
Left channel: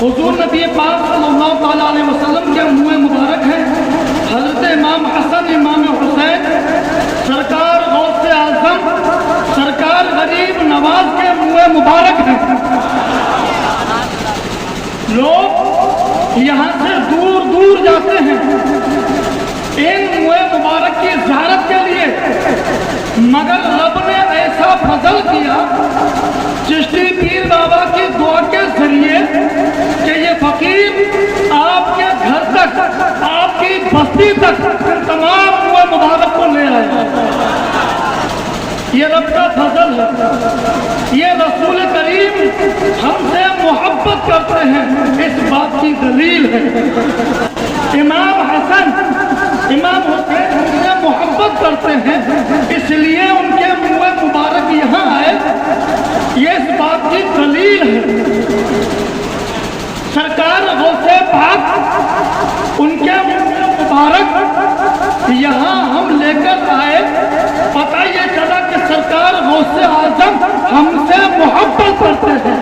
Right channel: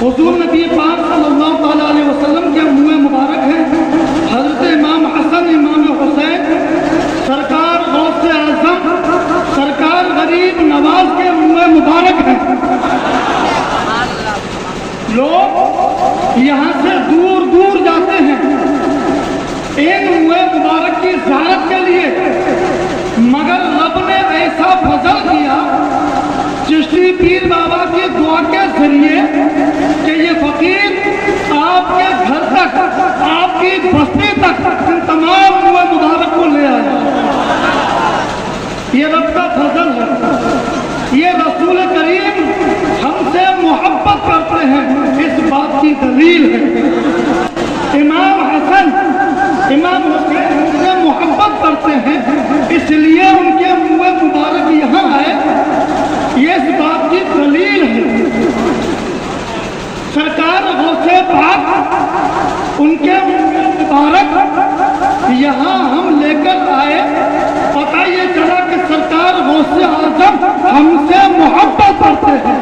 हुजूर नबी पाक सल्लल्लाहु अलैहि वसल्लम के मुँह मुबारक हैं, हज़रत इमाम हसन इमाम हुसैन सरकार गौसे आज़म सरकार गरीब नवाज के मुँह मुबारक हैं। लोग यहाँ से दूर दूर जाते हैं इन मुँह मुबारक की ज़ियारत के लिए, मगर रब ने ऐसा फजल किया चिश्ती पीर बाबा की दुआ के जरिए कि ये फकीर आपके घर तक, आपकी बस्ती तक तमाम मुँह मुबारक को ले आया। ये रब का फजल है। ये रसूल करीम हमसे मोहब्बत करते हैं, इस बात की दलील है। इमाम हसन इमाम हुसैन हमसे मोहब्बत करते हैं, इसलिए उनके मुँह मुबारक यहाँ है, ये इस बात की दलील है। सरकार गौसे पाक उनके मुबारक यहाँ हम लेकर आए। पता ये चला कि सरकार गौसे आजम हमसे मोहब्बत करते हैं।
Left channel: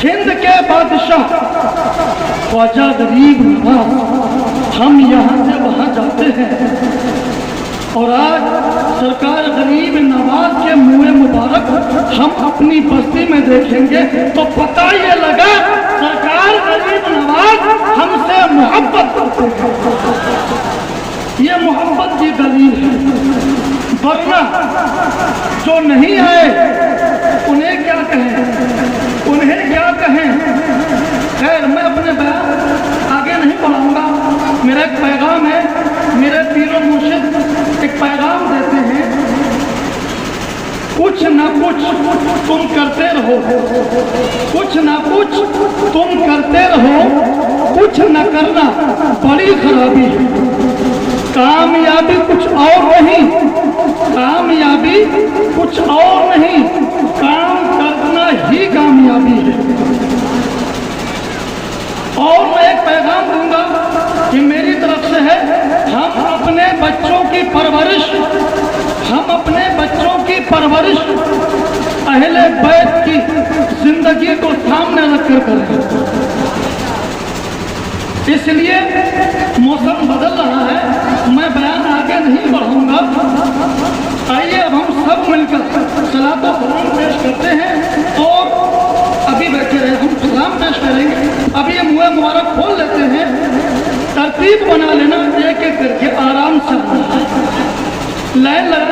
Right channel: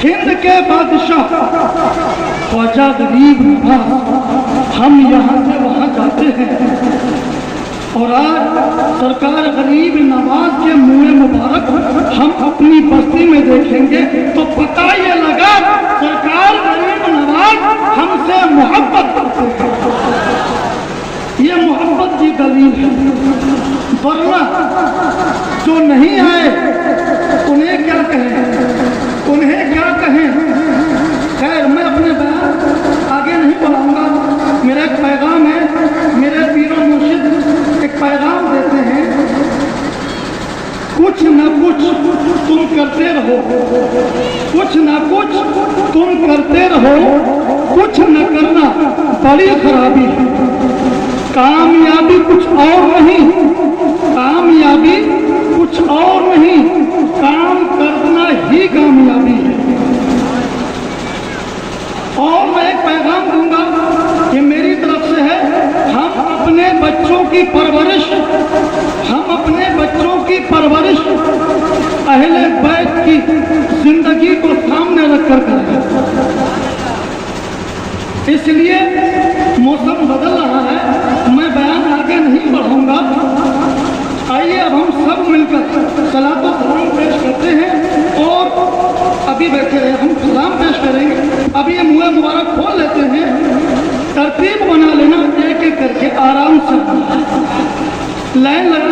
हिंद के बादशाह ख्वाजा गरीब नवाज हम यहाँ से वहाँ जाते हैं और आज सरकार गरीब नवाज के मुँह मुबारक हम अपनी बस्ती में देखेंगे तो पता ये लगा सरकार गरीब नवाज हमसे मोहब्बत करते हैं। ये मोहब्बत की दलील है। वरना जो नहीं आए उन्हें क्या कहें, उन्हें क्या कहें। खैर मैं अपने बयान आगे नहीं बढ़ाऊंगा। मेरा एक पैगाम है, मेरे पीरो मुर्शिद एक पैगाम देते हैं, कुछ न कुछ तुम करते रहो, कुछ न कुछ तुम करते रहो, कुछ न करना बड़ी खराबी है। कामयाबी कुछ और नहीं, कामयाबी कुछ और नहीं, काम करना ही कामयाबी है। और मैं एक पैगाम दूंगा कि मेरी तरफ से है, हम अपने बच्चों की परवरिश, हम अपने बच्चों की परवरिश अहले बैत की जिंदगी को सामने रखकर करें। इसलिए मौसम बदल रहा है, मैं बयान आगे नहीं बढ़ाऊंगा। आइए अब हम सब मिलकर सलातो सलाम पेश करते हैं और अभी बैठे हैं हम सलाम पेश करेंगे। अभी ये मुँह मुबारक खोल लेते हैं, तरतीब बना लेना, एक एक करके आराम से लाइन लगा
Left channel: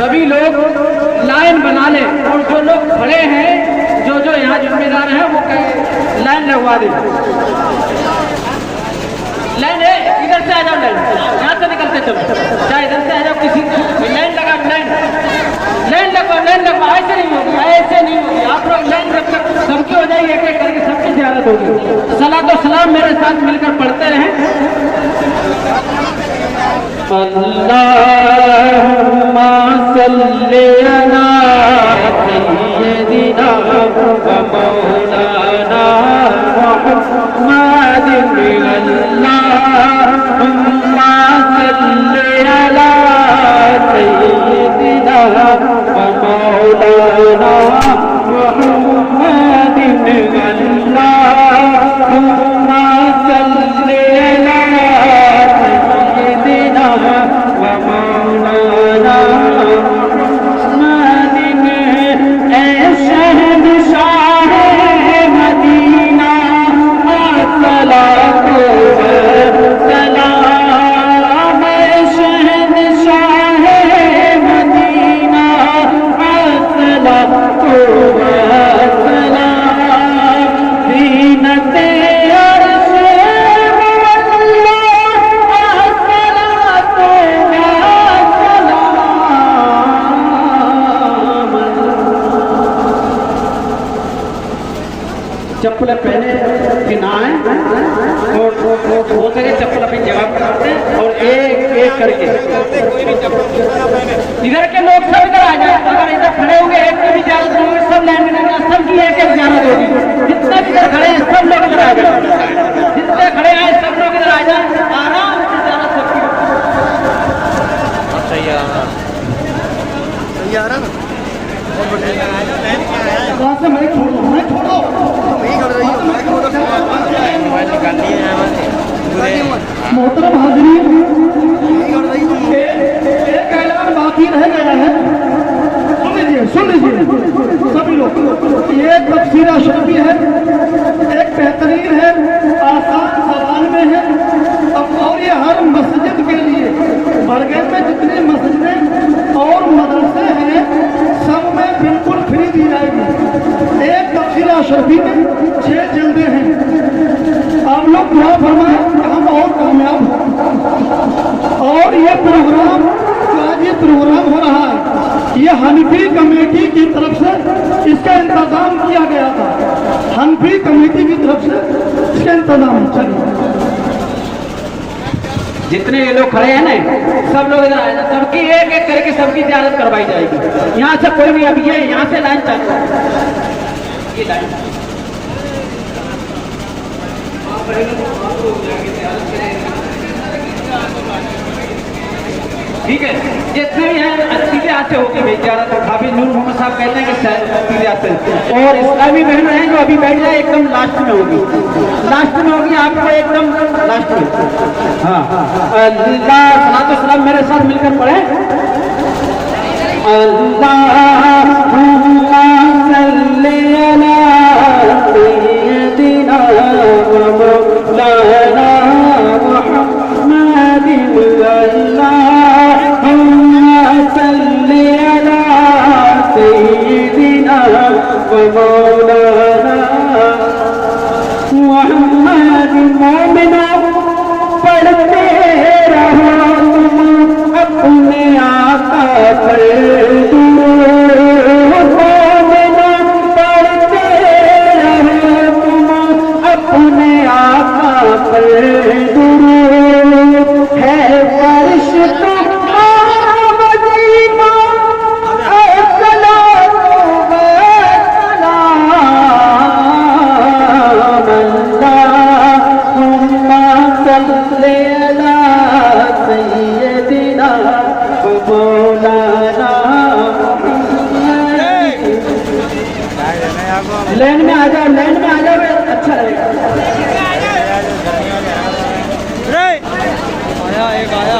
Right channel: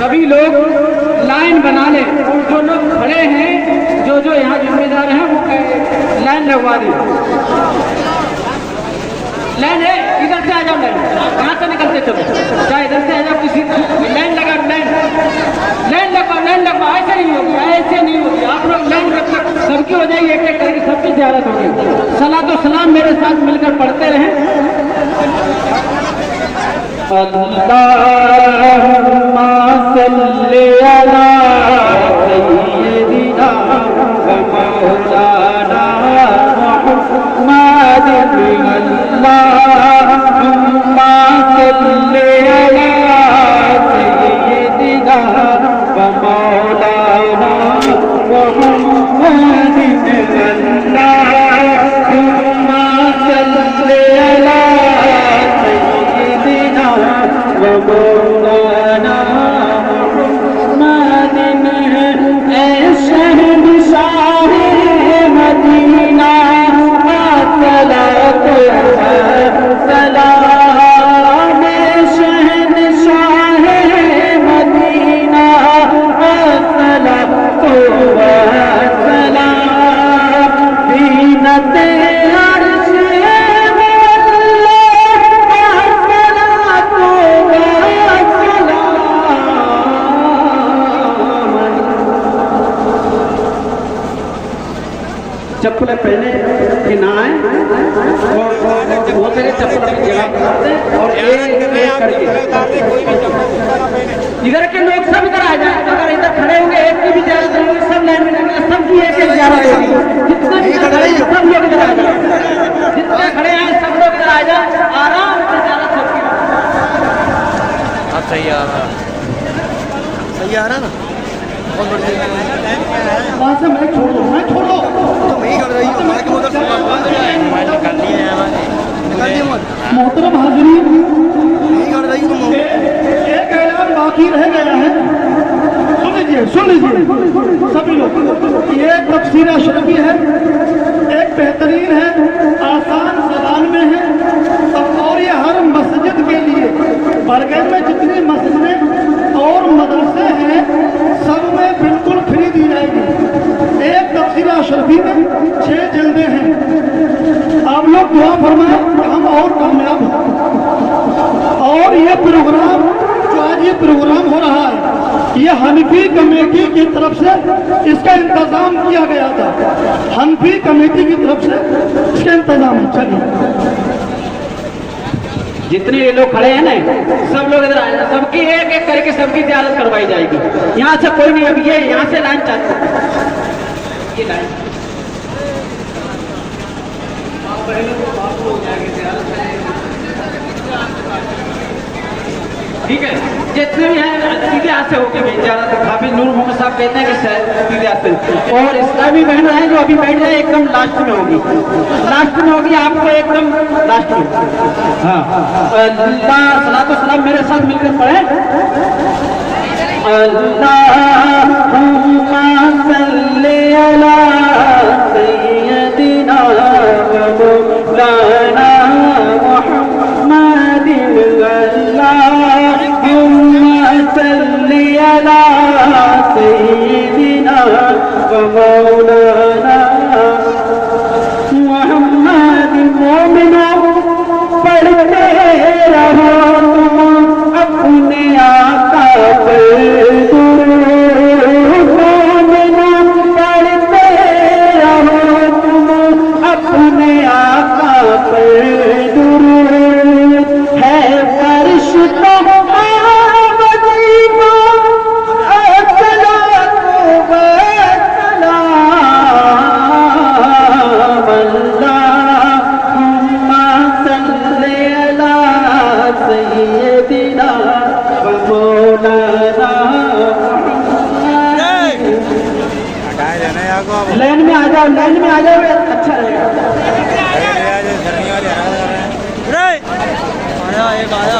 सभी लोग लाइन बना लें और जो लोग खड़े हैं, जो यहाँ जिम्मेदार हैं वो लाइन लगवा दें। लाइन है, इधर से आ जाओ, लाइन यहाँ से निकलते चलो, चाहे इधर से आ जाओ, किसी लाइन लगा, लाइन लगवा, ऐसे नहीं होगी, ऐसे नहीं होगी। आप लोग लाइन रख सबकी हो जाएगी, एक एक सबकी ज़ियारत होगी। सलातो सलाम मेरे साथ मिलकर पढ़ते रहें। अल्लाहुम्मा सल्ली अला सय्यिदिना व मौलाना मुहम्मदिन। अल्लाहुम्मा सल्ली अला सय्यिदिना व मौलाना मुहम्मदिन। अल्लाहुम्मा सल्ली अला चप्पल पहने कि ना आए और हो सके चप्पल अपनी जगह पर रखते हैं और एक एक करके कोई भी चप्पल इधर के लोग सब इधर आ जाए। अगर इधर खड़े होंगे एक की भी ज़ियारत होगी, सब लाइन में लगेगा, सबकी एक एक ज़ियारत होगी। जितने भी इधर खड़े हैं सब लोग इधर आ जाए, जितने खड़े हैं सब लोग इधर आ जाए, आराम से ज़ियारत सबकी। अब सही आ रहा सही आ रहा है। वहाँ से मैं छोड़ो, मैं छोड़ो, मोहतरम हाज़रीन, एक ऐलान बाकी रह गया है, सुन लीजिए सभी लोग। ये तफसीर अशरफी है, एक बेहतरीन है, आसान ज़बान में है और ये हर मस्जिद के लिए, बरगढ़ में जितनी मस्जिदें और मदरसे हैं सब में बिल्कुल फ्री दी जाएगी। एक तफसीर अशरफी में 6 जिल्दें हैं। आप लोग दुआ फरमाएं कि हम और कामयाब हों। और ये प्रोग्राम जो आज ये प्रोग्राम हो रहा है, ये हनफी कमेटी की तरफ से इसका इंतजाम किया गया था। हनफी कमेटी की तरफ से इसका इंतजाम। चलिए जितने ये लोग खड़े हैं ना, सब लोग इधर आ जाए, सबकी एक एक करके सबकी ज़ियारत करवाई जाएगी। यहाँ से कोई भी, अब ये यहाँ से लाइन तक, ये लाइन ठीक है। जितने भी हैं सीधे हाथ से होके भेज जा रहा था। हाफिज नूर मोहम्मद साहब कहते हैं कि सीधे हाथ से, और इस्लामी बहन हैं जो अभी बैठ जाए एकदम लास्ट में होगी, लास्ट में होगी, आपको एकदम लास्ट में। हाँ अल्लाह सलातो सलाम मेरे साथ मिलकर पढ़े। अल्लाहुम्मा सल्ली अला सय्यदिना व मौलाना मुहम्मदिन सल्ली अला सय्यदिना व मौलाना मुहम्मद। मोमिनो पढ़ते रहो तुम अपने आका पर दुरूद। मोमिनो पढ़ते रहो तुम अपने आका पर दुरूद। है फर्श तो लैंड में आ जाओ, लैंड में आ जाओ, अच्छा रहेगा। आया एक आया।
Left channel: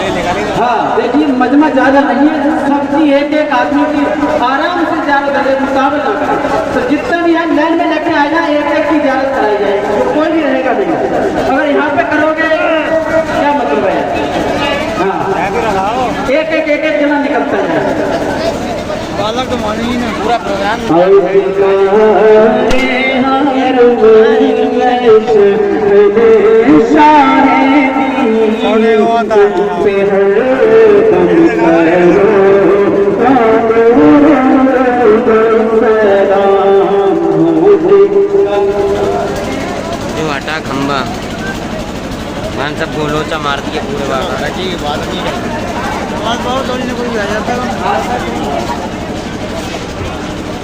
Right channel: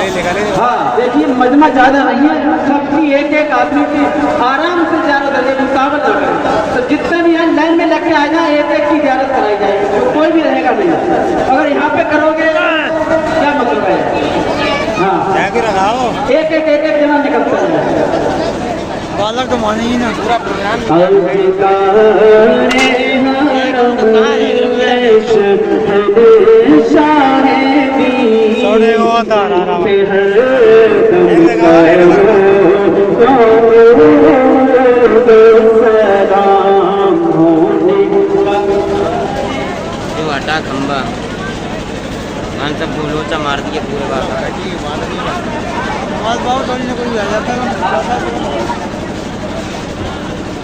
हाँ देखिए मजमा ज्यादा नहीं है, सबकी एक एक आदमी की आराम से ज़ियारत करे, मुकाबला ना करें। तो जितने भी हैं लाइन में लेके आ जाए, एक एक की ज़ियारत कराई जाएगी, तो कोई भी रहेगा नहीं। अगर यहाँ पे करोगे क्या मतलब है। हाँ एक एक जना निकलता है। बालक तो माने ही ना पूरा प्रोग्राम। जो हटा खंबा मैंने सब बोलोचा मार दिया पूरे बात ने कोई आ जाता है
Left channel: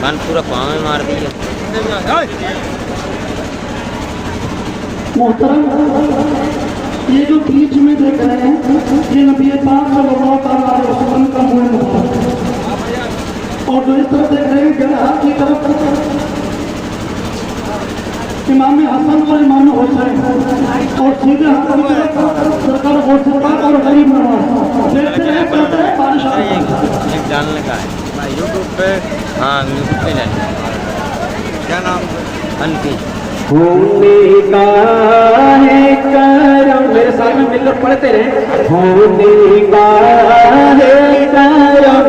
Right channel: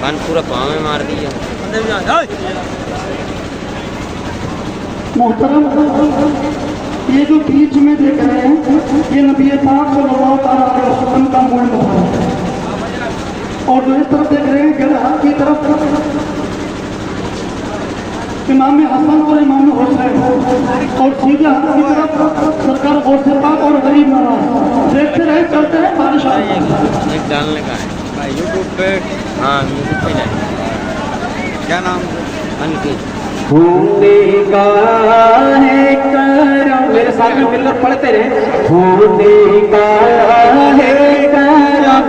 बन पूरा पाँव में मार दिया। मोहतरम, ये जो बीच में देख रहे हैं, ये नबी पाक सल्लल्लाहु अलैहि वसल्लम का मुंह मुबारक है। और जो इस तरफ देख रहे हैं गला की तरफ इमाम हसन और इमाम हुसैन, और सीधे हाथ की तरफ सरकार गौसे पाक और गरीब नवाज। देखते रहे, चलते रहे, बारिश आ रही है। एक डालने का है यूट्यूब पे। हाँ यूट्यूब पे क्या नाम होने का है करम, मेरे साथ में मिलकर पढ़ते रहे। होने का है करम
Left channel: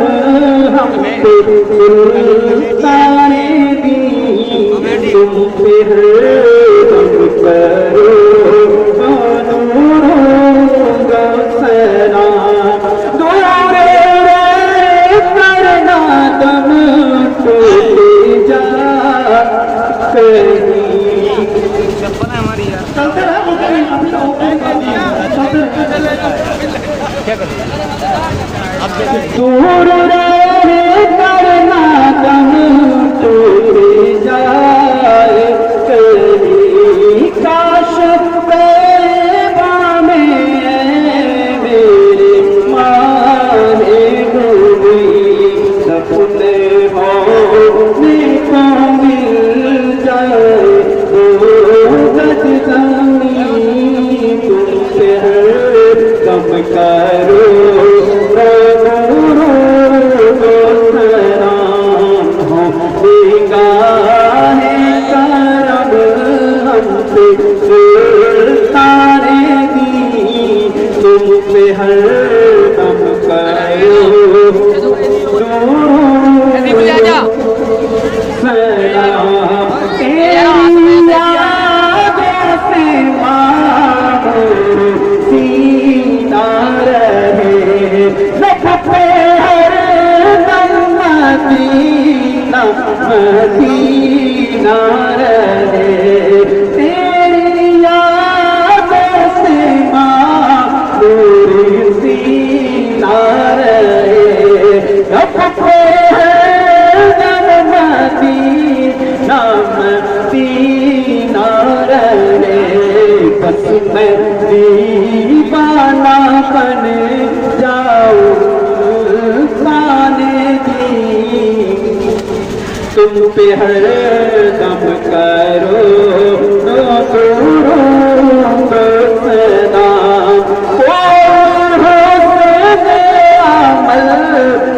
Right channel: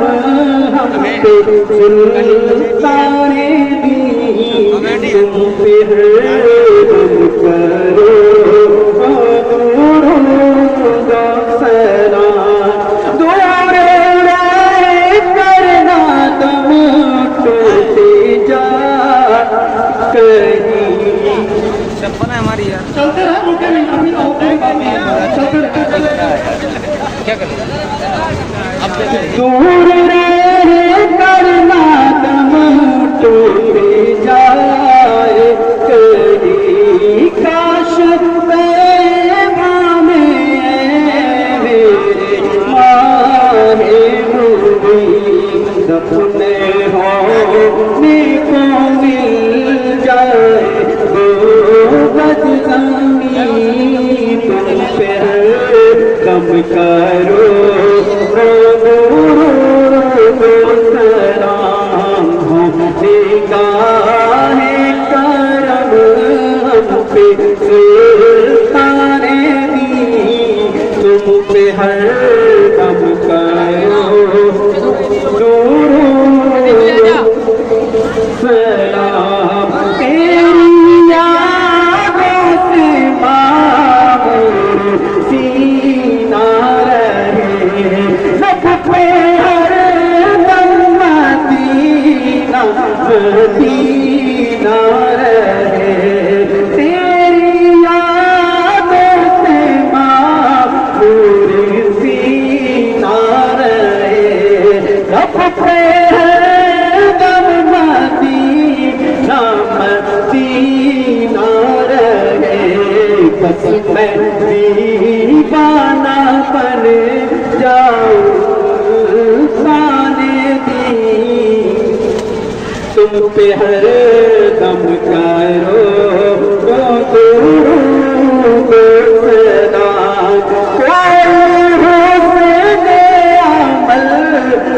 हम पे सुल्ताने दी, तुम पे हम करो चलते रहे, रुके नहीं, अभी चलते रहे। क्या करें दूर रे करना दम टूटे जाए, कहीं काश पैबा में मेरे मारे डूबी, सपने होने को मिल जाए गज जमीन, तुमसे हर कम करो सलाम हो। निगाहे करम हम पे सुल्ताने दी, तुम पे हर कम करो सलाम। तेरी यादों से मांगो सीना रहे, लब पे हर दम मदीना मदीना रहे। तेरी यादों से मांगो یت پہ دم مدینہ مدینہ رہے بس میں دیوانہ بن جاؤں تم پہ ہر دم کرو درود سلام کوئی حسن عمل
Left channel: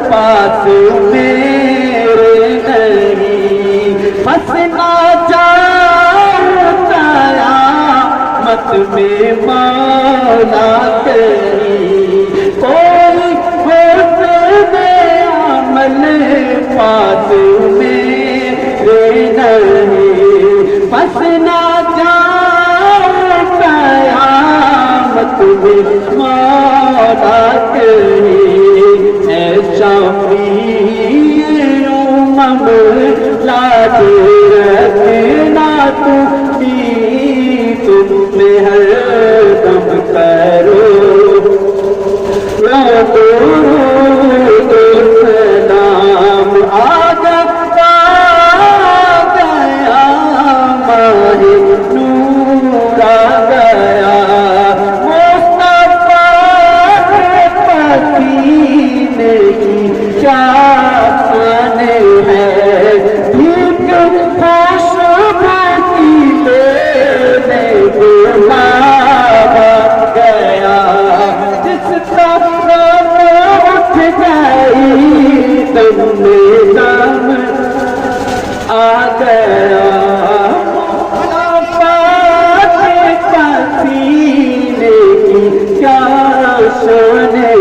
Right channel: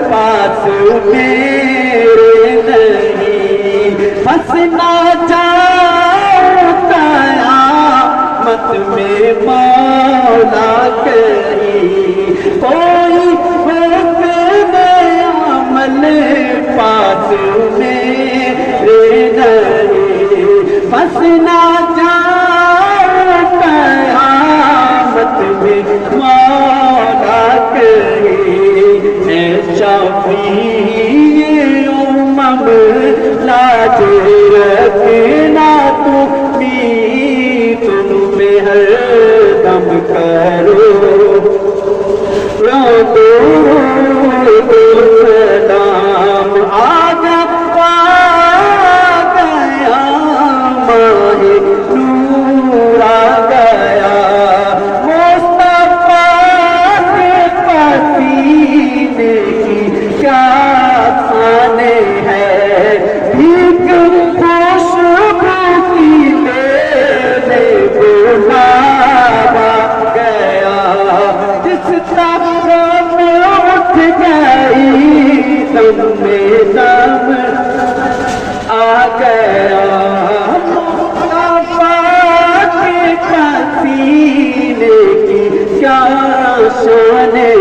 پاس میرے نہیں ہنسنا چاہوں قیامت میں مولا کریم کوئی حسن عمل پاس ہنسنا چاہوں قیامت میں مولا کریم اے شفیع امم لاج رکھنا تم پہ ہر دم کرو درود سلام آگا نور آ گیا مصطفیٰ کے پسینے کی کیا شانے ہے بھیگ خوشبو کی لینے بلاوا گیا جس طرف اٹھ گئی دم میں دم آ گیا کیا شان ہے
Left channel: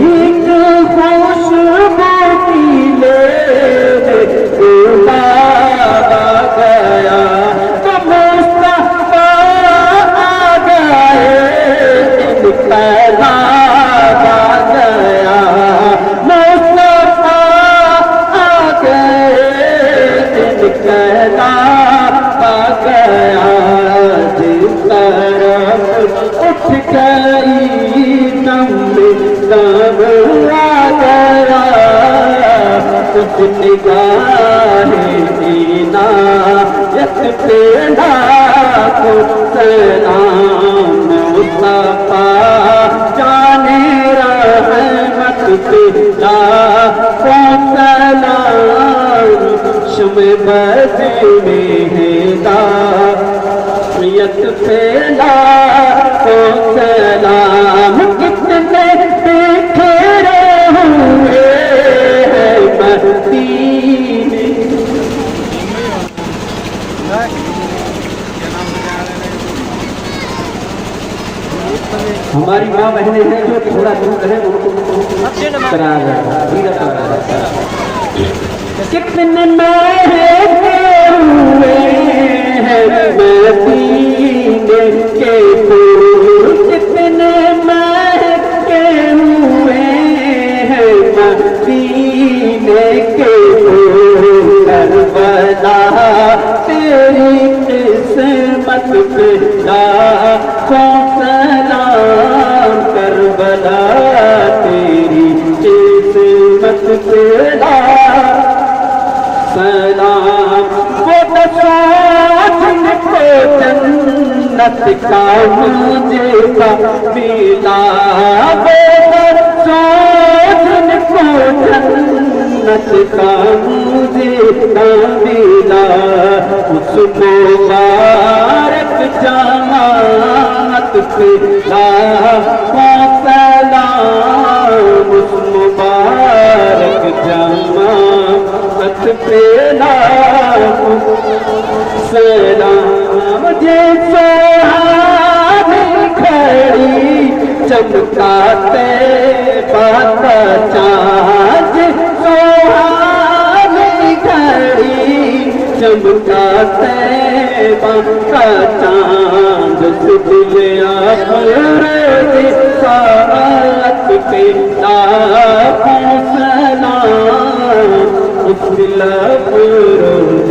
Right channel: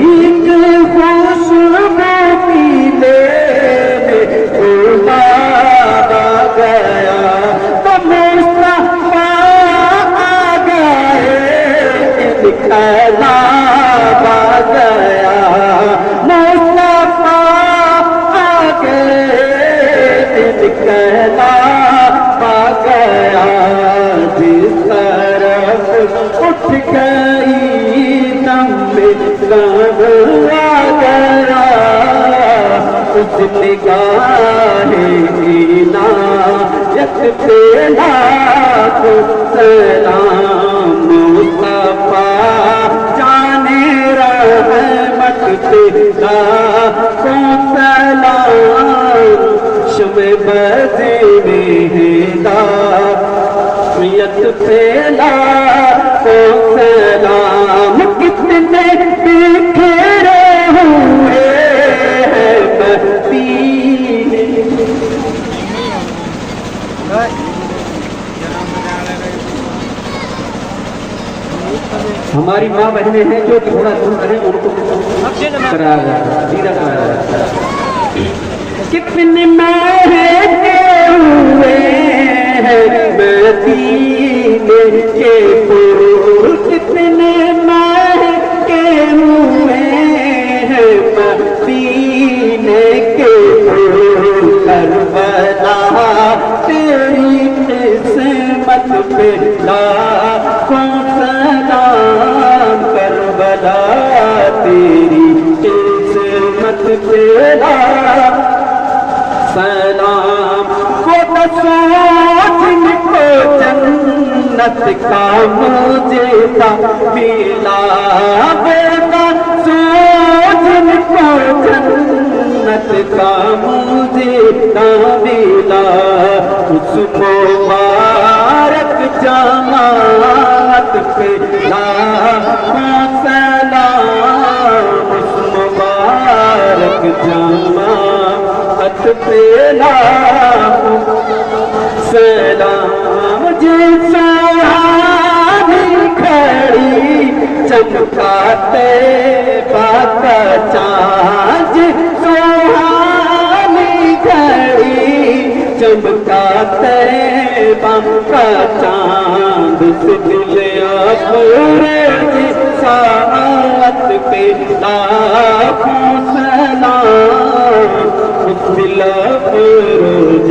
ایک خوشبو کی لینے بلاوا گیا تو مصطفیٰ آ گئے انقلاب آ گیا مصطفیٰ آ گئے انقلاب آ گیا جس طرف اٹھ گئی دم میں دم آ گیا اس نگاہ عنایت پہ لاکھوں سلام مصطفیٰ جانے رحمت پہ لاکھوں سلام شمع بدے میں ہدایت پہ لاکھوں سلام کتنے بکھرے ہوئے ہیں مدینے ہماری ماں بہنیں ہیں جو تھوڑا دور رہے ان کو کرا رہا کتنے مہنگے ہوئے ہیں مدینے کے پھول کتنے مہنگے ہوئے ہیں مدینے کے پھول کربلا تیری قسمت پہ لاکھوں سلام کربلا تیری قسمت پہ لاکھوں سلام وہ دسو جن کو جنت کا مجھے ملا وہ دسو جن کو جنت کا مجھے ملا اس مبارک جماعت پہ لاکھوں سلام اس مبارک جماعت پہ لاکھوں سلام جس سہانی کھڑی چمکاتے بات چاند سہانی کھڑی چمکاتے بات چاند دل افروز ساعت پہ لاکھوں سلام اس دل افروز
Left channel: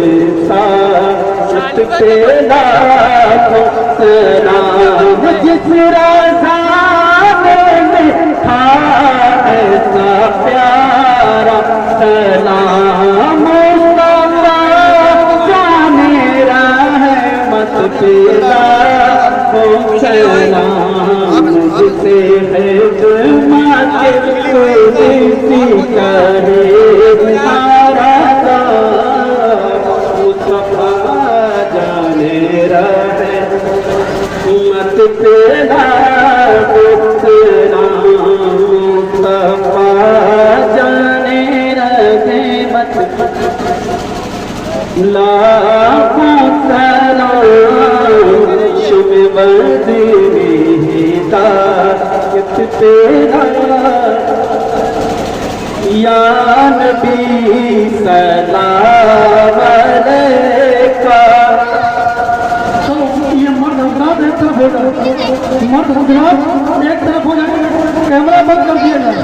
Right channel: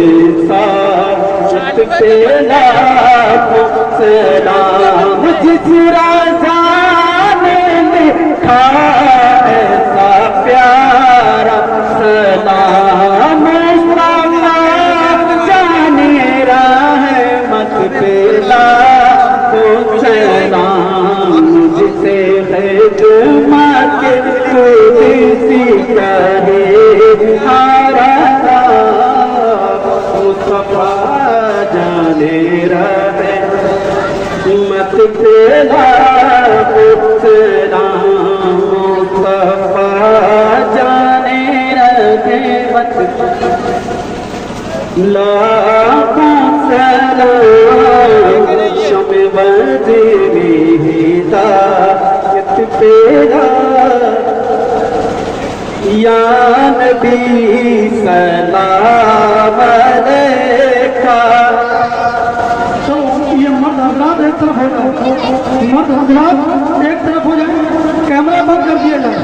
ساعت پہ لاکھوں سلام جس رضا نے لکھا ایسا پیار تیرا پترا مصطفیٰ جانے رہے مت لاکھوں سلام شم وزیری ہدایت تیرا یا نبی سلام علیکہ. چلو یہ مرد حضرات ایک طرف ہو جائے، مرد حضرات ایک طرف ہو جائے، کیمرہ بند کر دیا جائے.